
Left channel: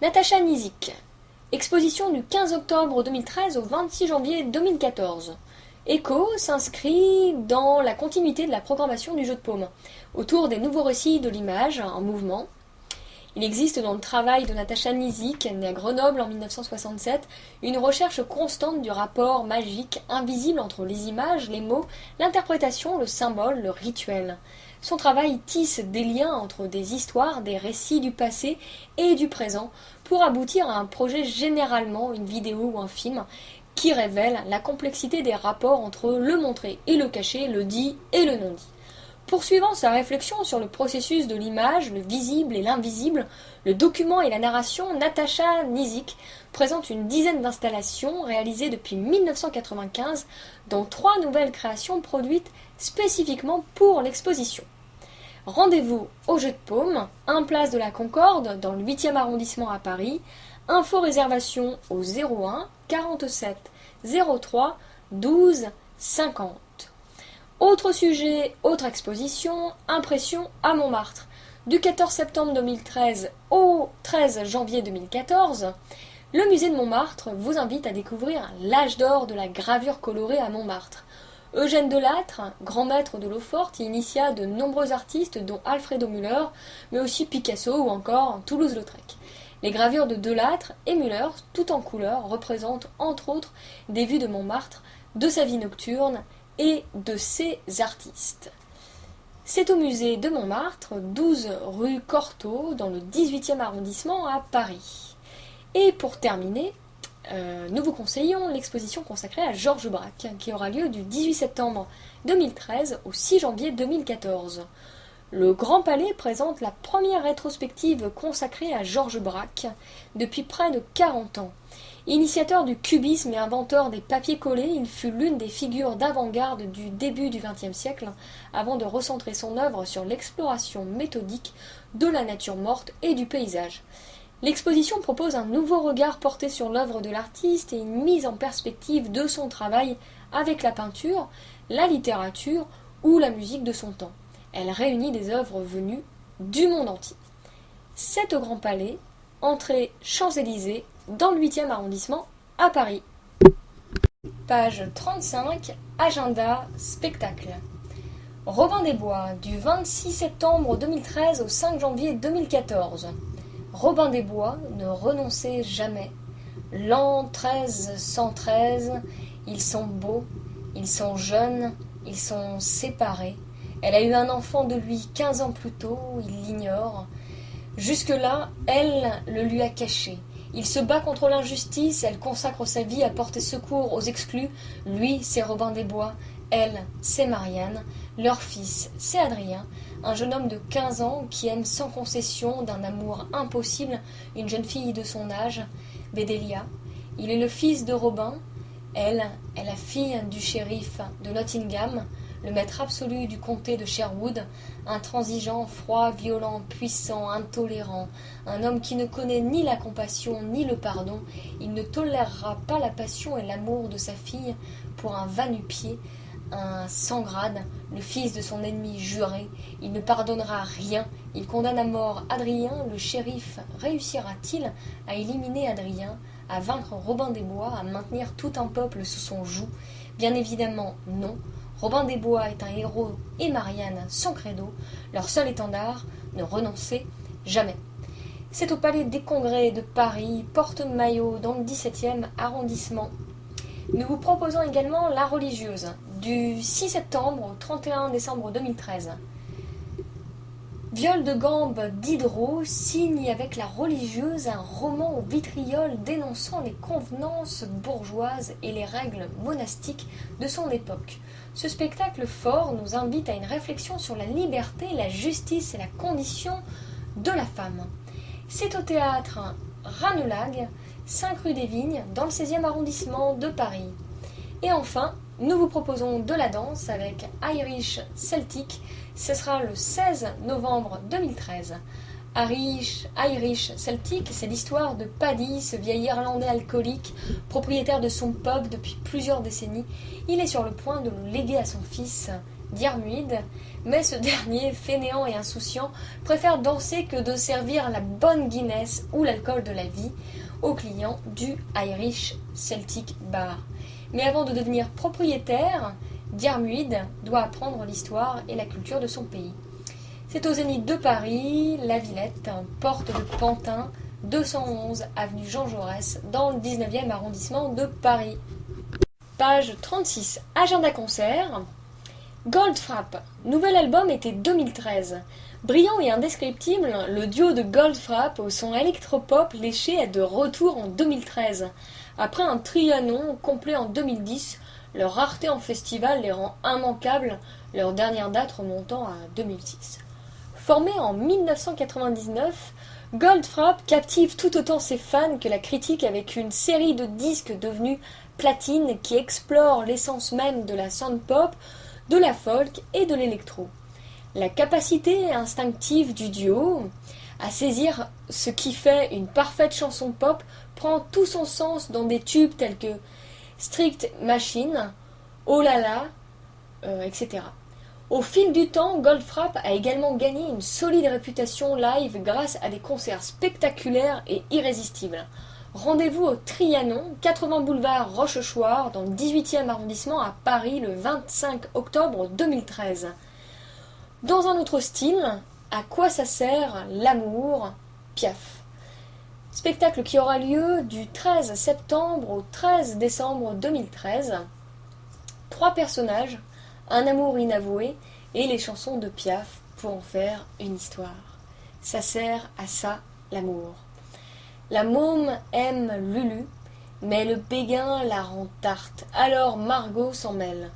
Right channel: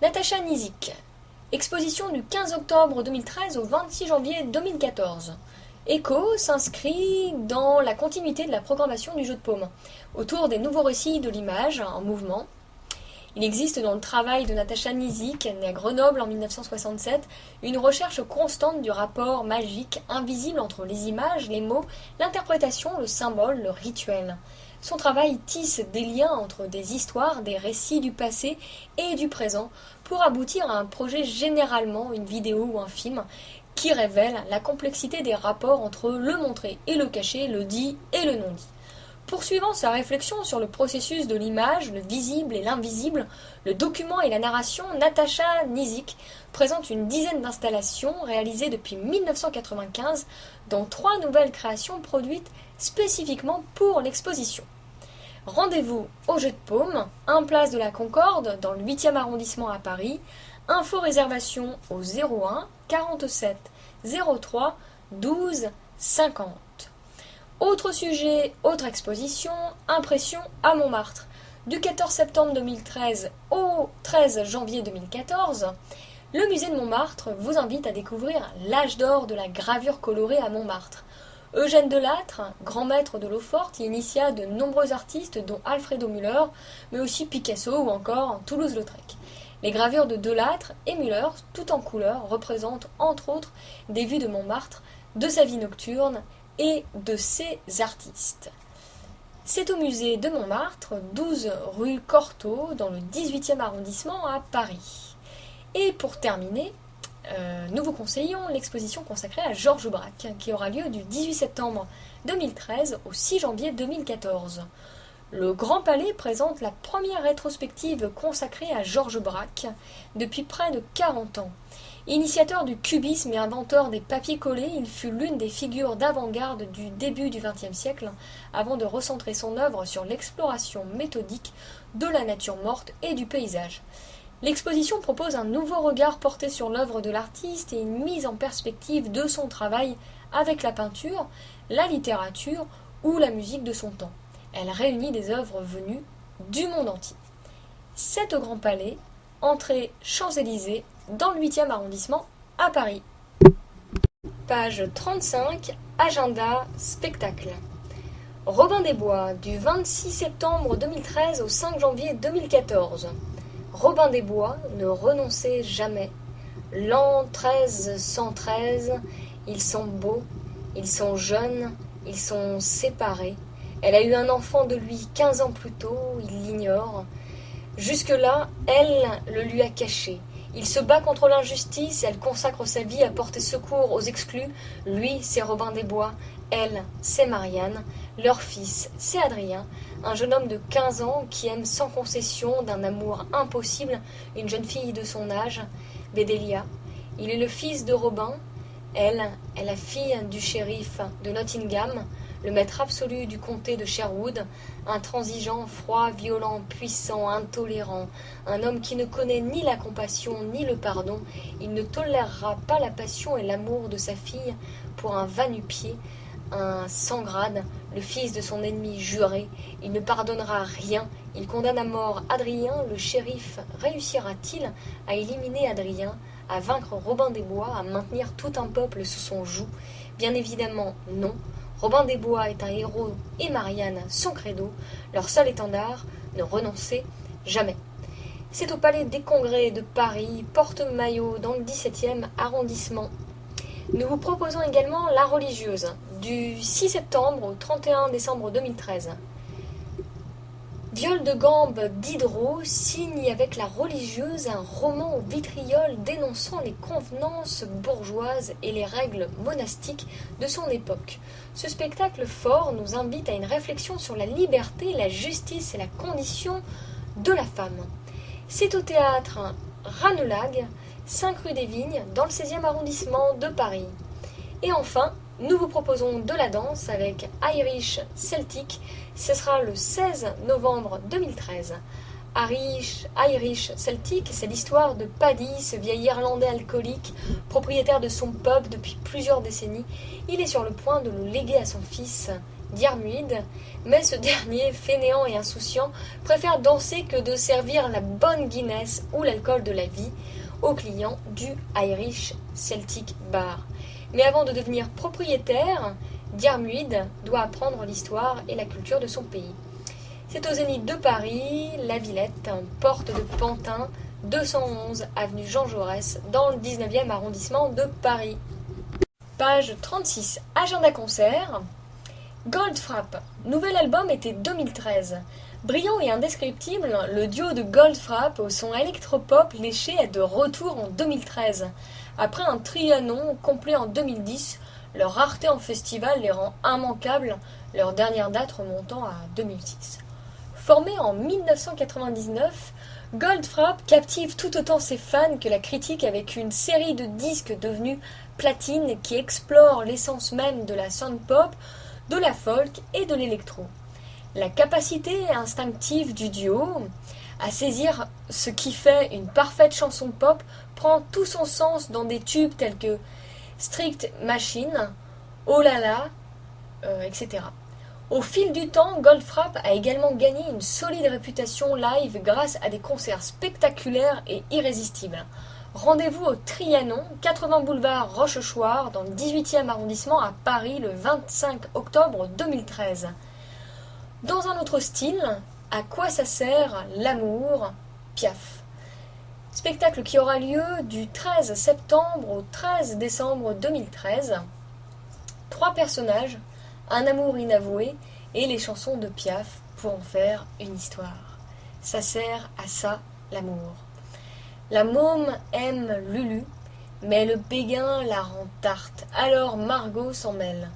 Natacha Nizik. Exposition du 15 octobre 2013 au 26 janvier 2014. Echo s'inscrit dans la continuité de la programmation du jeu de paume, autour des nouveaux récits de l'image en mouvement. Il existe dans le travail de Natacha Nizik, née à Grenoble en 1967, une recherche constante du rapport magique, invisible entre les images, les mots, l'interprétation, le symbole, le rituel. Son travail tisse des liens entre des histoires, des récits du passé et du présent, pour aboutir à un projet, généralement une vidéo ou un film, qui révèle la complexité des rapports entre le montré et le caché, le dit et le non-dit. Poursuivant sa réflexion sur le processus de l'image, le visible et l'invisible, le document et la narration, Natacha Nizik présente une dizaine d'installations réalisées depuis 1995, dont 3 nouvelles créations produites spécifiquement pour l'exposition. Rendez-vous au Jeu de Paume, 1 place de la Concorde, dans le 8e arrondissement à Paris, Info réservation au 01 47 03 12 50. Autre sujet, autre exposition, impression à Montmartre. Du 14 septembre 2013 au 13 janvier 2014, le musée de Montmartre vous invite à découvrir l'âge d'or de la gravure colorée à Montmartre. Eugène Delattre, grand maître de l'eau-forte, y initia de nombreux artistes dont Alfredo Müller, mais aussi Picasso ou encore Toulouse-Lautrec. Les gravures de Delattre et Müller, tout en couleur, représentent entre autres des vues de Montmartre, de sa vie nocturne et de ses artistes. C'est au musée de Montmartre, 12 rue Cortot, dans le 18e arrondissement à Paris. Et pour terminer, nous vous conseillons l'exposition consacrée à Georges Braque, qui aura lieu du 18 septembre 2013 au 6 janvier 2014. Le Grand Palais présente la première rétrospective consacrée à Georges Braque depuis près de 40 ans. Initiateur du cubisme et inventeur des papiers collés, il fut l'une des figures d'avant-garde du début du XXe siècle, avant de recentrer son œuvre sur l'exploration méthodique de la nature morte et du paysage. L'exposition propose un nouveau regard porté sur l'œuvre de l'artiste et une mise en perspective de son travail avec la peinture, la littérature ou la musique de son temps. Elle réunit des œuvres venues du monde entier. C'est au Grand Palais, entrée Champs-Élysées, dans le 8e arrondissement à Paris. Page 35, agenda spectacle. Robin des Bois, du 26 septembre 2013 au 5 janvier 2014. Robin des Bois ne renonçait jamais. L'an 1313, ils sont beaux, ils sont jeunes, ils sont séparés. Elle a eu un enfant de lui 15 ans plus tôt, il l'ignore. Jusque-là, elle le lui a caché. Il se bat contre l'injustice, elle consacre sa vie à porter secours aux exclus. Lui, c'est Robin des Bois, elle, c'est Marianne. Leur fils, c'est Adrien, un jeune homme de 15 ans qui aime sans concession, d'un amour impossible, une jeune fille de son âge, Bédélia. Il est le fils de Robin, elle est la fille du shérif de Nottingham, le maître absolu du comté de Sherwood, intransigeant, froid, violent, puissant, intolérant, un homme qui ne connaît ni la compassion ni le pardon. Il ne tolérera pas la passion et l'amour de sa fille pour un va-nu-pied, un sans-grade, le fils de son ennemi juré. Il ne pardonnera rien. Il condamne à mort Adrien. Le shérif réussira-t-il à éliminer Adrien, à vaincre Robin des Bois, à maintenir tout un peuple sous son joug? Bien évidemment non. Robin des Bois est un héros et Marianne son credo, leur seul étendard, ne renoncer jamais. C'est au Palais des Congrès de Paris, Porte-Maillot, dans le 17e arrondissement. Nous vous proposons également La Religieuse, du 6 septembre au 31 décembre 2013. Viol de gambe Diderot signe avec La Religieuse un roman au vitriol dénonçant les convenances bourgeoises et les règles monastiques de son époque. Ce spectacle fort nous invite à une réflexion sur la liberté, la justice et la condition de la femme. C'est au théâtre Ranelagh, 5 rue des Vignes, dans le 16e arrondissement de Paris. Et enfin, nous vous proposons de la danse avec Irish Celtic. Ce sera le 16 novembre 2013. Irish Celtic, c'est l'histoire de Paddy, ce vieil Irlandais alcoolique, propriétaire de son pub depuis plusieurs décennies. Il est sur le point de le léguer à son fils, Diarmuid, mais ce dernier, fainéant et insouciant, préfère danser que de servir la bonne Guinness ou l'alcool de la vie aux clients du Irish Celtic Bar. Mais avant de devenir propriétaire, Diarmuid doit apprendre l'histoire et la culture de son pays. C'est au Zénith de Paris, La Villette, porte de Pantin, 211 avenue Jean Jaurès, dans le 19e arrondissement de Paris. Page 36, agenda concert. Goldfrapp, nouvel album été 2013. Brillant et indescriptible, le duo de Goldfrapp au son électropop léché est de retour en 2013. Après un Trianon complet en 2010, leur rareté en festival les rend immanquables, leur dernière date remontant à 2006. Formé en 1999, Goldfrapp captive tout autant ses fans que la critique avec une série de disques devenus platine qui explorent l'essence même de la sound-pop, de la folk et de l'électro. La capacité instinctive du duo à saisir ce qui fait une parfaite chanson pop prend tout son sens dans des tubes tels que Strict Machine, Oh là là, etc. Au fil du temps, Goldfrapp a également gagné une solide réputation live grâce à des concerts spectaculaires et irrésistibles. Rendez-vous au Trianon, 80 boulevard Rochechouart, dans le 18e arrondissement à Paris, le 25 octobre 2013. Dans un autre style, À quoi ça sert l'amour, Piaf. Spectacle qui aura lieu du 13 septembre au 13 décembre 2013. 3 personnages, un amour inavoué et les chansons de Piaf pour en faire une histoire. Ça sert à ça l'amour. La môme aime Lulu, mais le péguin la rend tarte, alors Margot s'en mêle.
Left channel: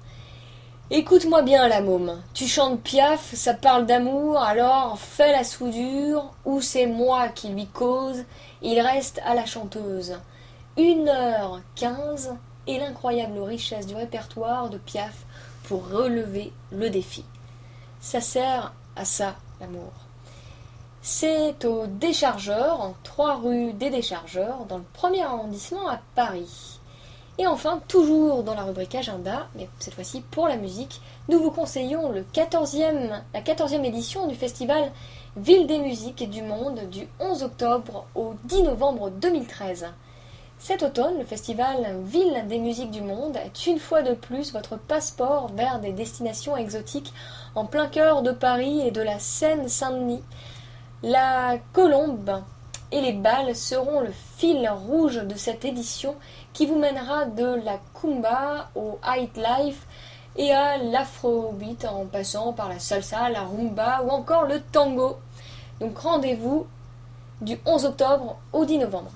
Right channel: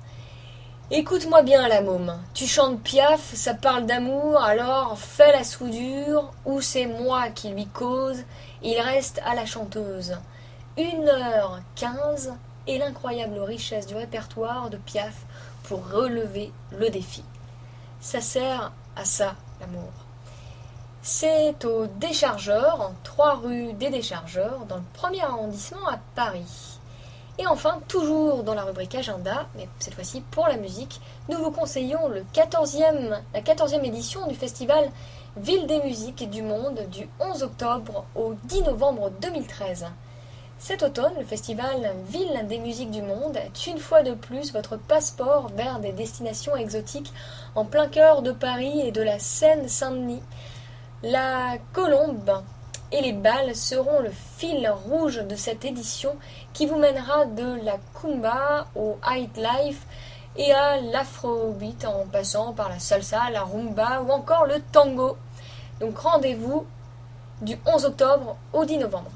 Écoute-moi bien la môme, tu chantes Piaf, ça parle d'amour, alors fais la soudure, ou c'est moi qui lui cause, il reste à la chanteuse. 1h15 et l'incroyable richesse du répertoire de Piaf pour relever le défi. Ça sert à ça l'amour. C'est au Déchargeur, en 3 rue des Déchargeurs, dans le 1er arrondissement à Paris. Et enfin, toujours dans la rubrique agenda, mais cette fois-ci pour la musique, nous vous conseillons la 14e édition du festival Ville des musiques du monde du 11 octobre au 10 novembre 2013. Cet automne, le festival Ville des musiques du monde est une fois de plus votre passeport vers des destinations exotiques en plein cœur de Paris et de la Seine-Saint-Denis. La colombe et les balles seront le fil rouge de cette édition qui vous mènera de la Kumba au High Life et à l'Afrobeat en passant par la salsa, la rumba ou encore le tango. Donc rendez-vous du 11 octobre au 10 novembre.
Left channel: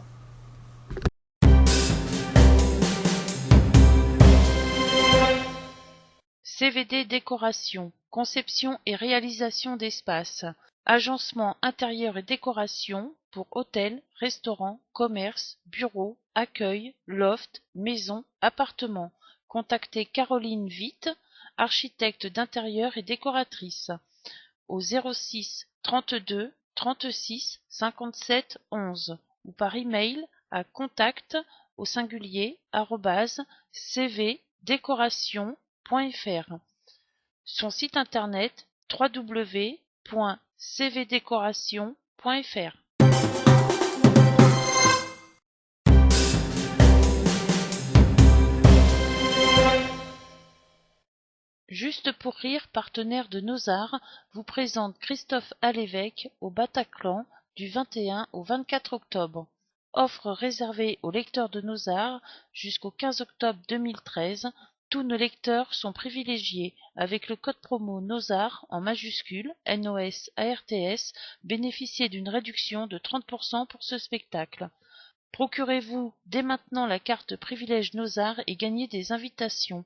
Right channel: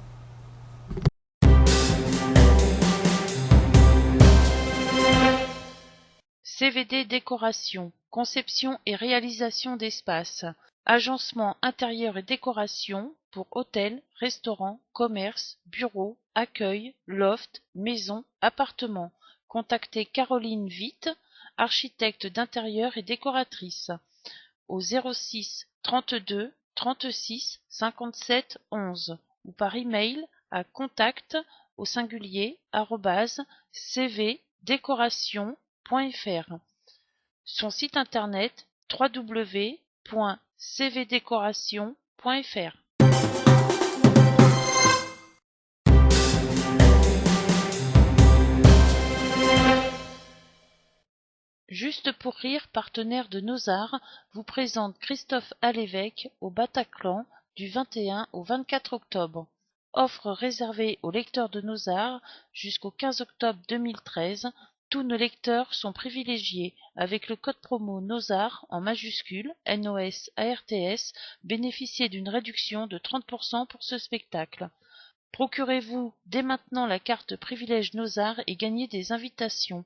CVD Décoration, conception et réalisation d'espaces, agencement intérieur et décoration pour hôtels, restaurants, commerces, bureaux, accueil, loft, maisons, appartements. Contactez Caroline Witt, architecte d'intérieur et décoratrice, au 06 32 36 57 11 ou par email à contact au singulier @cvdecoration.fr. Son site internet www.cvdecoration.fr. Juste pour rire, partenaire de Nos-Arts, vous présente Christophe Alévêque au Bataclan du 21 au 24 octobre. Offre réservée aux lecteurs de Nos-Arts jusqu'au 15 octobre 2013. Tous nos lecteurs sont privilégiés. Avec le code promo Nos-Arts en majuscule, NOS-ARTS, bénéficiez d'une réduction de 30% pour ce spectacle. Procurez-vous dès maintenant la carte privilège Nos-Arts et gagnez des invitations.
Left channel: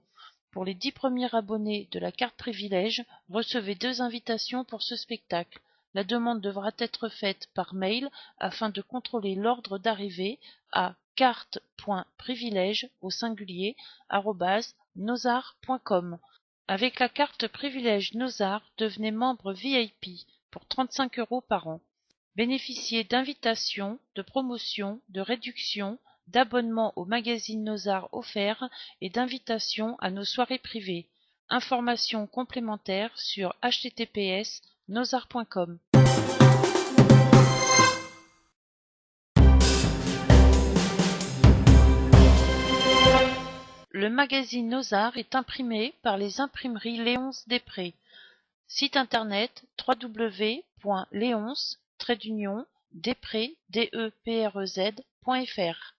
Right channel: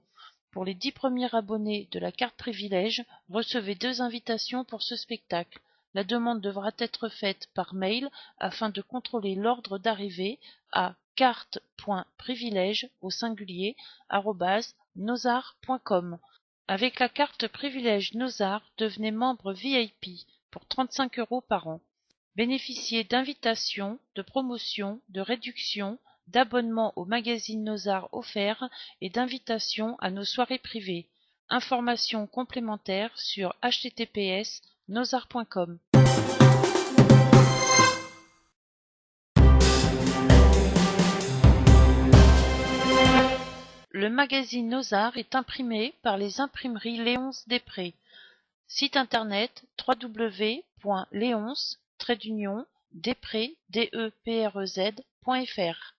Pour les 10 premiers abonnés de la carte privilège, recevez 2 invitations pour ce spectacle. La demande devra être faite par mail afin de contrôler l'ordre d'arrivée à carte.privilège au singulier @nosarts.com. Avec la carte privilège Nos-Arts, devenez membre VIP pour 35 € par an. Bénéficiez d'invitations, de promotions, de réductions, d'abonnements au magazine Nos-Arts offerts et d'invitations à nos soirées privées. Informations complémentaires sur https://nosarts.com. Le magazine Nos-Arts est imprimé par les imprimeries Léonce Després. Site internet www.léonce-desprez.fr.